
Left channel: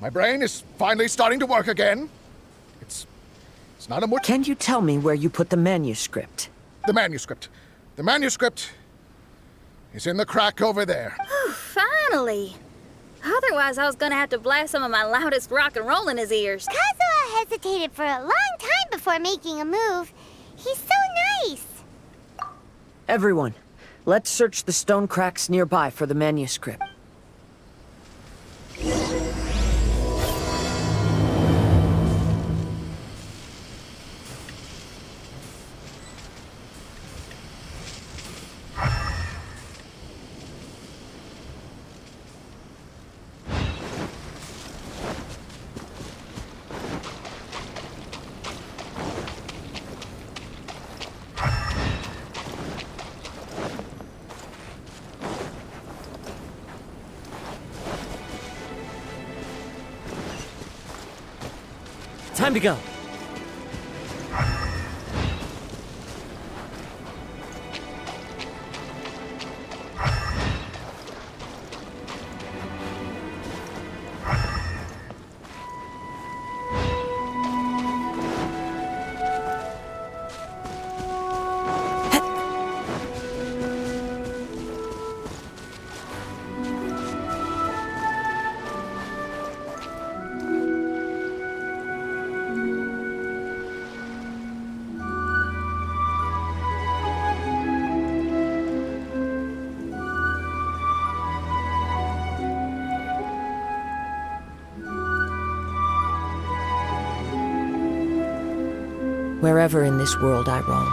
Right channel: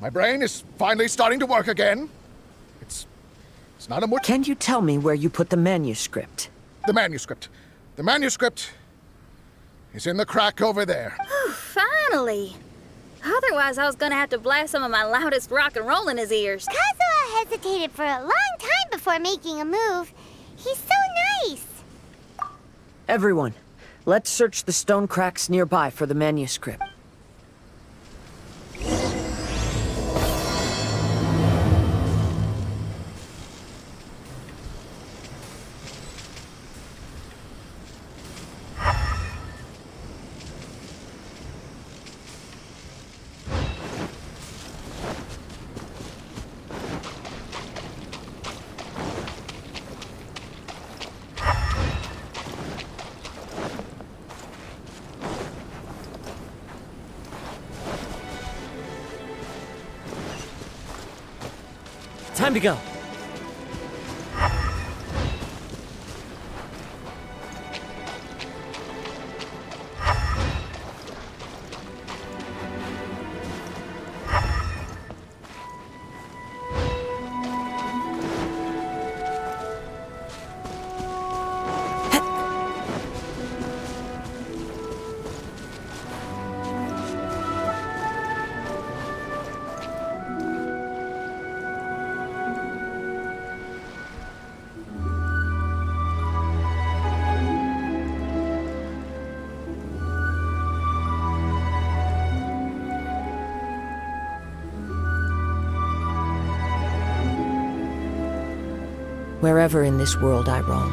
My brain is finally starting to work again. It's not a more... Can you tell me where you put the manuscript? The manuscript. The manuscript is in the crack over there. Finally! Otherwise, I was gonna have to blast some of my loudest rock and roll in his ears. Kazuha hesitated for a long time before making a move. He's so nice. Everyone, let's search the stone cracks nearby for the manuscript. Time to go. Wherever in this world I roam,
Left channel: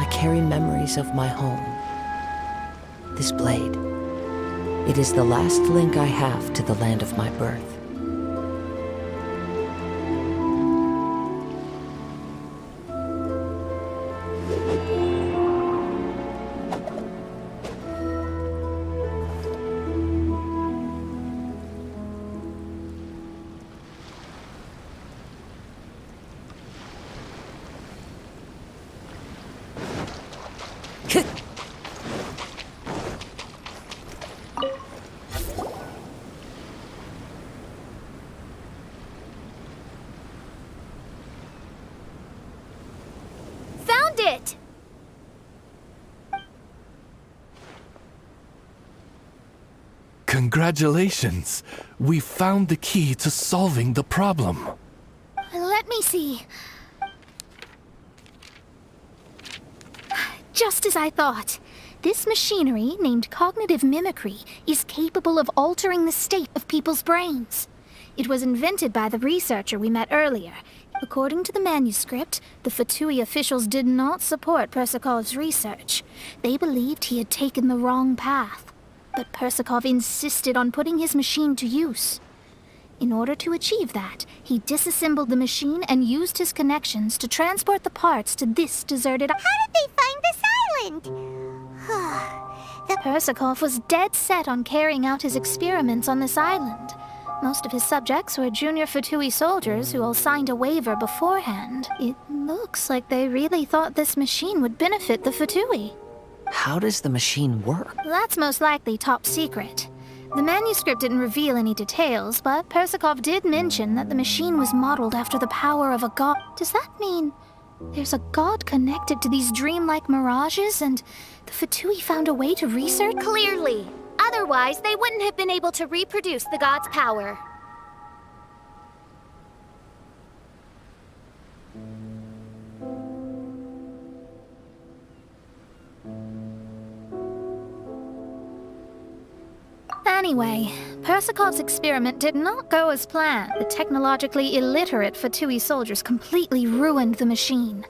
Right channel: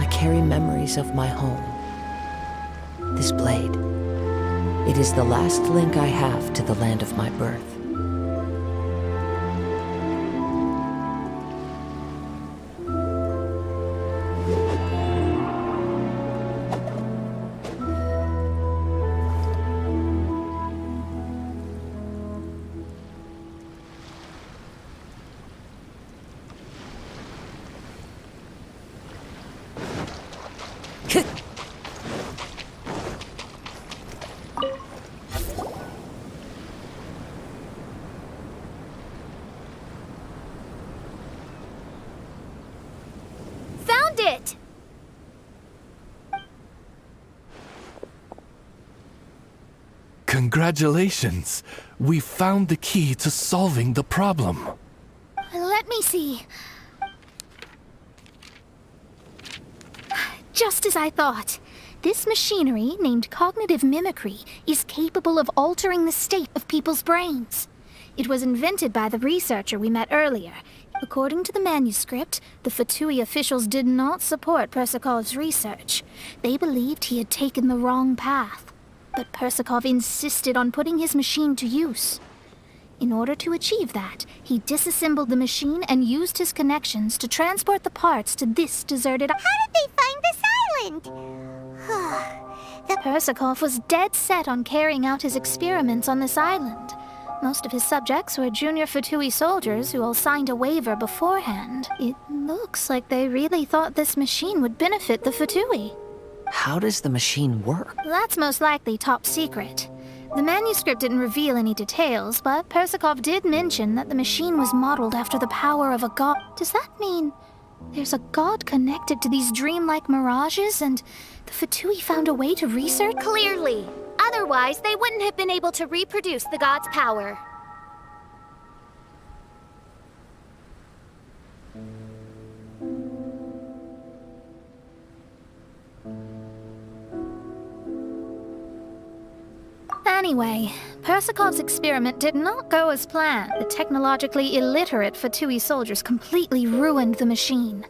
I carry memories of my home. This blade, it is the last link I have to the land of my birth. Found it! Congratulations! We found the key to solving the problem. Let me see. Just as I thought. This machinery, named cognitive mimicry, is capable of altering the state of people's brains. It was invented by the researcher we met earlier. According to the manuscript, the Fatui officials did not support Persikov's research. They believed he had taken the wrong path. But Persikov insisted on putting his machine to use. In order to achieve that, he disassembled the machine and used his connections to transport the parts to this deserted island. How did they find this island? Persikov was dead set on carrying out his experiments on this island. Most of his subjects were junior Fatui soldiers who all signed a waiver beforehand. It looks like they really thought this machine would benefit the Fatui. How does the machine work? That's most likely top secret. The manuscript didn't reveal any details, but Persikov did mention that the machine was modeled after the power of a god. Does that mean there's a god connected to these dreamlike mirages, and the Fatui found a way to research? Clearly. Otherwise, they wouldn't have been able to reproduce the god's power. Anyway, Persikov's experiment did not go as planned. The technologically illiterate Fatui soldiers completely ruined the machine.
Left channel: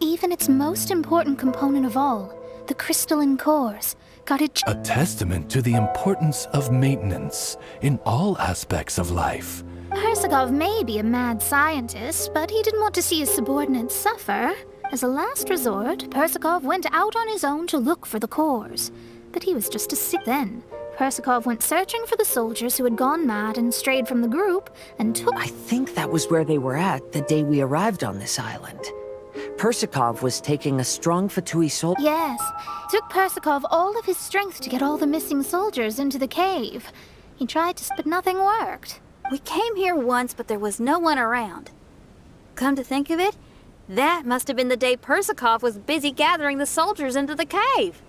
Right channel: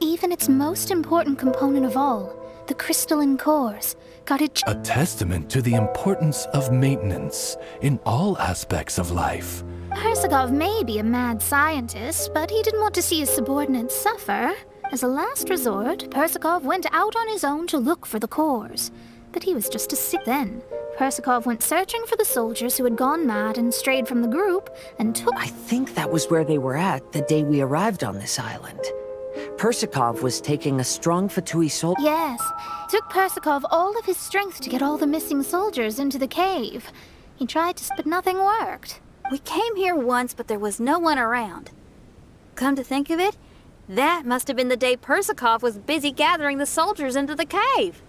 Even its most important component of all, the crystalline cores, got it. A testament to the importance of maintenance in all aspects of life. Persikov may be a mad scientist, but he didn't want to see his subordinates suffer. As a last resort, Persikov went out on his own to look for the cores. But he was just a sick then. Persikov went searching for the soldiers who had gone mad and strayed from the group, and took. I think that was where they were at the day we arrived on this island. Persikov was taking a strong Fatui soldier. Yes. It took Persikov all of his strength to get all the missing soldiers into the cave. He tried to, but nothing worked. We came here once, but there was no one around. Come to think of it, that must have been the day Persikov was busy gathering the soldiers into the cave.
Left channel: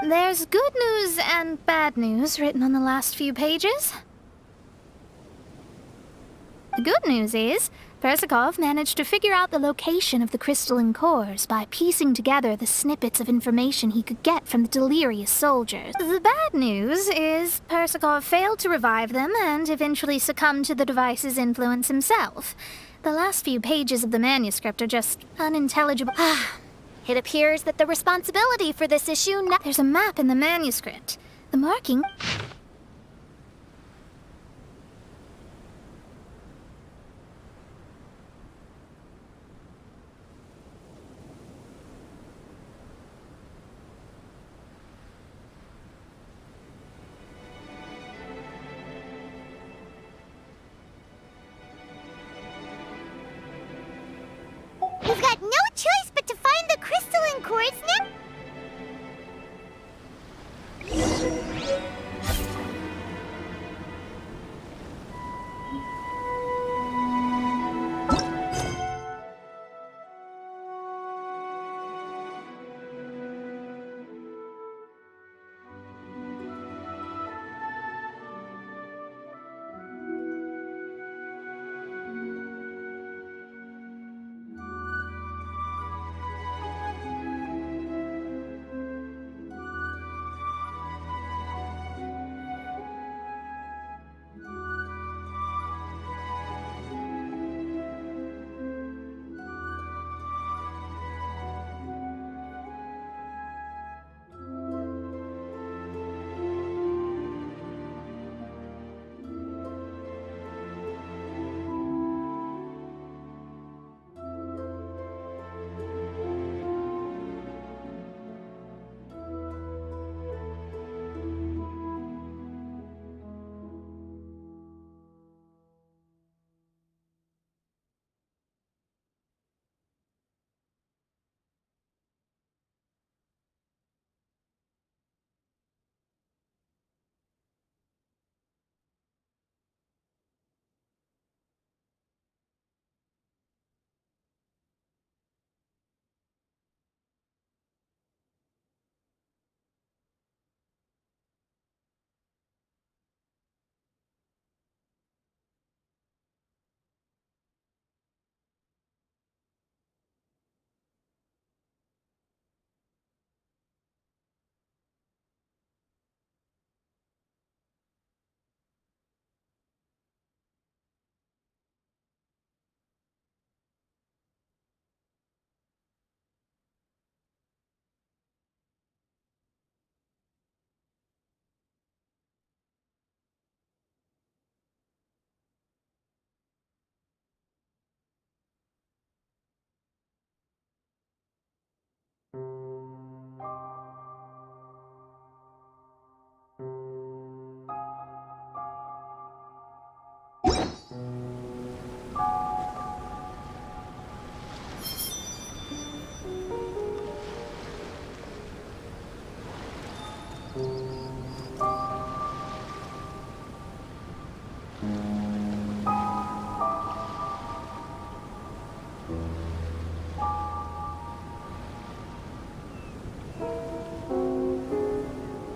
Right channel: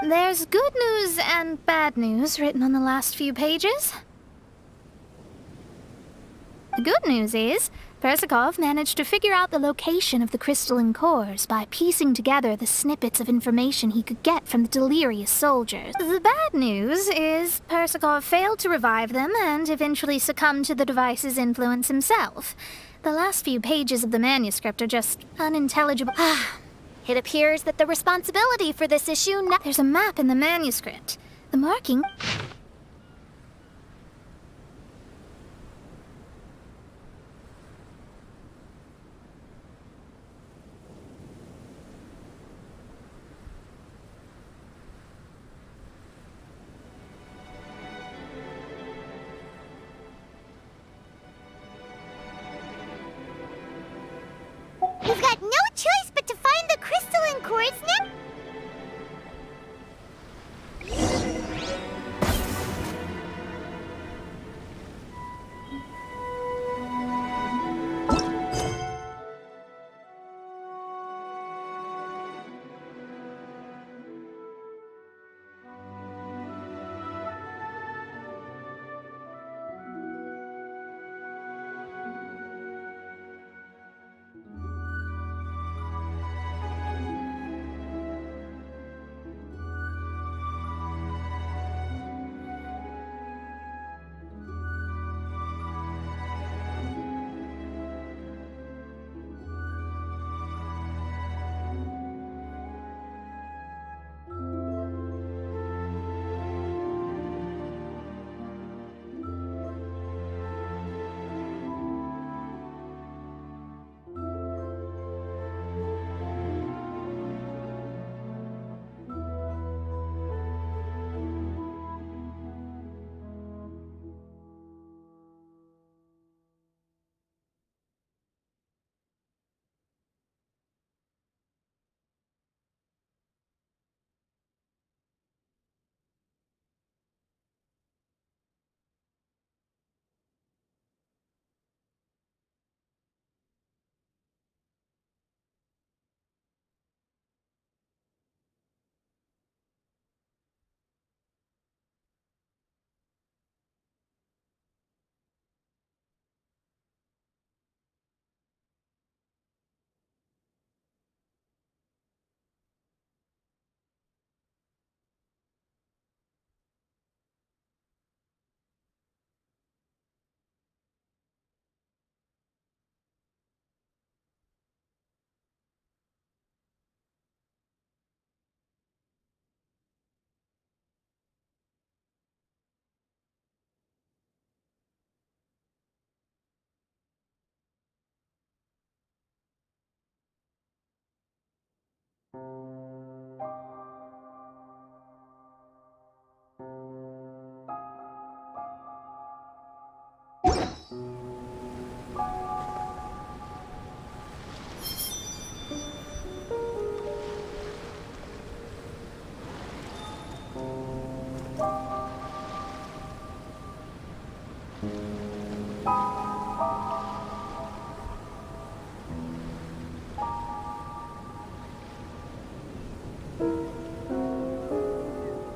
There's good news and bad news written on the last few pages. The good news is, Persikov managed to figure out the location of the crystalline cores by piecing together the snippets of information he could get from the delirious soldiers. The bad news is, Persikov failed to revive them and eventually succumbed to the device's influence himself. The last few pages of the manuscript are just unintelligible. It appears that the responsibility for this issue now. There's a map in the manuscript. The marking. We've got no choice but to find the crystalline cores now.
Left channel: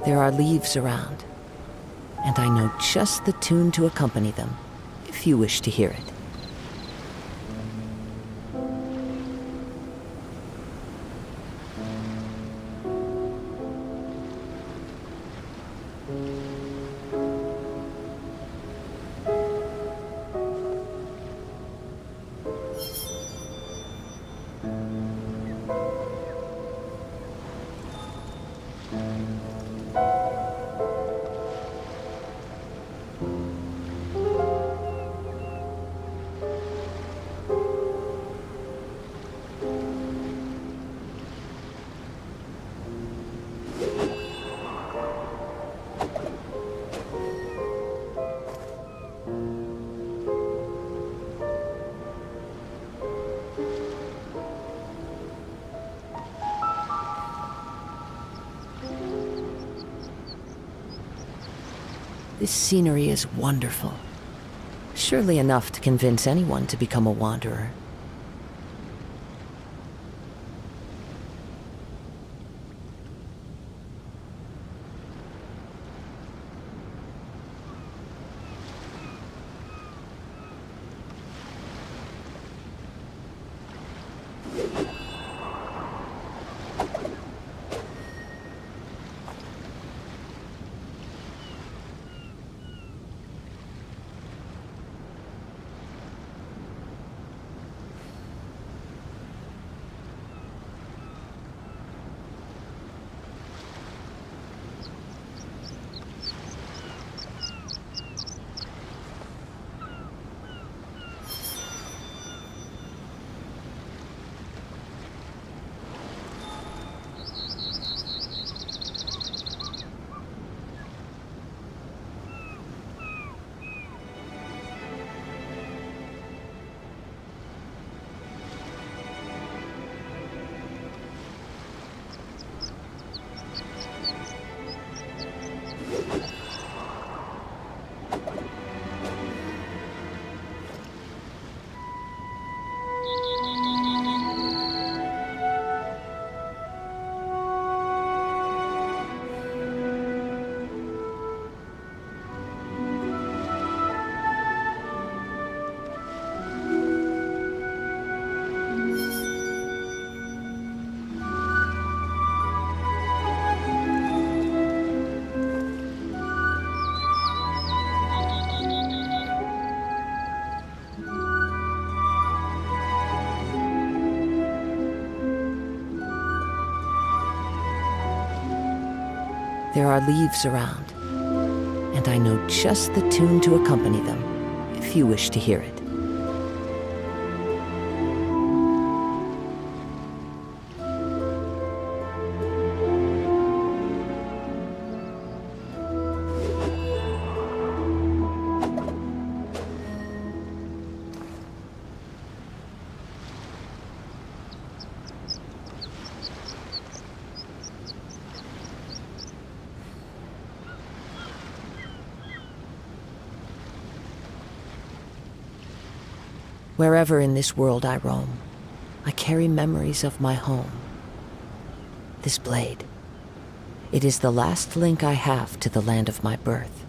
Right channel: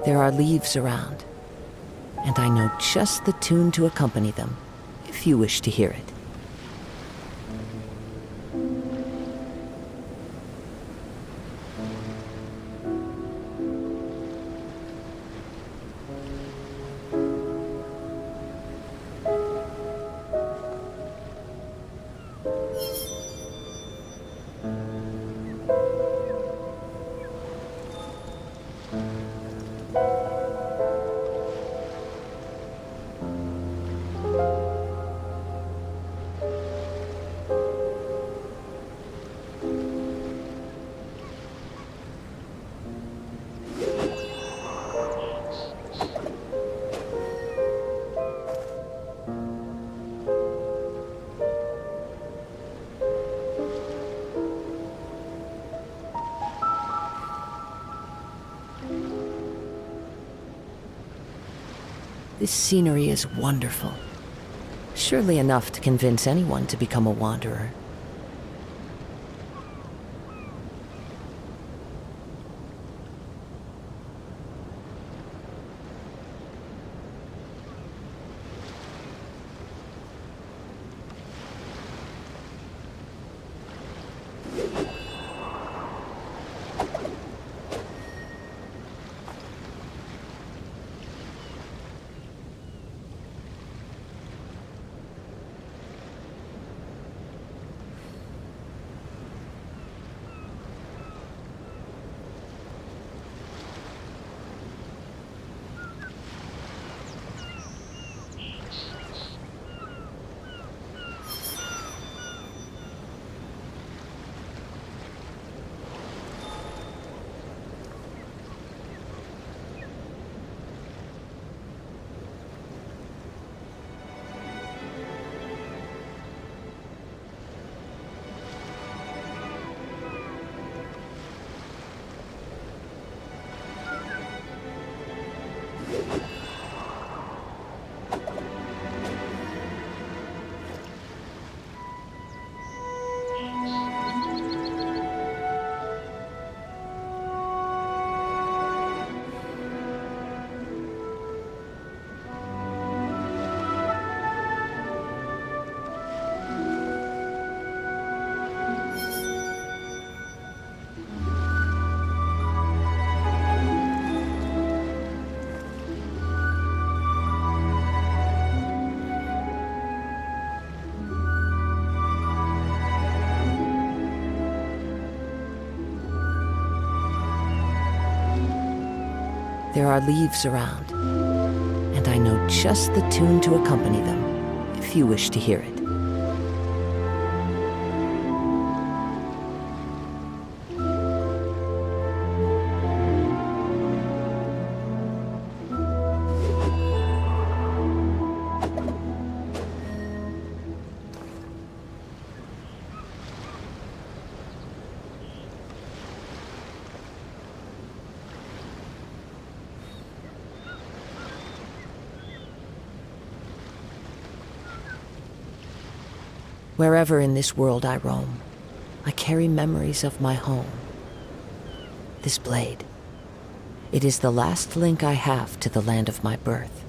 There are leaves around, and I know just the tune to accompany them, if you wish to hear it. This scenery is wonderful. Surely enough to convince anyone to become a wanderer. There are leaves around, and I know just the tune to accompany them, if you wish to hear it. Wherever in this world I roam, I carry memories of my home. This blade, it is the last link I have to the land of my birth.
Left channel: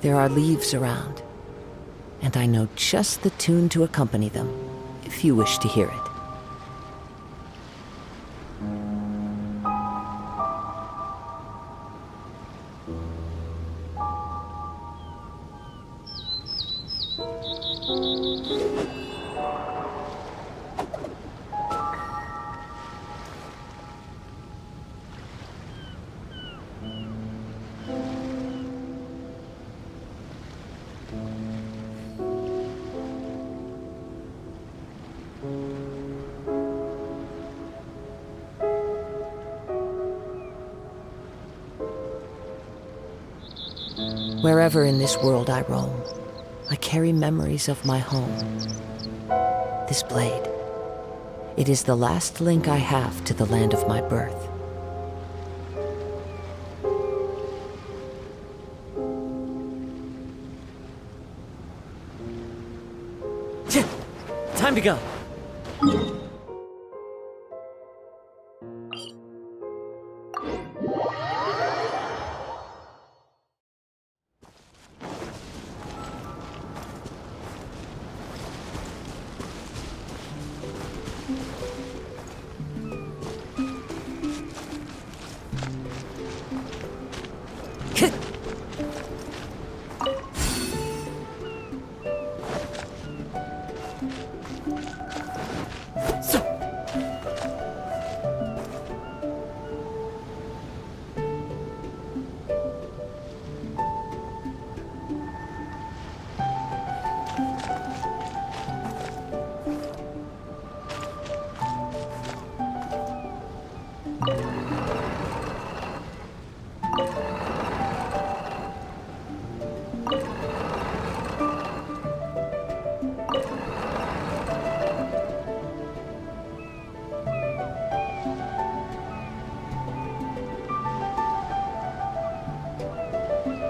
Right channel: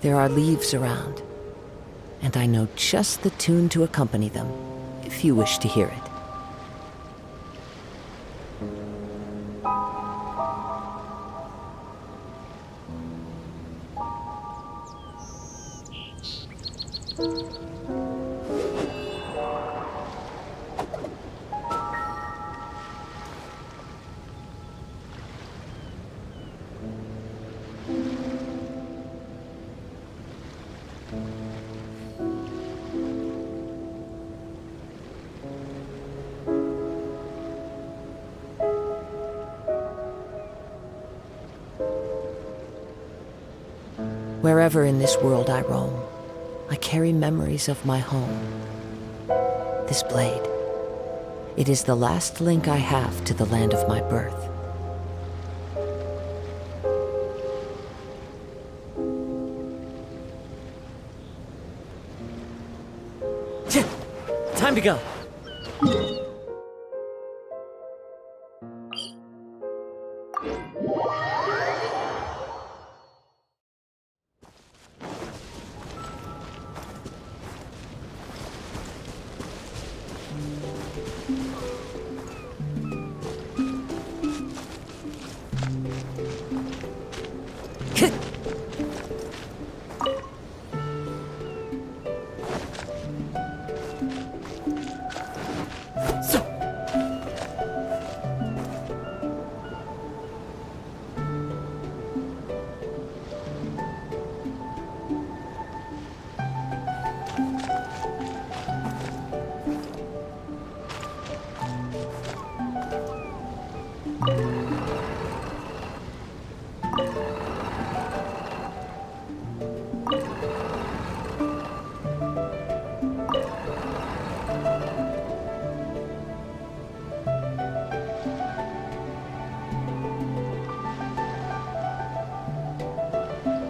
There are leaves around, and I know just the tune to accompany them, if you wish to hear it. Wherever in this world I roam, I carry memories of my home. This blade, it is the last link I have to the land of my birth. Time to go.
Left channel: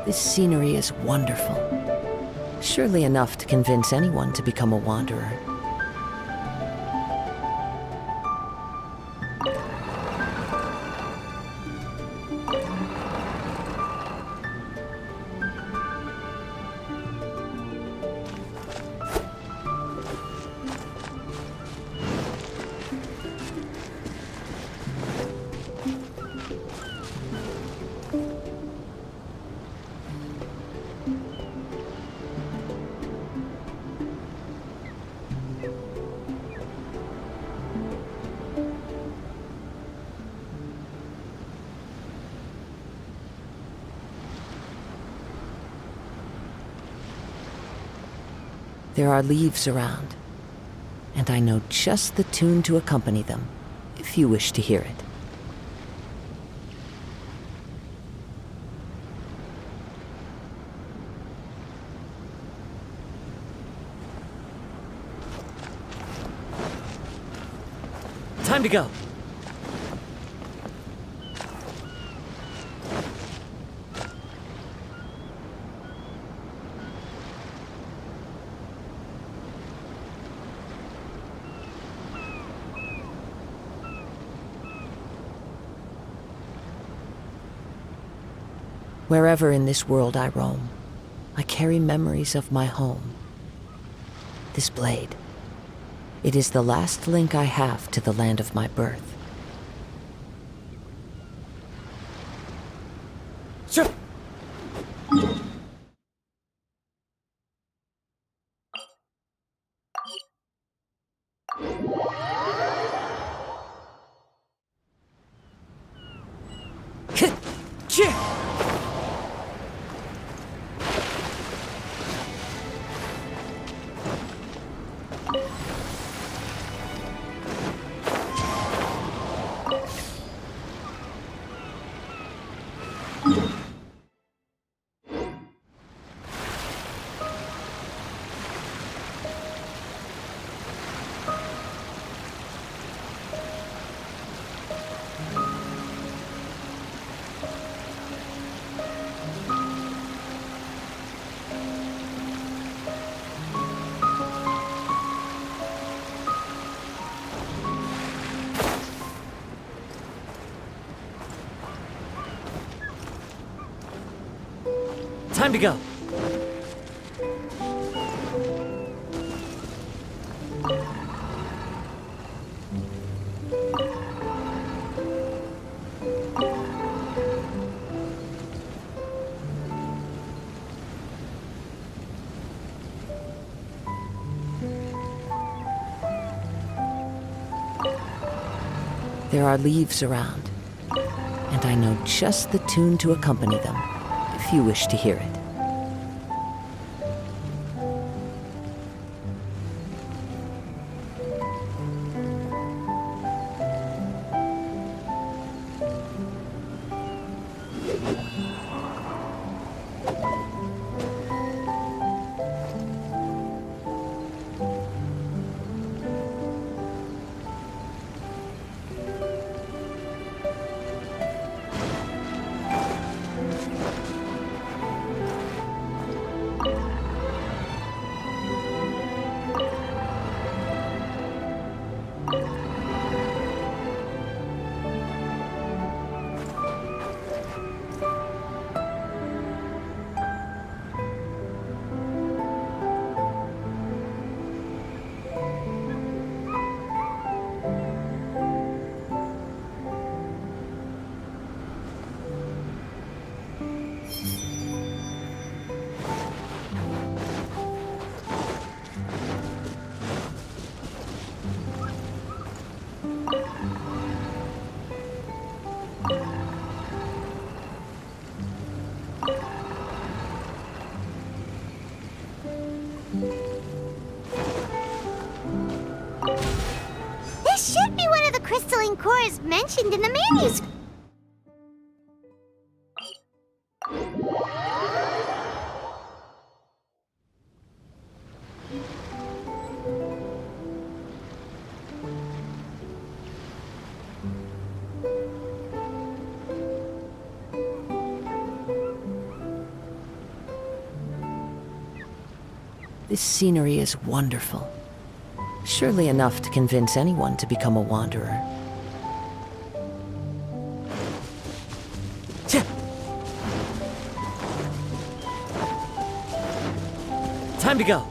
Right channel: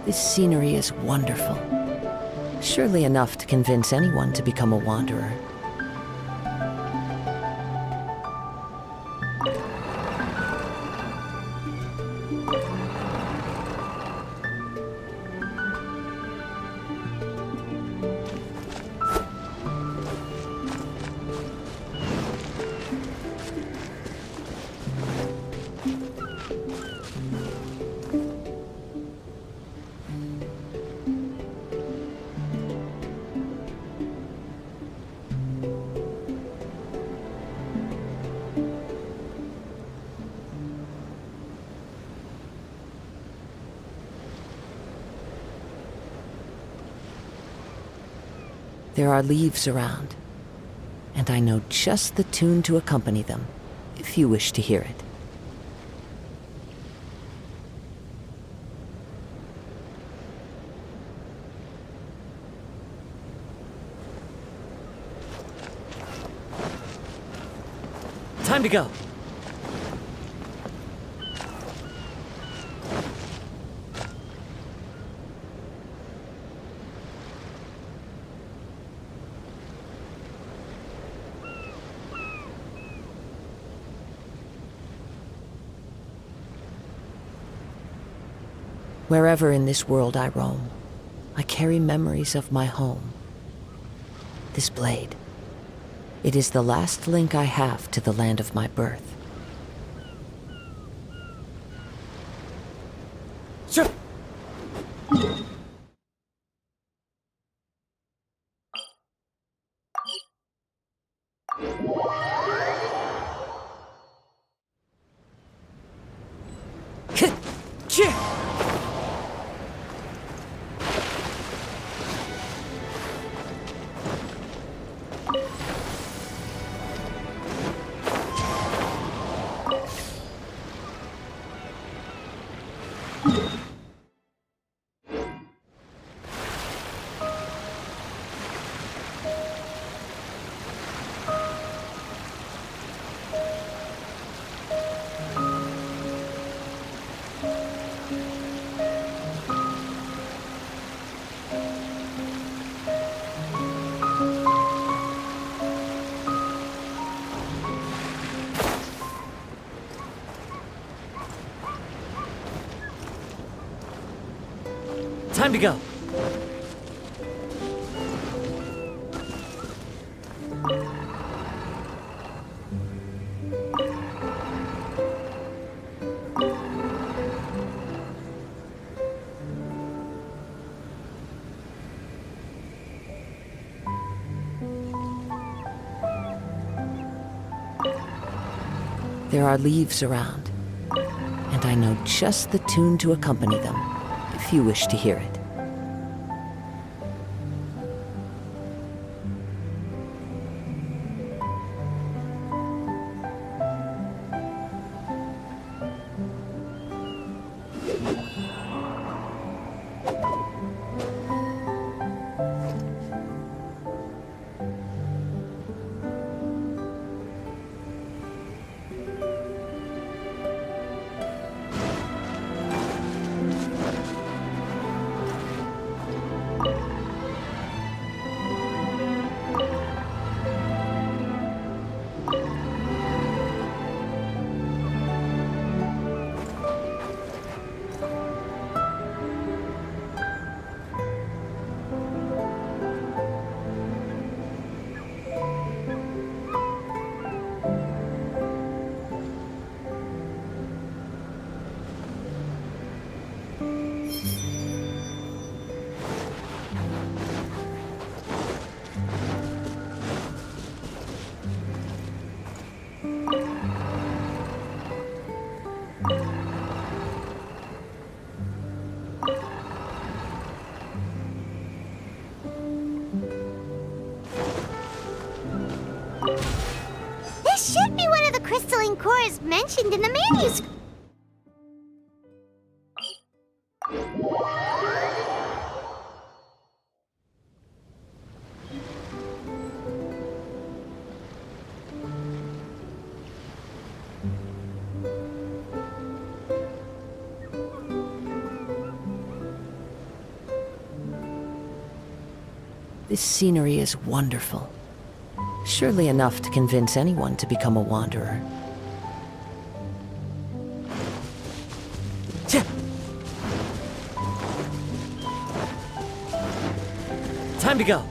This scenery is wonderful. Surely enough to convince anyone to become a wanderer. There are leaves around, and I know just the tune to accompany them, if you wish to hear it. Time to go. Wherever in this world I roam, I carry memories of my home. This blade, it is the last link I have to the land of my birth. Sure. Time to go. There are leaves around, and I know just the tune to accompany them, if you wish to hear it. This should be one of the crystalline cores mentioned in the manuscript. This scenery is wonderful. Surely enough to convince anyone to become a wanderer. Time to go.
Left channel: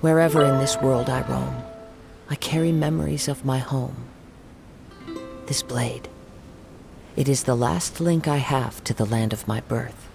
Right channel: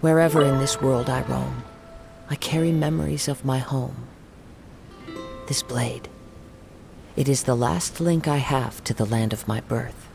Wherever in this world I roam, I carry memories of my home. This blade, it is the last link I have to the land of my birth.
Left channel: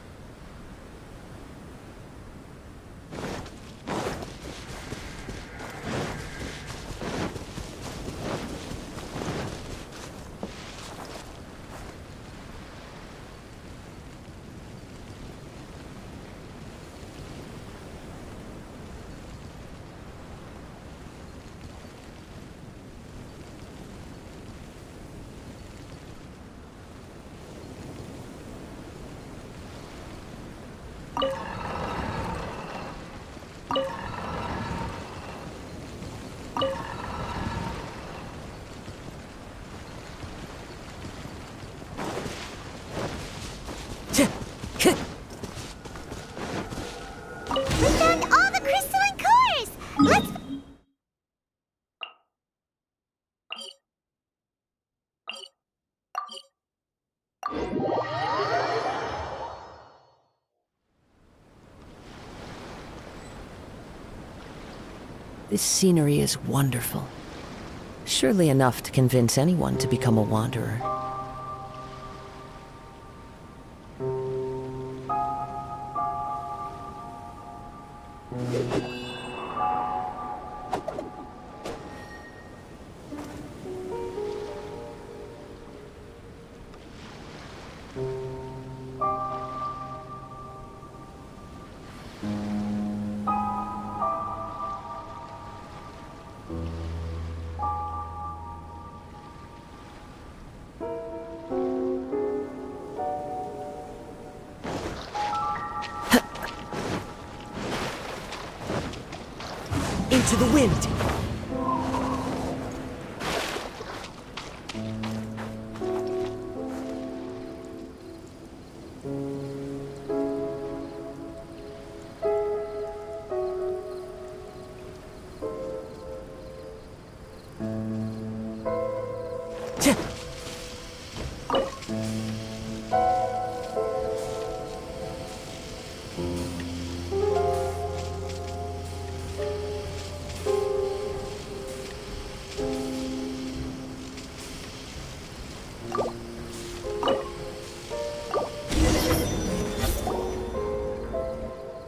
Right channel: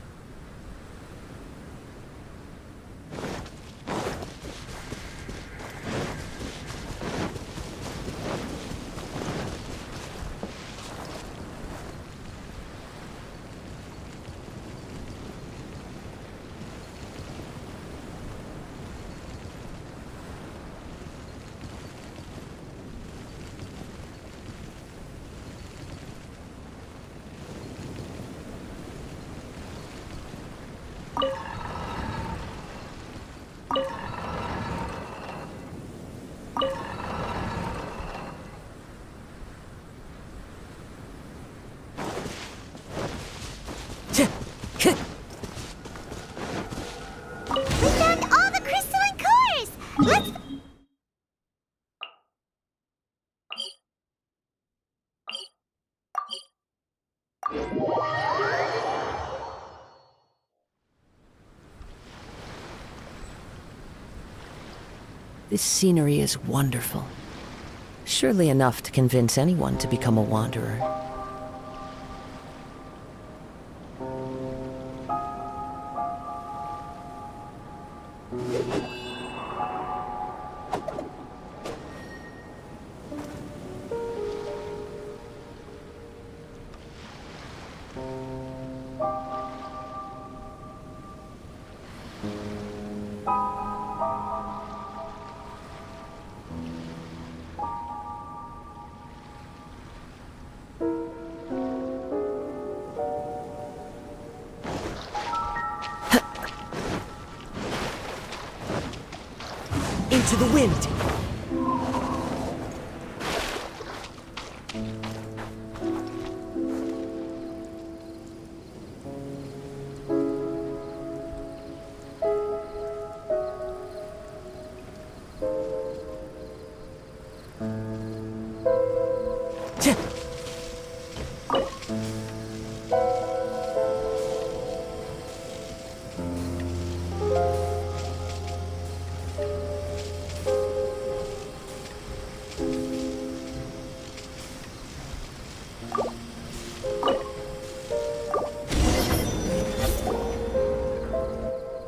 We found all the crystalline cores! Let's... This scenery is wonderful. Surely enough to convince anyone to become a wanderer. Into the wind!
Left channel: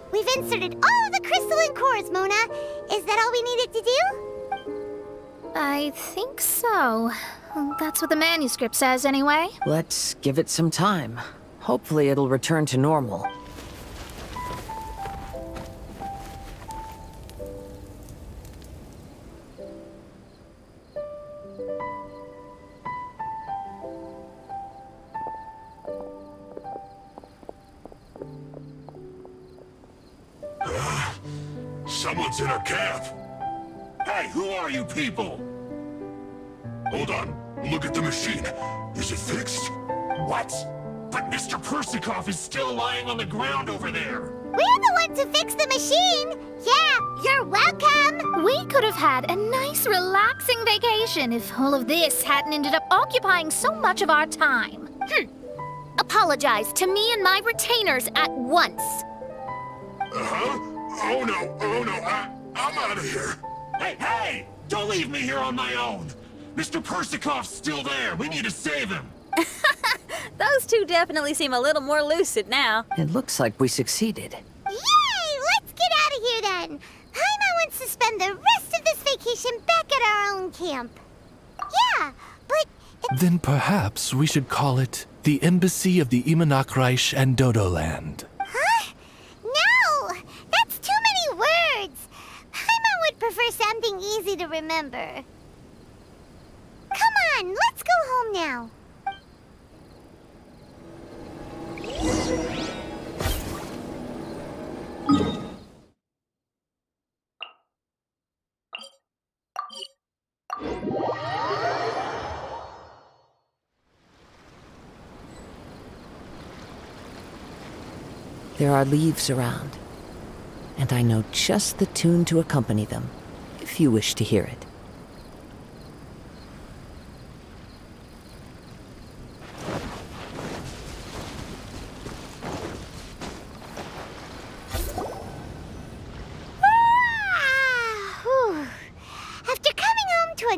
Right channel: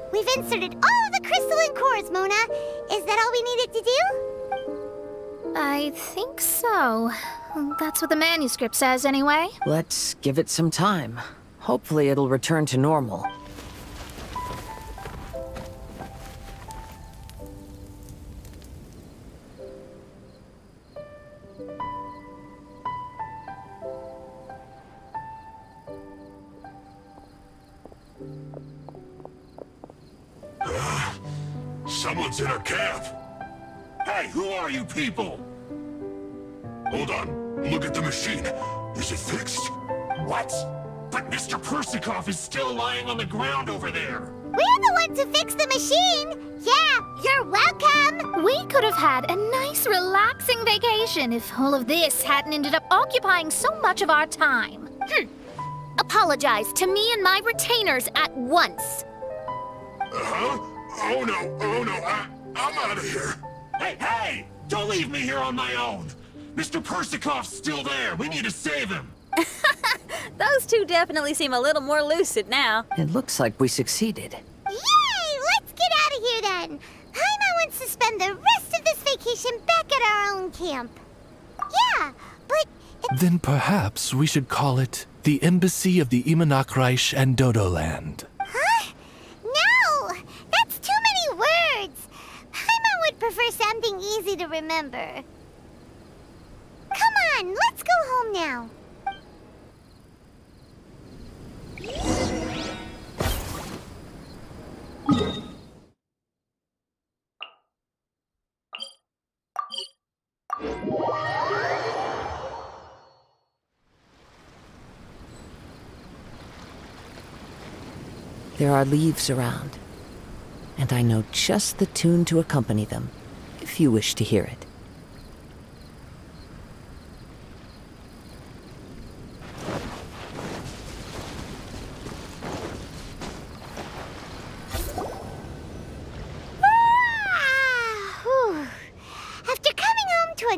We've inserted all the crystalline cores, Mona. Is that all we needed to do? I think so. That's what the manuscript says, anyway. Let's give it some time. Hopefully it'll return to normal. Someone's in our camp. Hey, who are you people? Hold on. Look at the machine. Is it fixed? What? But Mr. Persikov is still lying on the ground over there. We're the ones who fixed the machine! Yeah, you're welcome! We could have had a nice, relaxing vacation if all of this hadn't ended up occupying so much of our time. Apologize to me and my retainers at once. Uh-huh? Oh no, I'm out of here. Hey! Don't leave me here on my own. Mr. Persikov's still there. We need to save him. Those two definitely seem a little more lucid now. It looks like we succeeded. Yay! Let's get out of here then! Paimon wants to spend the rest of this vacation back at our own camp. Yeah, but Then perhaps we should call it the Embassy of the Imanakreich and Dodoland. Huh? No! That's too many words! Paimon would prefer something easy to remember. Come on, let's go home now. There are leaves around, and I know just the tune to accompany them, if you wish to hear it.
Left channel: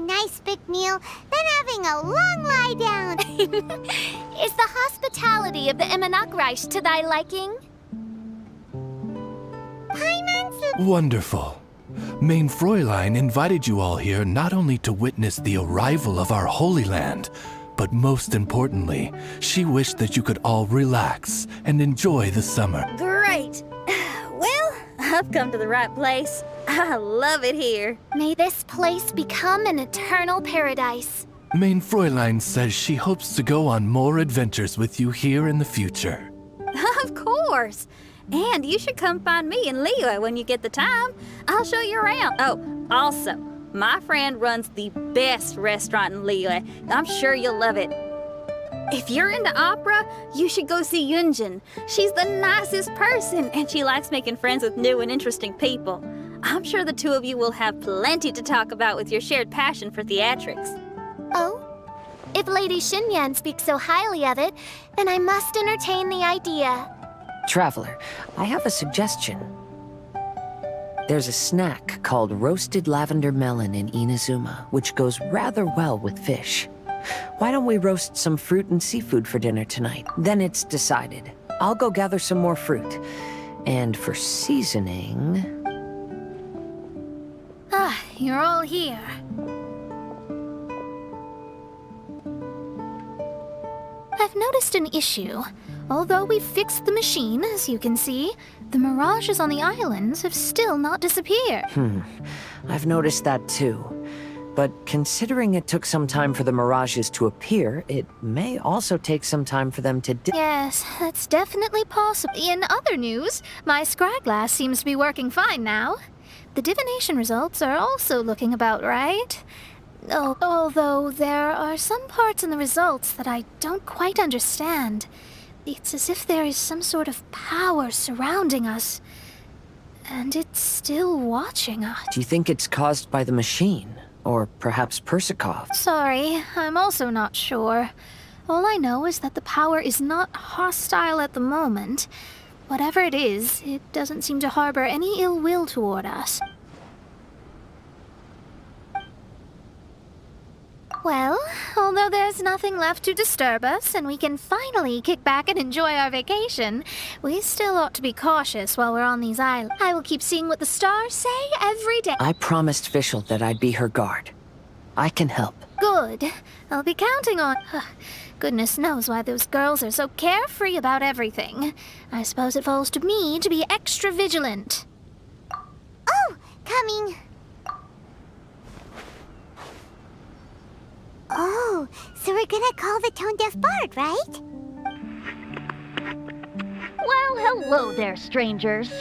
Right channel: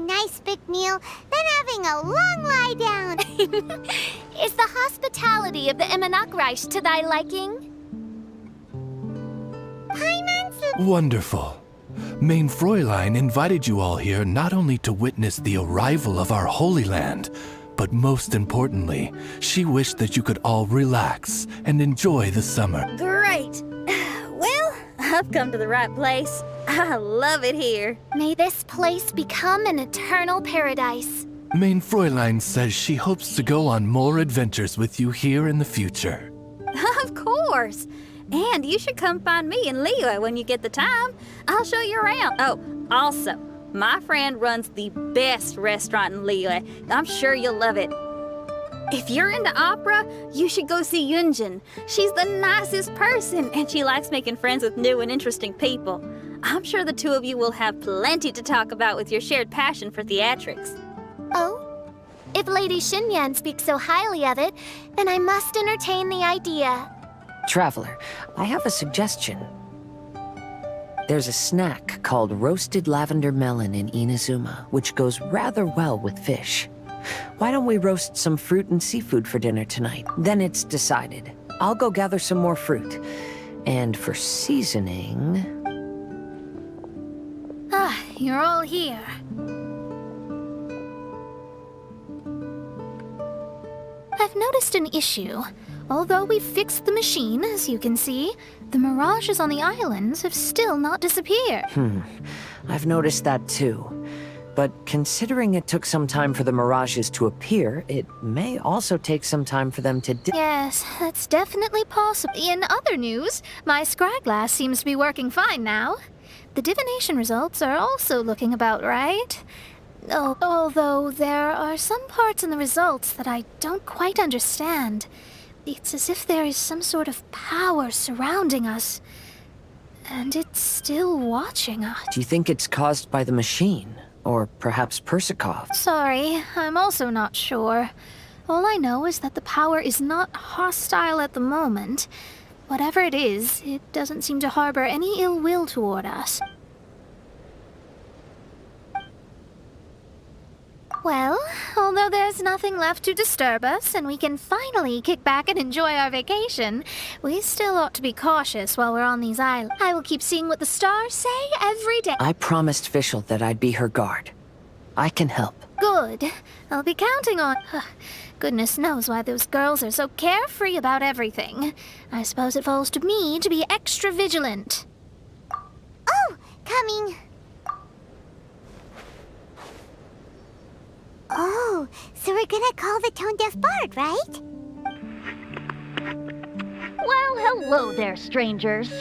nice big meal, then having a long lie down. Is the hospitality of the Immanakreich to thy liking? Paimon, Wonderful. Main Fräulein invited you all here not only to witness the arrival of our Holy Land, but most importantly, she wished that you could all relax and enjoy the summer. Great. Well, I've come to the right place. I love it here. May this place become an eternal paradise. Main Fräulein says she hopes to go on more adventures with you here in the future. Of course. And you should come find me in Liyue when you get the time. I'll show you around. Oh, also, my friend runs the best restaurant in Liyue. I'm sure you'll love it. If you're into opera, you should go see Yunjin. She's the nicest person, and she likes making friends with new and interesting people. I'm sure the two of you will have plenty to talk about with your shared passion for theatrics. Oh? If Lady Xinyan speaks so highly of it, then I must entertain the idea. Traveler, I have a suggestion. There's a snack called roasted lavender melon in Inazuma, which goes rather well with fish. Why don't we roast some fruit and seafood for dinner tonight? Then it's decided. I'll go gather some more fruit. And for seasoning... Ah, you're all here. I've noticed an issue. Although we've fixed the machine, as you can see, the mirages on the islands have still not disappeared. I've noticed that too. But considering it took some time for the mirages to appear, it may also take some time for them to Yes, that's definitely possible. In other news, my scryglass seems to be working fine now. The divination results are also looking about right. Oh, although there are some parts in the results that I don't quite understand. It's as if there is some sort of power surrounding us. And it's still watching us. Do you think it's caused by the machine? Or perhaps Persikov? Sorry, I'm also not sure. All I know is that the power is not hostile at the moment. Whatever it is, it doesn't seem to harbor any ill will toward us. Well, although there's nothing left to disturb us and we can finally kick back and enjoy our vacation, we still ought to be cautious while we're on these islands. I will keep seeing what the stars say every day. I promised Fischl that I'd be her guard. I can help. Good. I'll be counting on... Goodness knows why those girls are so carefree about everything. I suppose it falls to me to be extra vigilant. Oh, coming. Oh, so we're gonna call the tone-deaf bard, right? Well, hello there, strangers.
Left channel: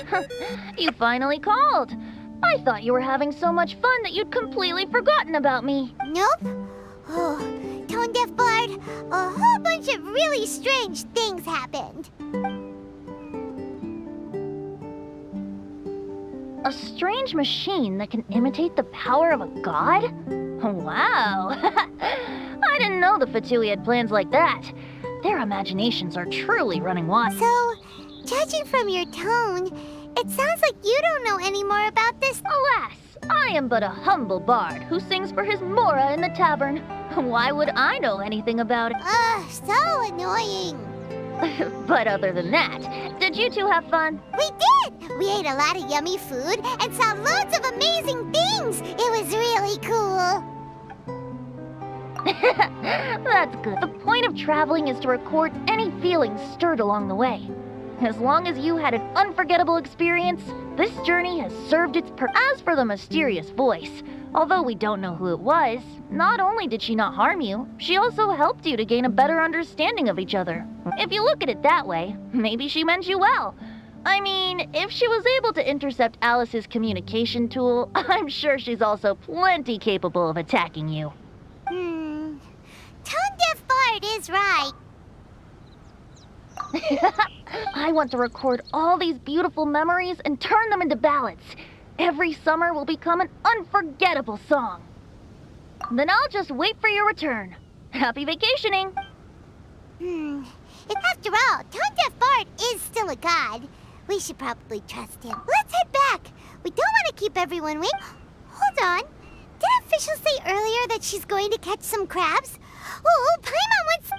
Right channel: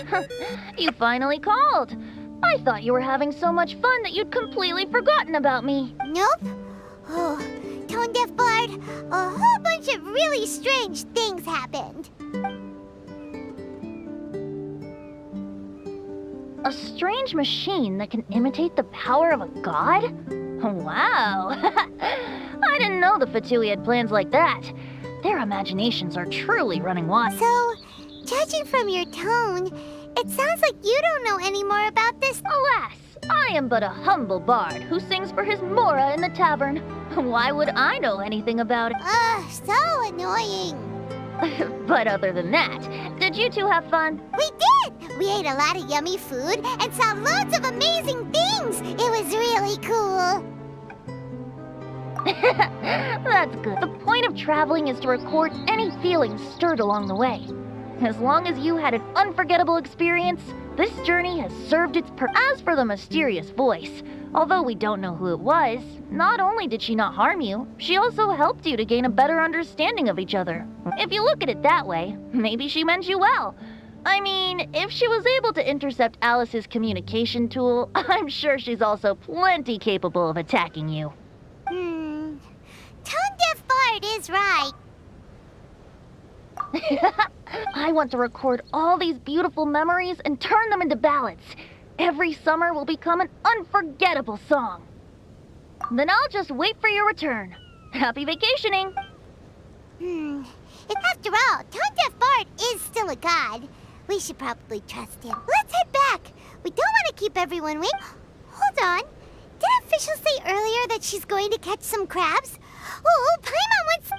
You finally called. I thought you were having so much fun that you'd completely forgotten about me. Nope. Oh, tone-deaf bard, a whole bunch of really strange things happened. A strange machine that can imitate the power of a god? Wow. I didn't know the Fatui had plans like that. Their imaginations are truly running wild. So, judging from your tone, it sounds like you don't know any more about this. Alas, I am but a humble bard who sings for his Mora in the tavern. Why would I know anything about it? Ugh, so annoying. But other than that, did you two have fun? We did! We ate a lot of yummy food and saw loads of amazing things. It was really cool. That's good. The point of traveling is to record any feelings stirred along the way. As long as you had an unforgettable experience, this journey has served its purpose. As for the mysterious voice, although we don't know who it was, not only did she not harm you, she also helped you to gain a better understanding of each other. If you look at it that way, maybe she meant you well. I mean, if she was able to intercept Alice's communication tool, I'm sure she's also plenty capable of attacking you. Tone-deaf bard is right. I want to record all these beautiful memories and turn them into ballads. Every summer will become an unforgettable song. Then I'll just wait for your return. Happy vacationing! After all, tone-deaf bard is still a god. We should probably trust him. Let's head back. We don't want to keep everyone waiting. Hold on. Did I Fischl say earlier that she's going to catch some crabs? Oh, Paimon wants...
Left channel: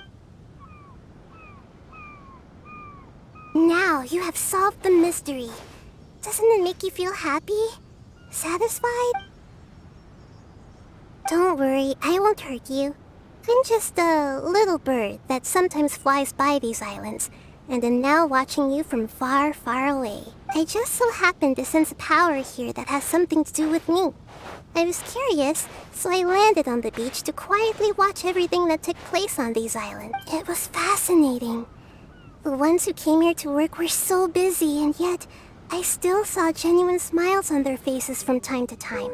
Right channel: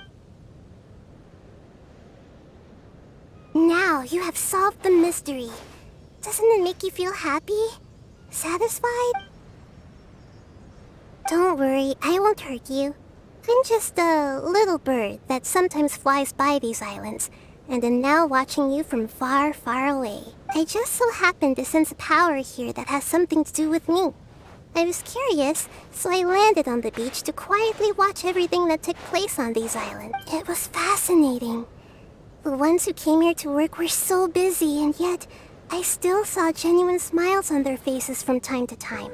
Now you have solved the mystery. Doesn't it make you feel happy? Satisfied? Don't worry, I won't hurt you. I'm just a little bird that sometimes flies by these islands, and am now watching you from far, far away. I just so happen to sense a power here that has something to do with me. I was curious, so I landed on the beach to quietly watch everything that took place on these islands. It was fascinating. The ones who came here to work were so busy, and yet I still saw genuine smiles on their faces from time to time.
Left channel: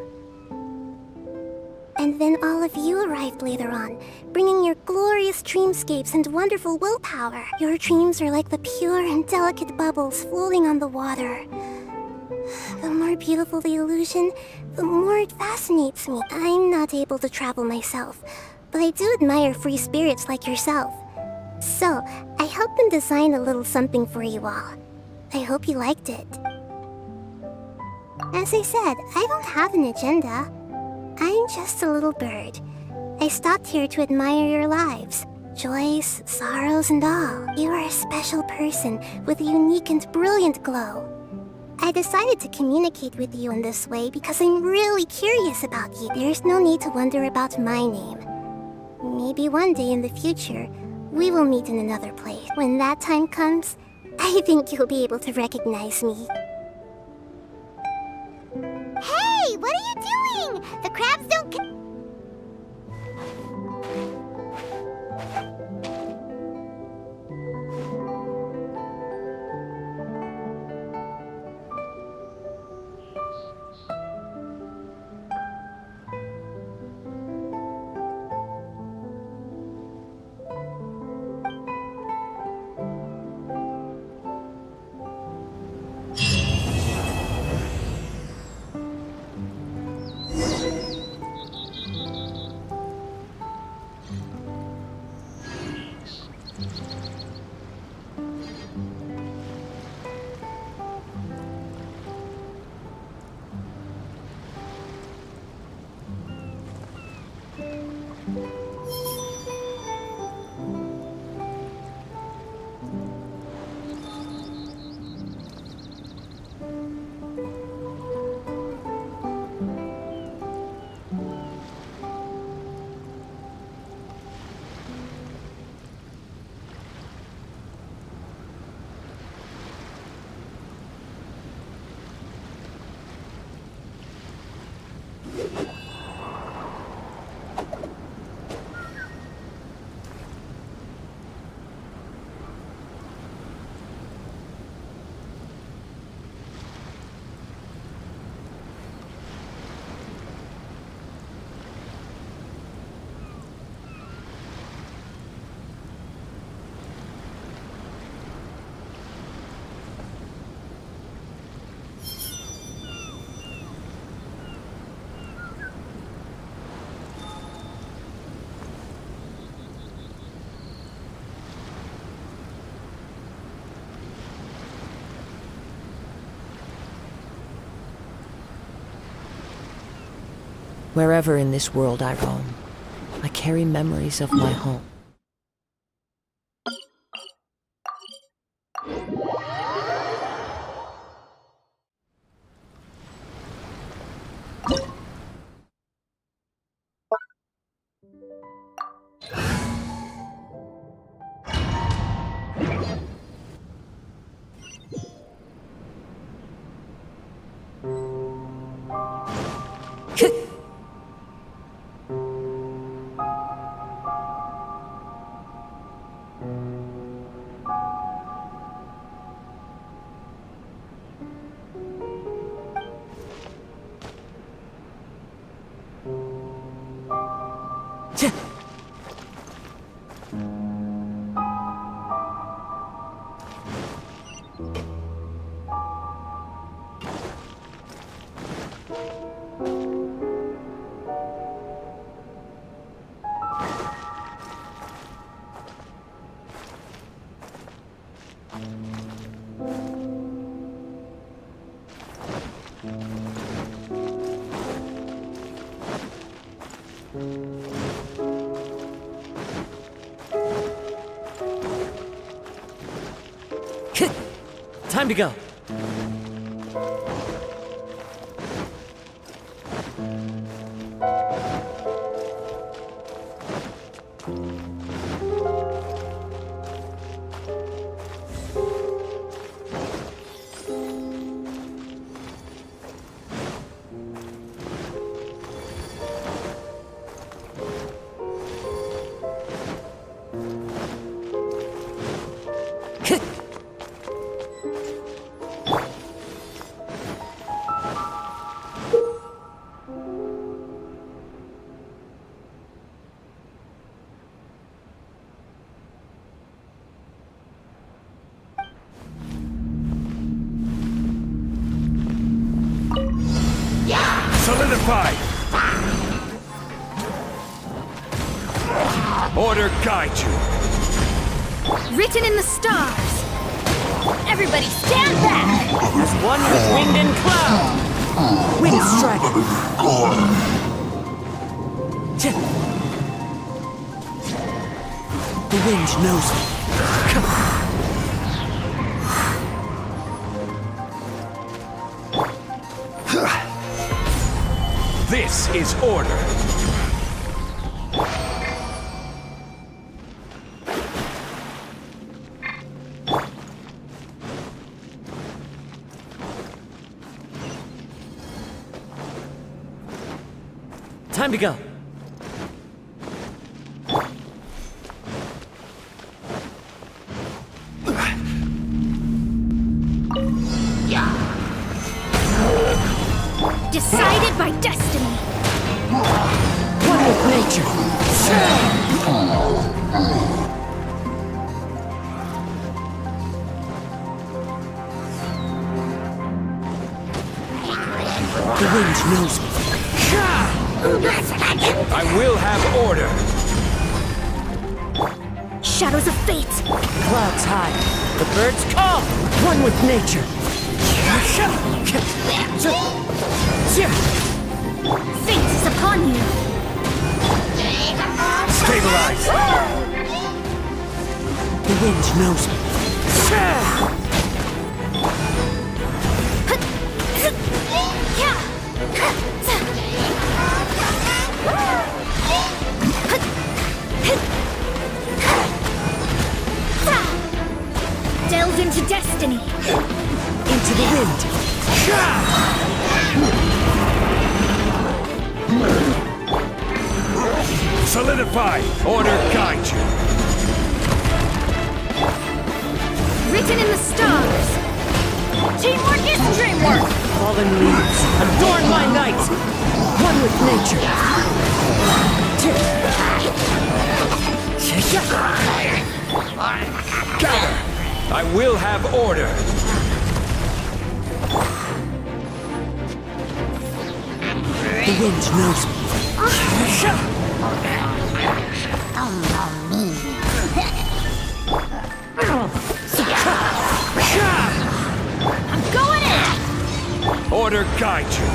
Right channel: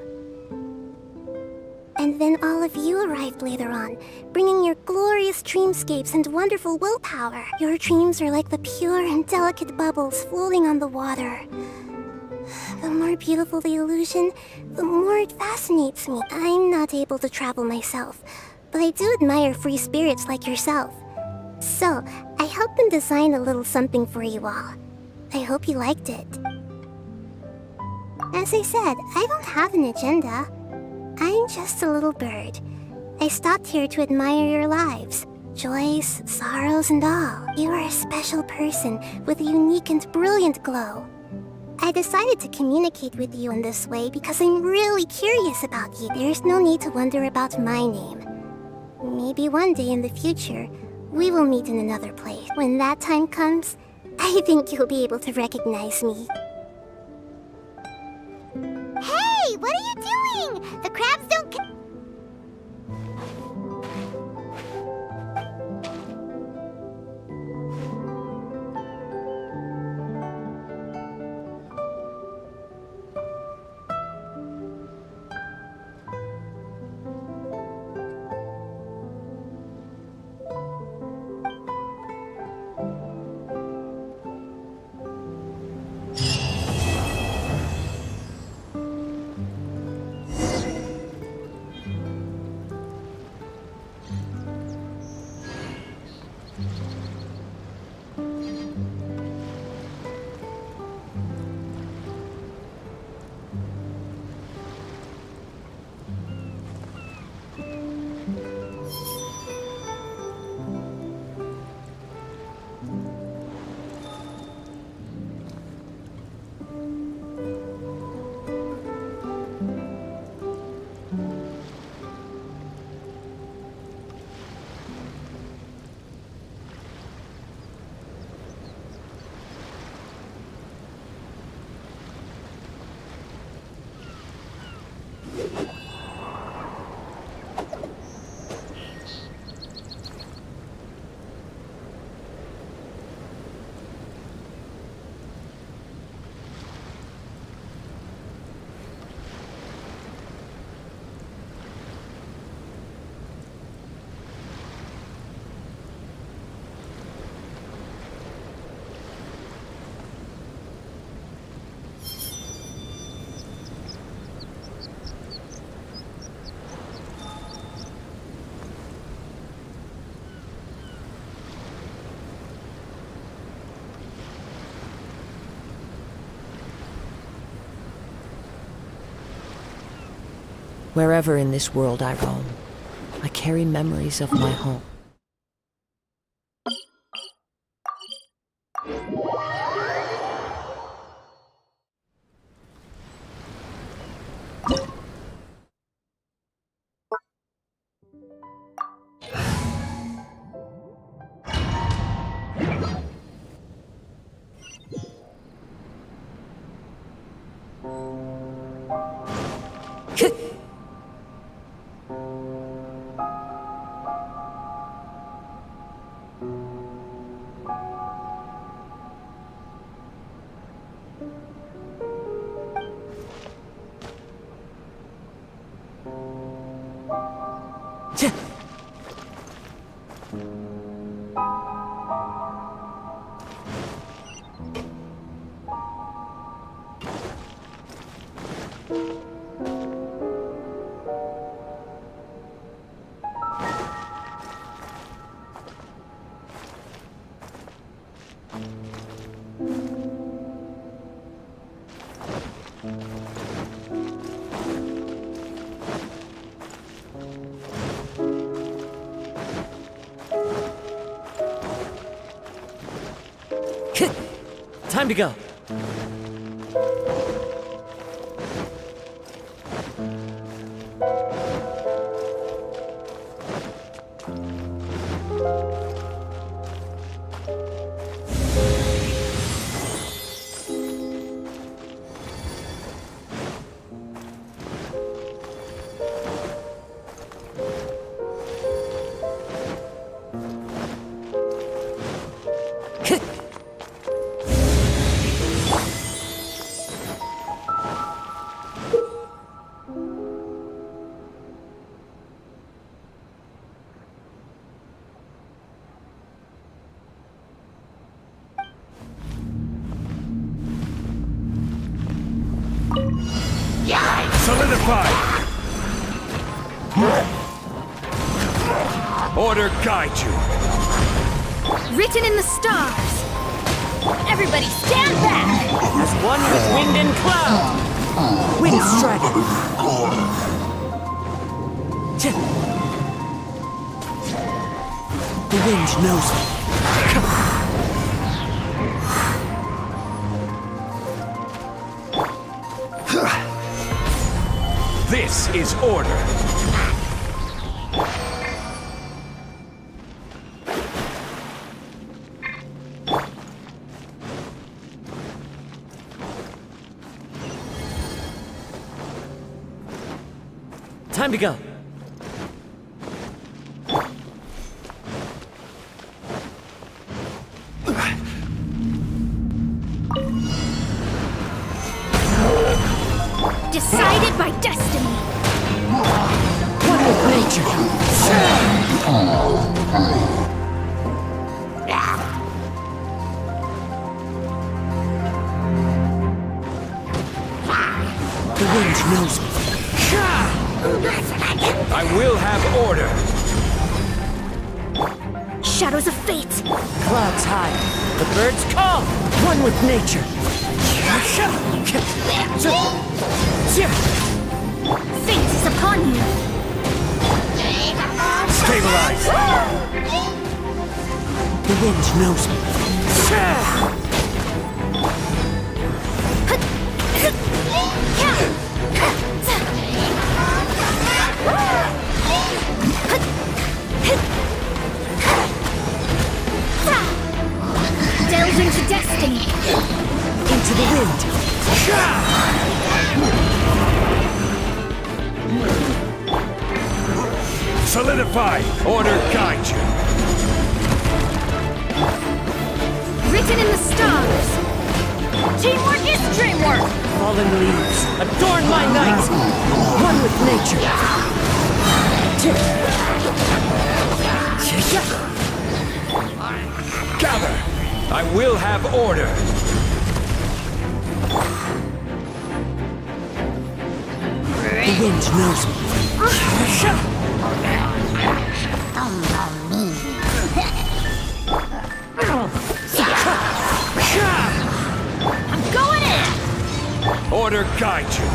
And then all of you arrived later on, bringing your glorious dreamscapes and wonderful willpower. Your dreams are like the pure and delicate bubbles floating on the water. The more beautiful the illusion, the more it fascinates me. I'm not able to travel myself, but I do admire free spirits like yourself. So, I helped them design a little something for you all. I hope you liked it. As I said, I don't have an agenda. I'm just a little bird. I stopped here to admire your lives. Joys, sorrows, and all. You are a special person with a unique and brilliant glow. I decided to communicate with you in this way because I'm really curious about you. There's no need to wonder about my name. Maybe one day in the future, we will meet in another place. When that time comes, I think you'll be able to recognize me. Hey, what are you doing? The crabs don't... Wherever in this world I roam, I carry memories of my home. Time to go. Solidify! Order guide you! Written in the stars! Everybody stand back! As one with wind and cloud! Wind strike! The wind knows me. This is order! Time to go. Decided by destiny! One with nature. The wind knows me. I will have order! Shadows of fate! Clouds high. The birds call. One with nature. Fate is upon you! Stabilize! The wind knows me. Delve into destiny! Into the wind. Solidify! Order guide you! Written in the stars! Teamwork is dreamwork! Fallen leaves adorn my night. One with nature. Gather! I will have order! The wind knows me. I'm going in! Order guide you!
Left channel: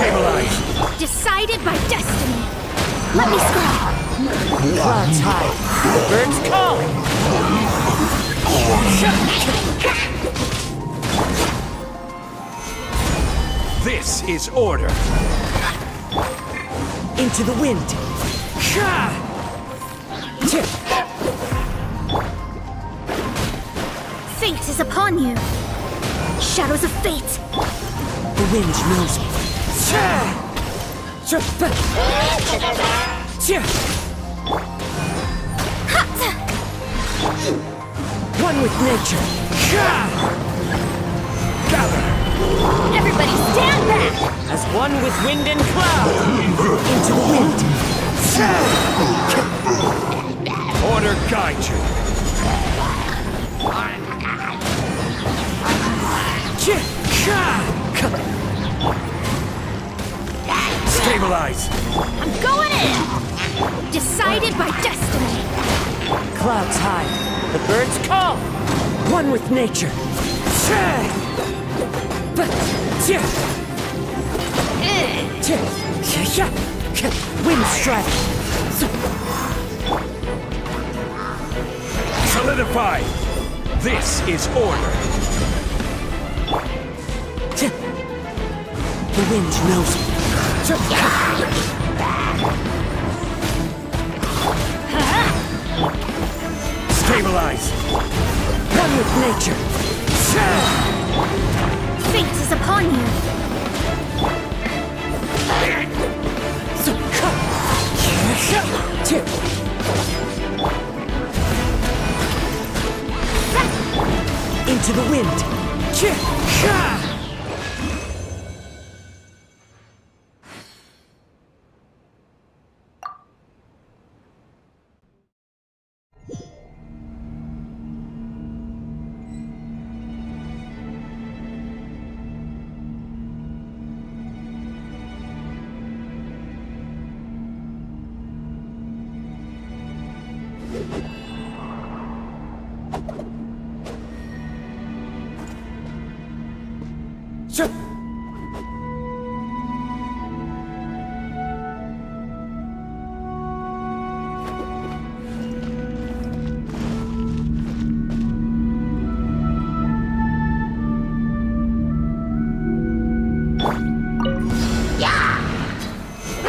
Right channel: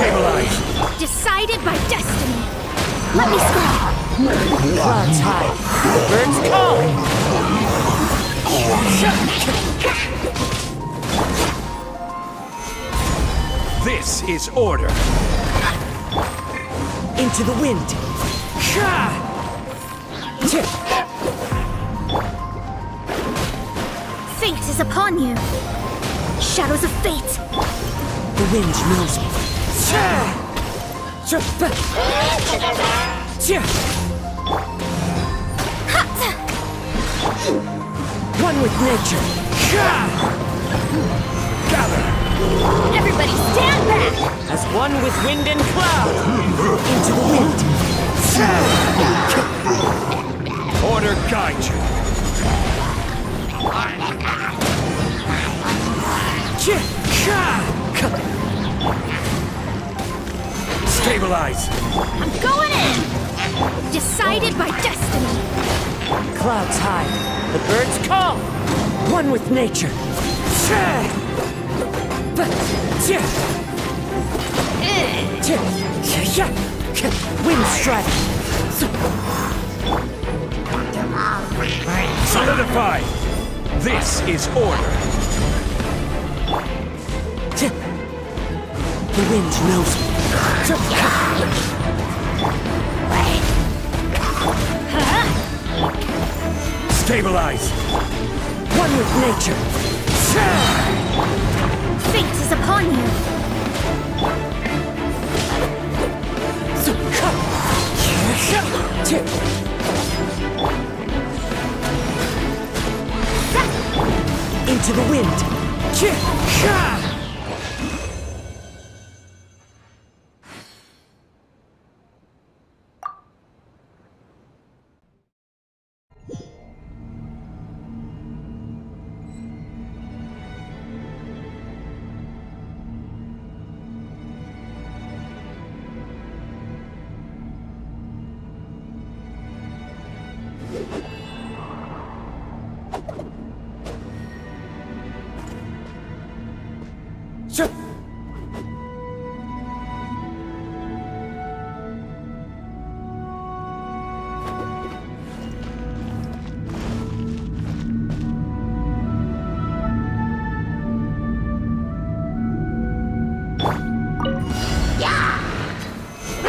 Stabilize! Decided by destiny! Let me scroll! Clouds high. The birds call. This is order! Into the wind. Fate is upon you. Shadows of fate. The wind knows me. One with nature. Gather! Everybody stand back! As one with wind and cloud! Into the wind. Order guide you! Stabilize! I'm going in! Decided by destiny. Clouds high. The birds call. One with nature. Wind strike. Solidify! This is order! The wind knows me. Stabilize! One with nature. Fate is upon you. Into the wind.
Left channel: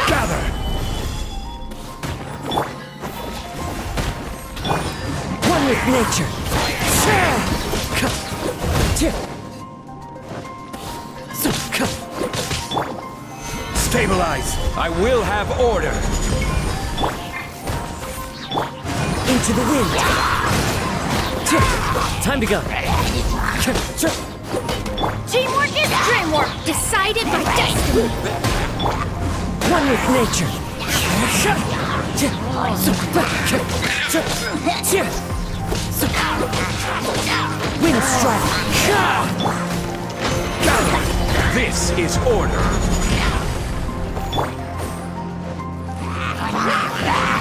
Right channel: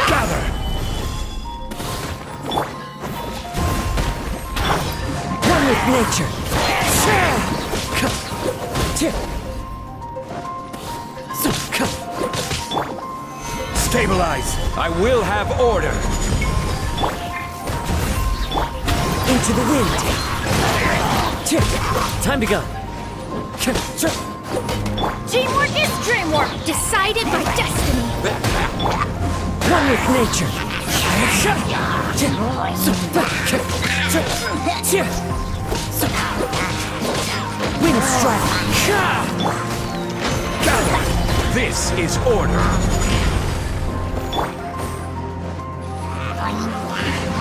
Gather! One with nature. Stabilize! I will have order! Into the wind. Time to go. Teamwork is dreamwork. Decided by destiny. One with nature. Wind strike. Gather! This is order!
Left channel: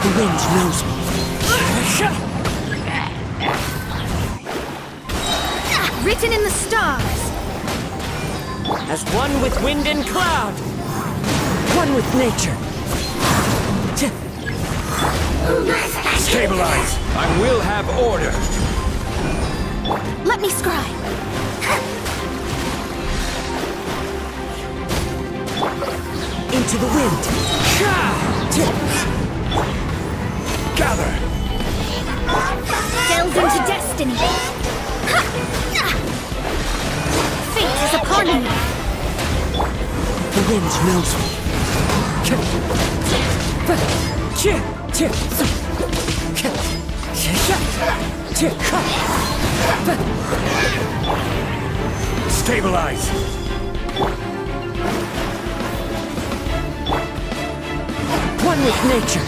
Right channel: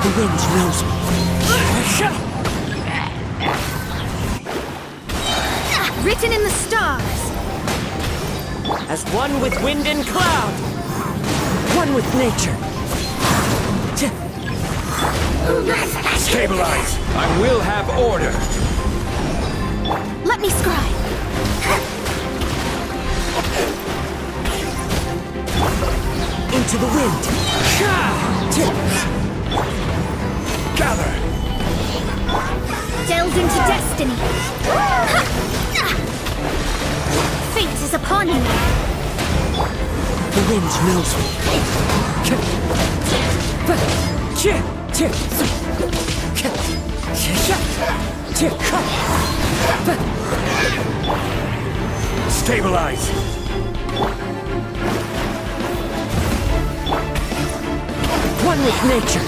The wind knows me. Written in the stars. As one with wind and cloud! One with nature. Stabilize! I will have order! Let me scribe. Into the wind. Gather! Delve into destiny. Fate is upon you. The wind knows me. Stabilize! One with nature.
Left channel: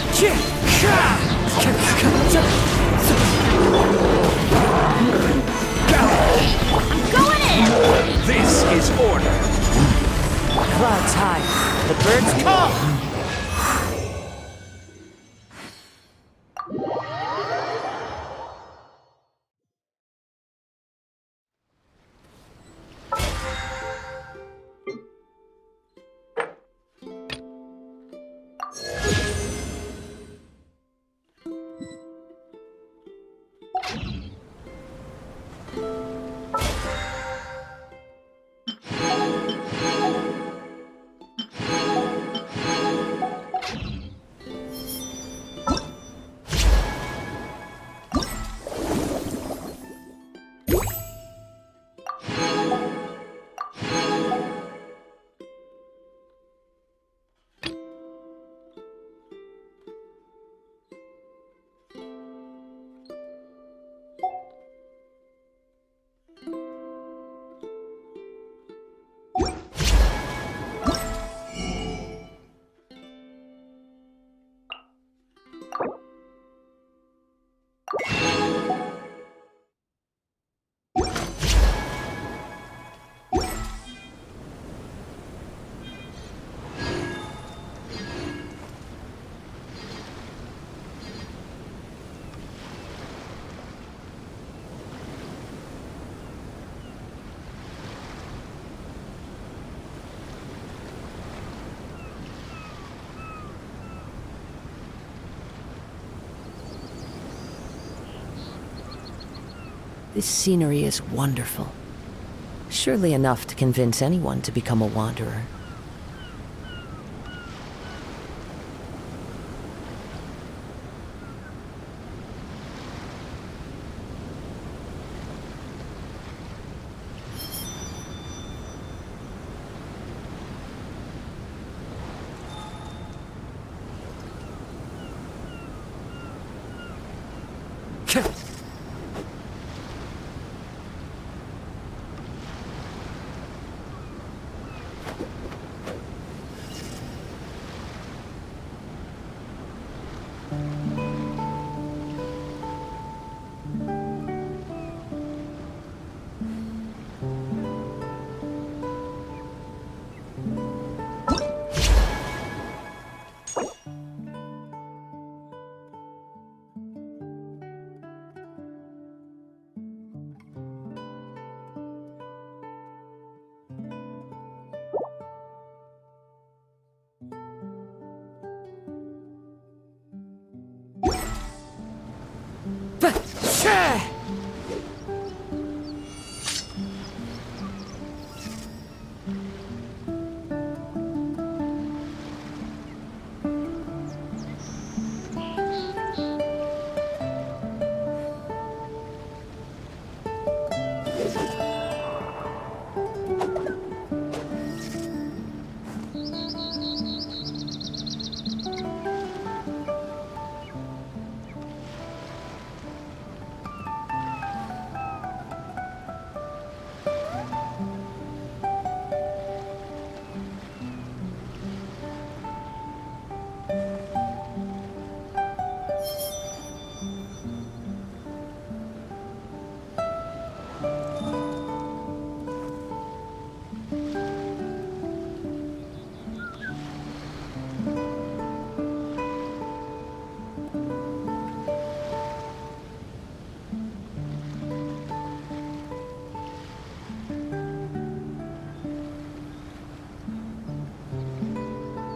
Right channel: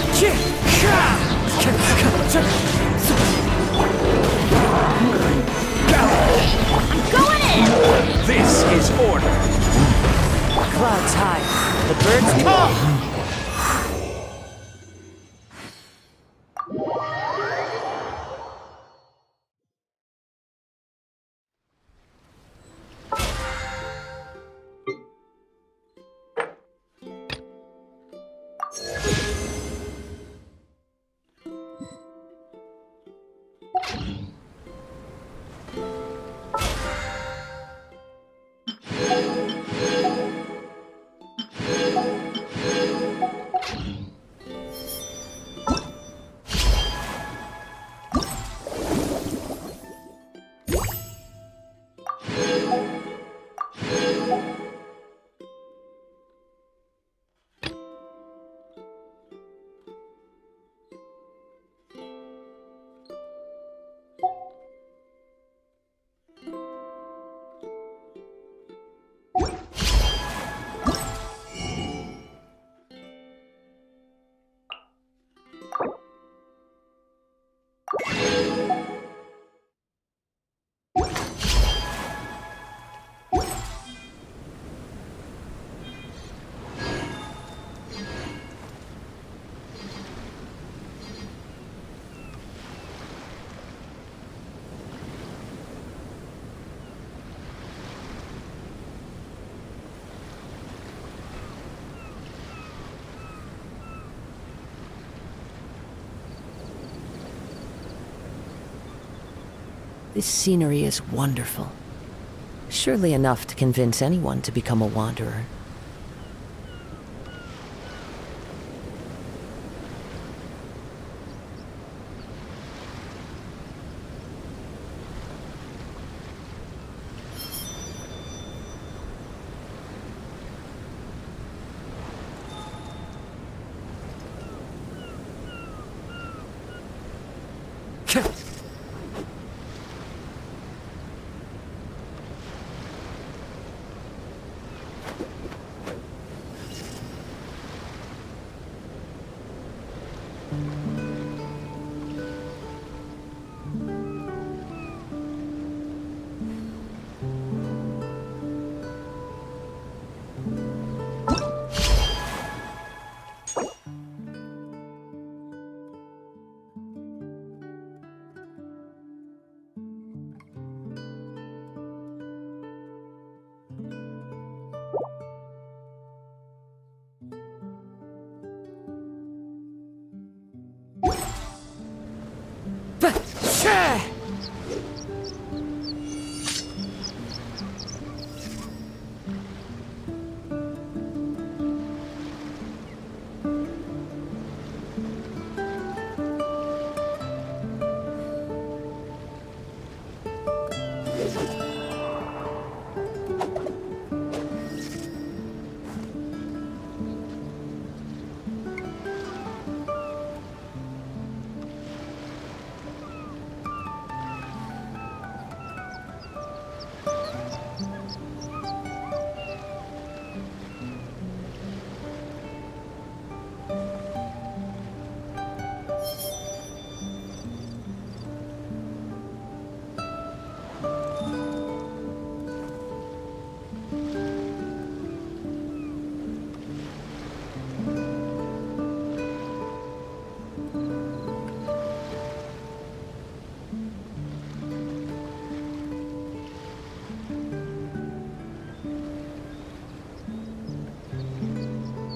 I'm going in. This is order! Clouds high. The birds call. This scenery is wonderful. Surely enough to convince anyone to become a wanderer.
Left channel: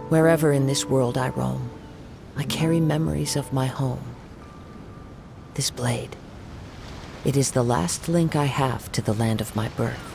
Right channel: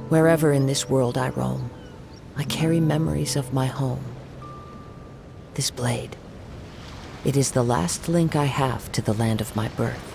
Wherever in this world I roam, I carry memories of my home. This blade, it is the last link I have to the land of my birth.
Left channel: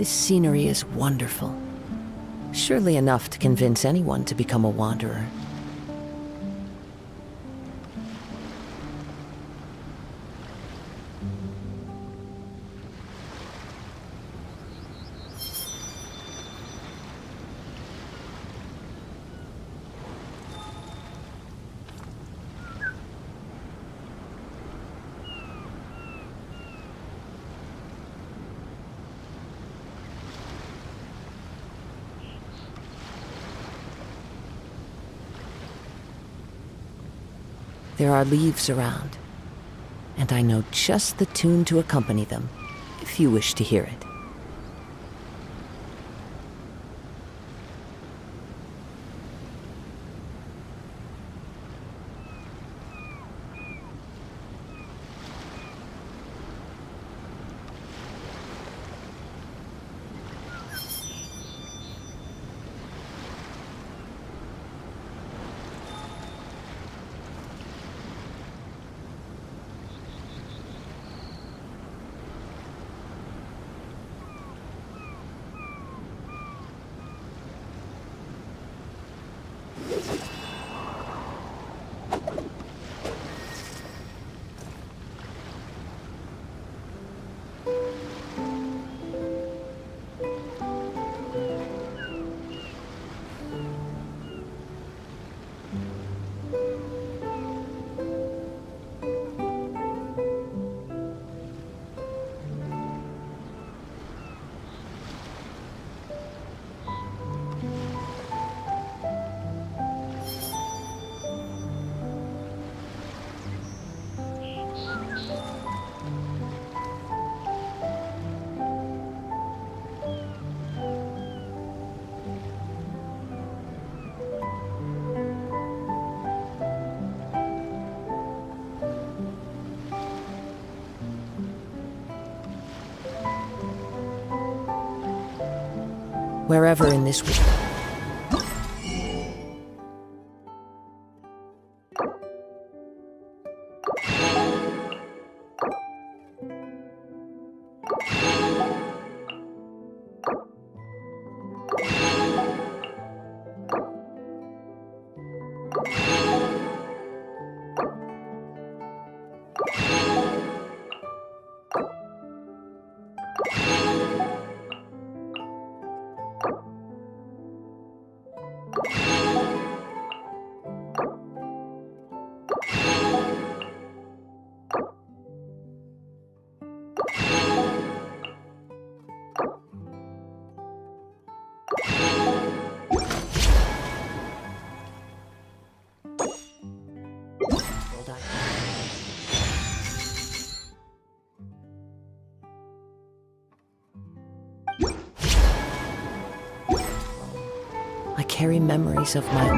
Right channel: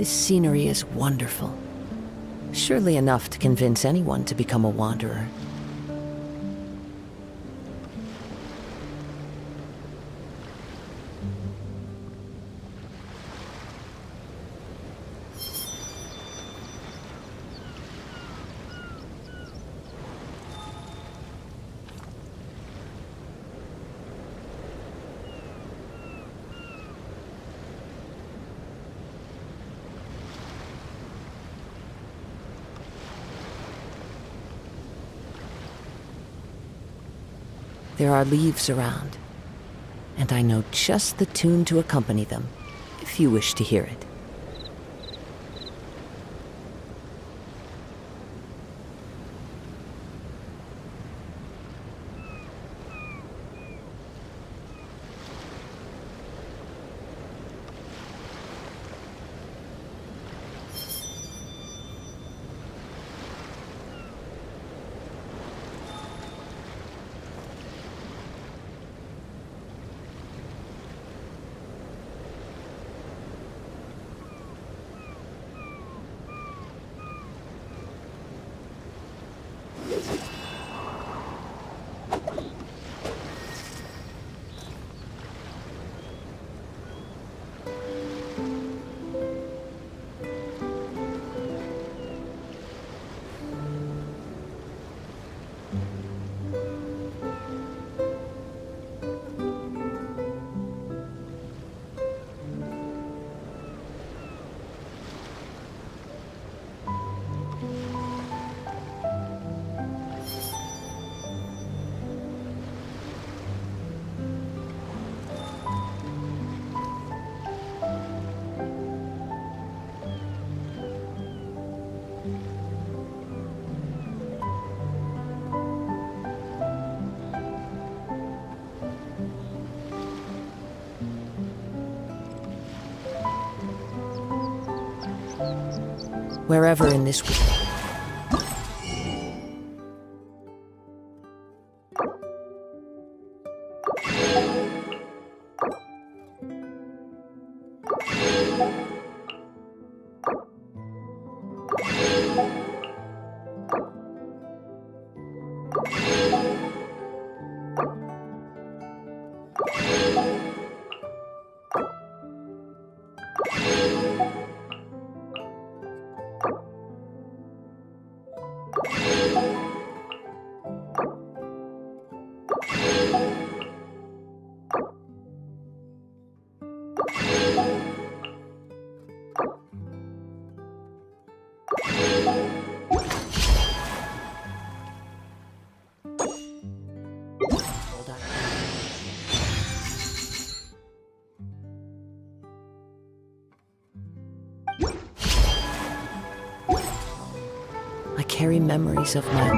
This scenery is wonderful. Surely enough to convince anyone to become a wanderer. There are leaves around, and I know just the tune to accompany them, if you wish to hear it. Wherever in this world. I carry memories of my...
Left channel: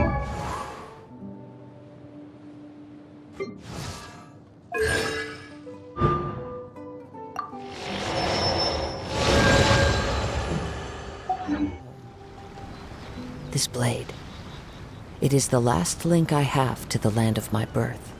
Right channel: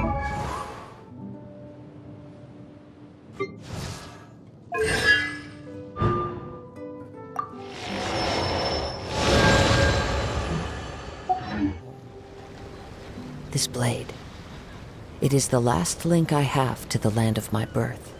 This blade. It is the last link I have to the land of my birth.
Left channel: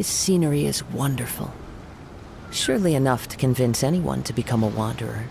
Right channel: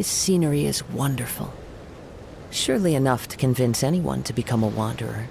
This scenery is wonderful. Surely enough to convince anyone to become a wanderer.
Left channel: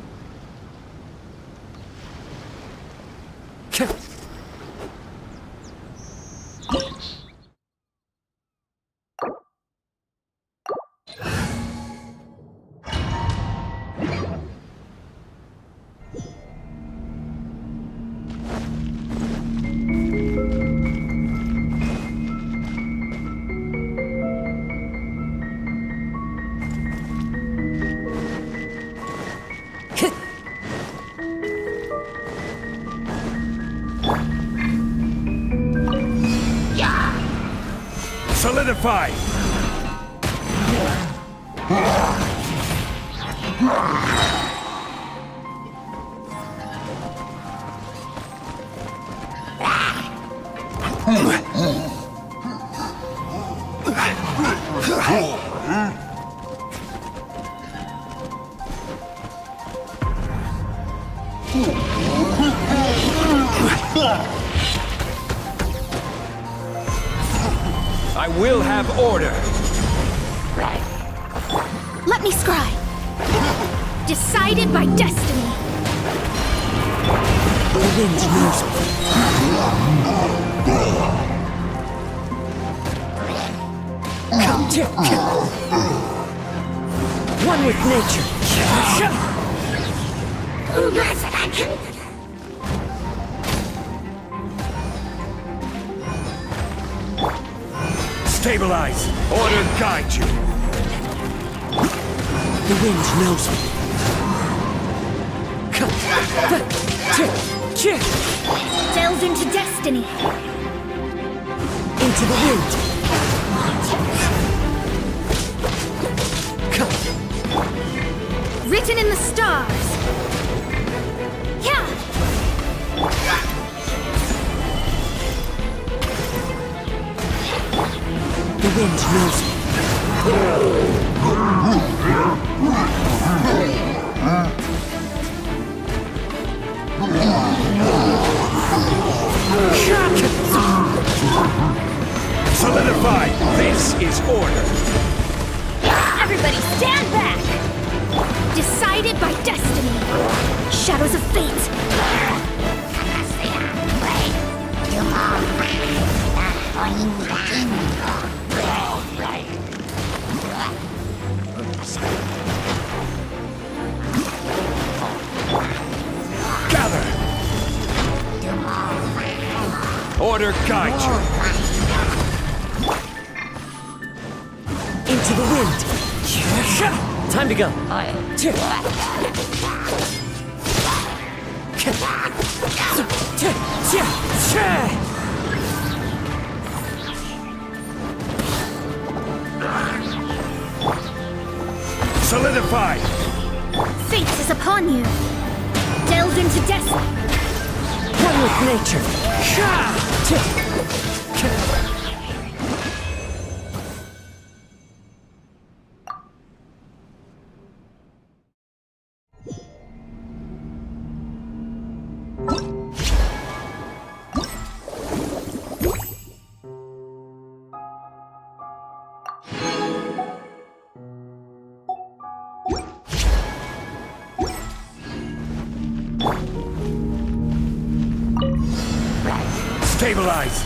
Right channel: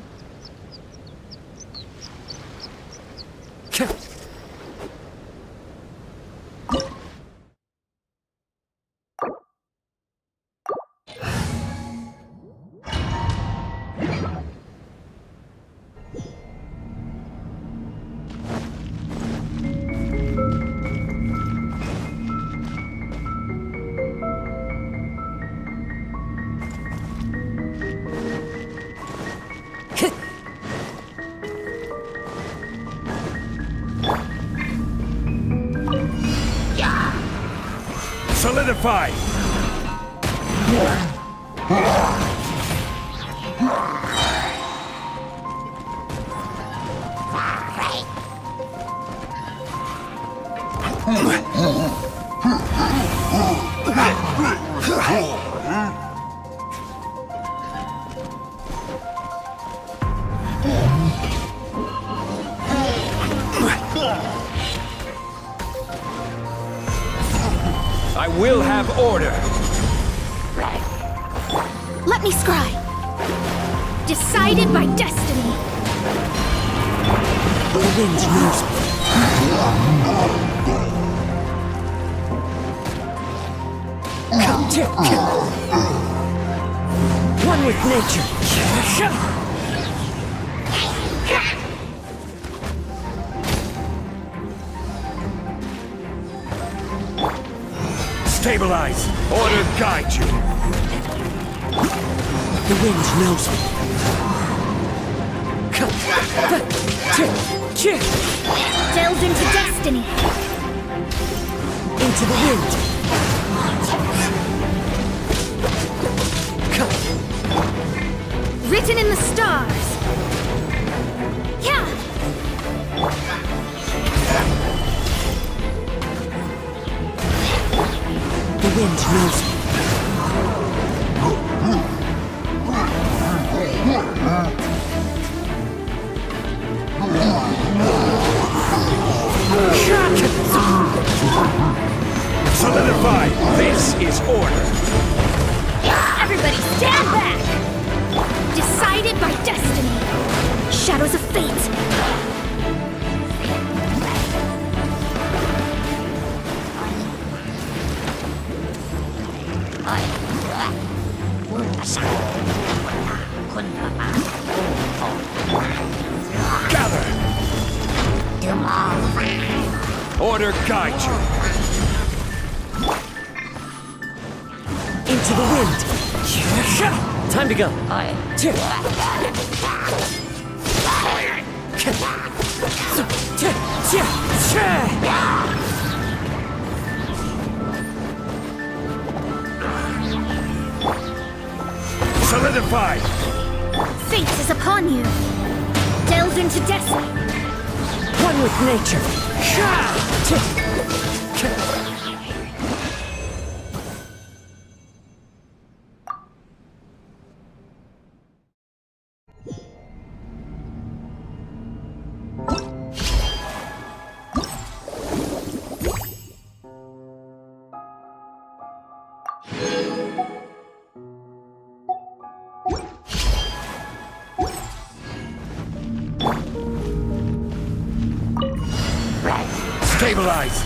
Solidify! I will have order. Let me scry. Decided by destiny. The wind knows me. One with nature. Stabilize! Order guide you! The wind knows me. Delves into destiny. Into the wind. Written in the stars. Yeah. The wind knows me. Solidify! This is order! Everybody stand back! Decided by destiny. Shadows of fate. Gather! Order guide you! Into the wind. Time to go. Solidify! Fate is upon you. Delve into destiny. One with nature. Stabilize!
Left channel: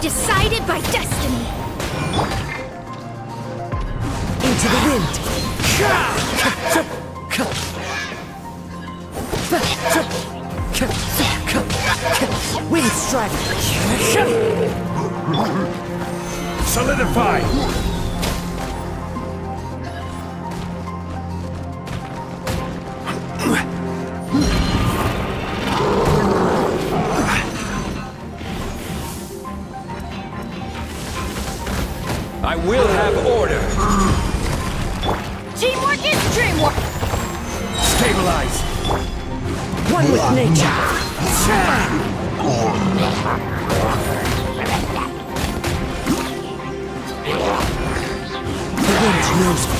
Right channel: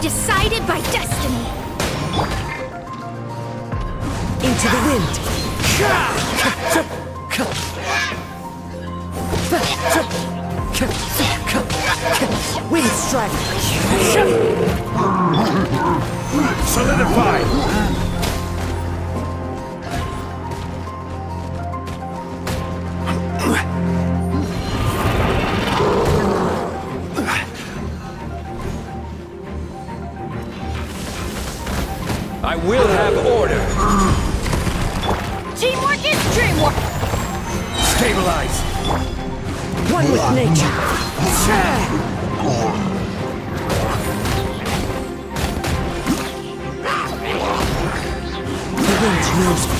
Decided by destiny. Into the wind. Wind strike. Solidify! I will have order! Teamwork is dreamwork. Stabilize! One with nature. The wind knows me.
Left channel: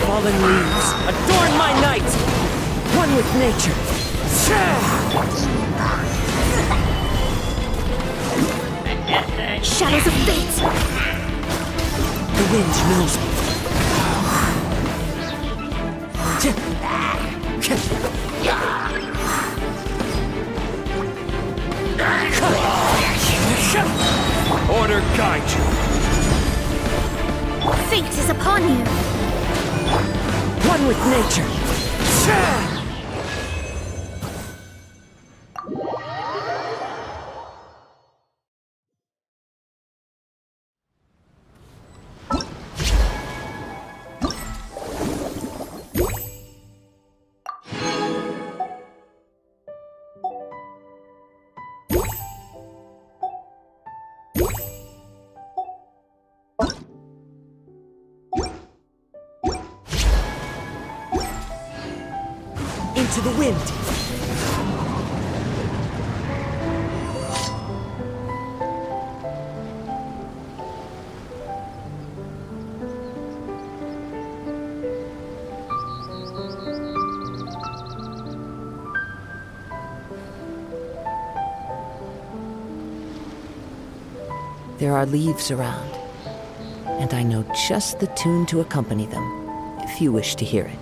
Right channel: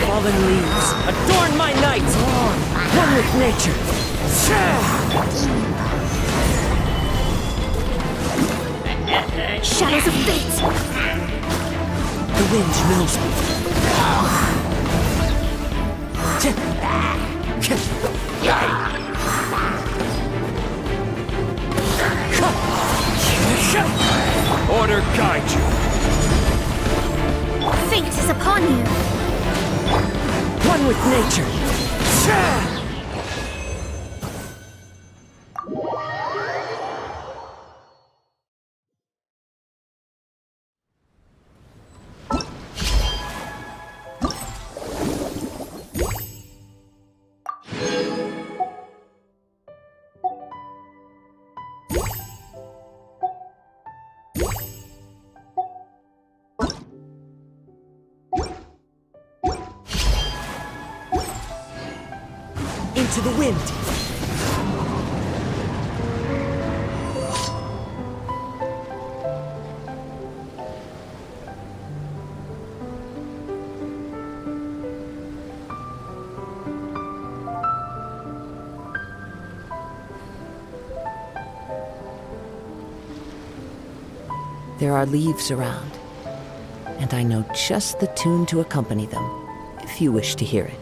Fallen leaves, adorn my night! One with nature. Shadows of fate! The wind knows me. Order guide you. Fate is upon you! One with nature. Into the wind. There are leaves around, and I know just the tune to accompany them, if you wish to hear it.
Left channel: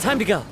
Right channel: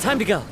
Time to go.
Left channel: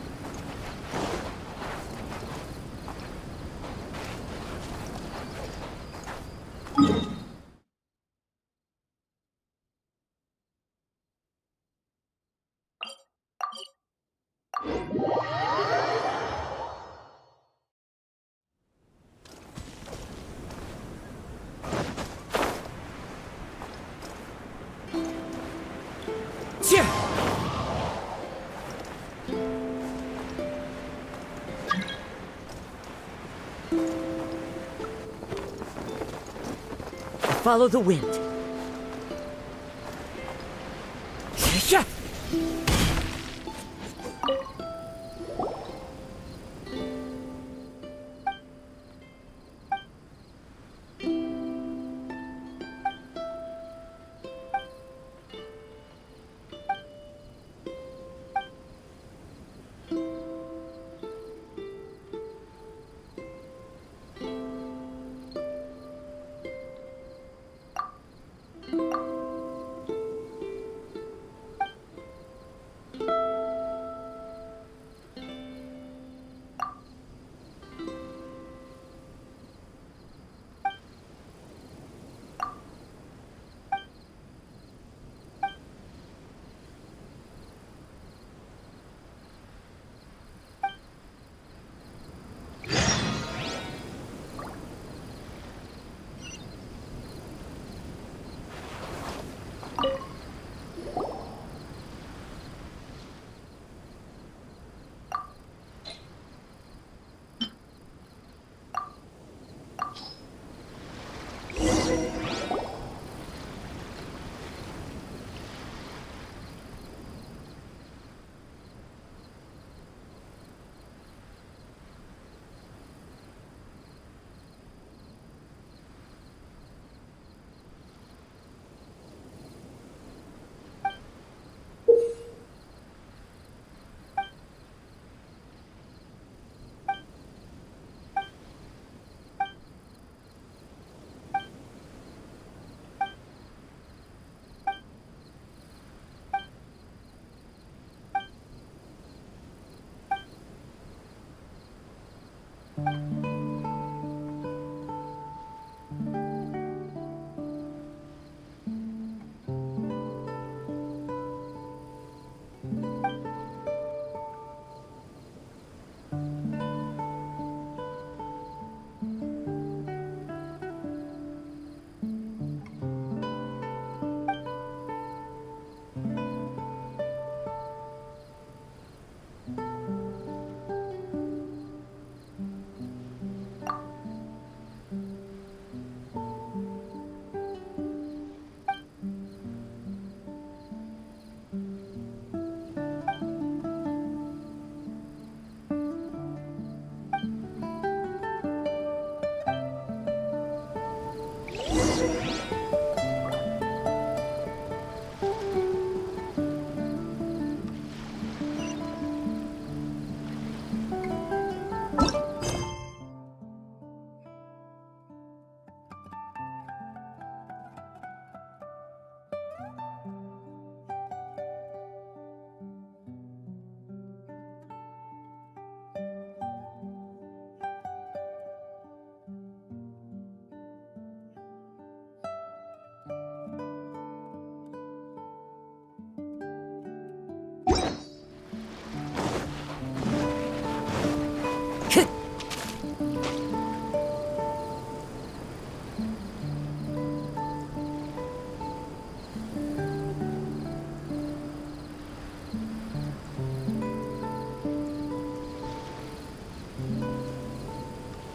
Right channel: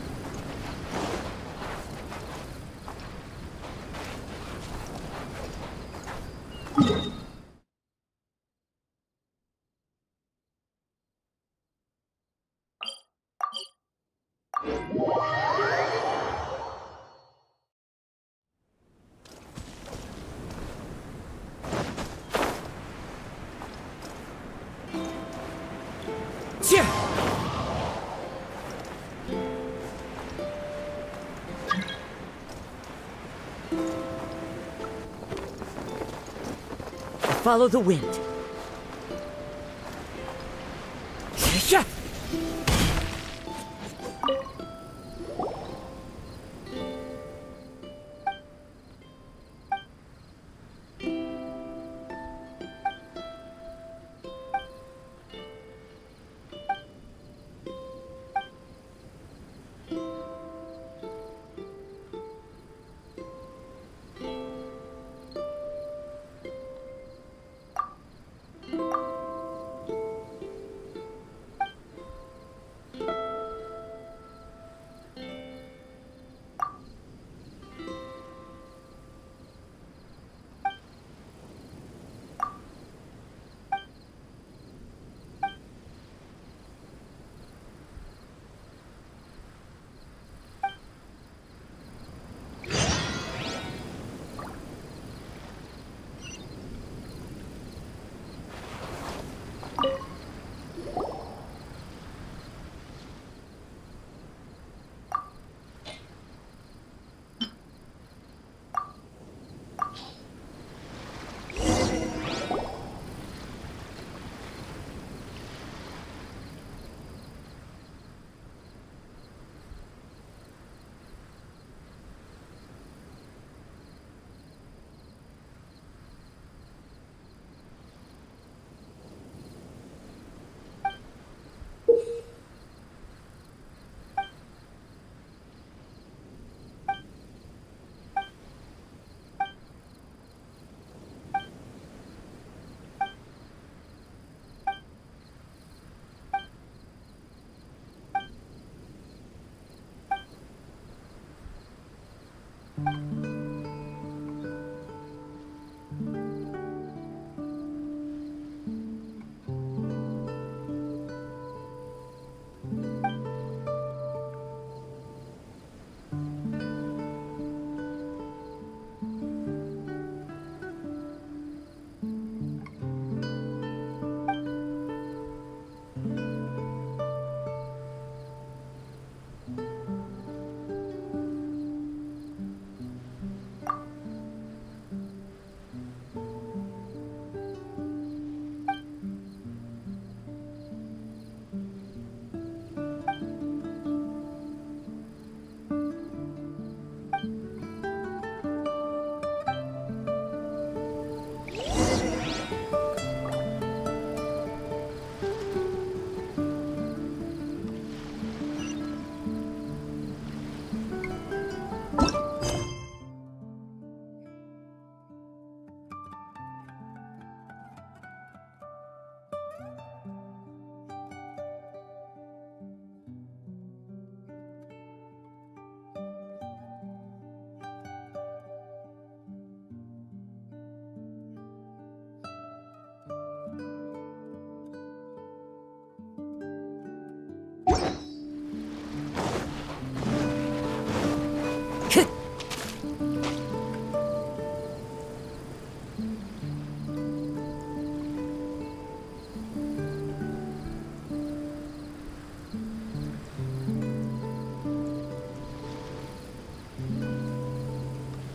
Follow the wind.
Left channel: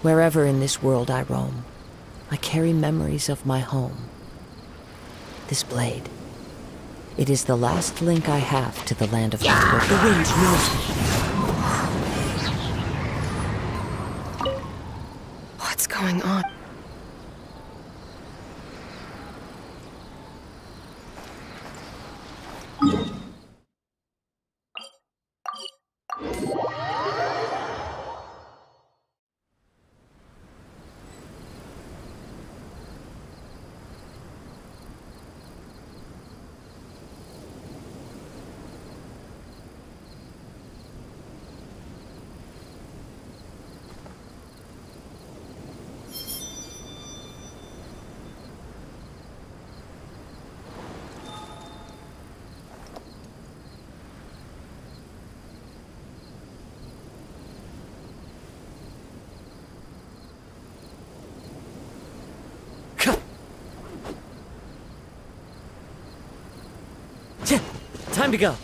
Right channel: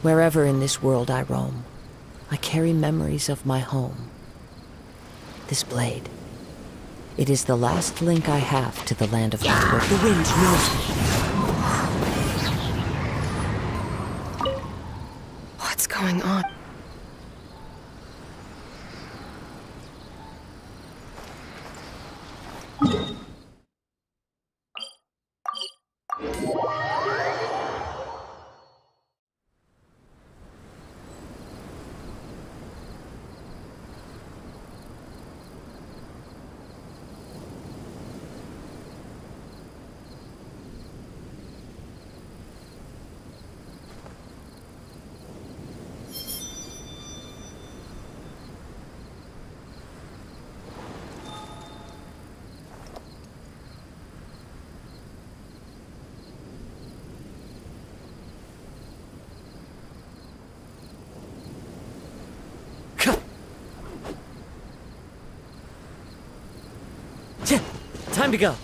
Wherever in this world I roam, I carry memories of my home. This blade, it is the last link I have to the land of my birth. The wind knows me. What's going on? Time to go.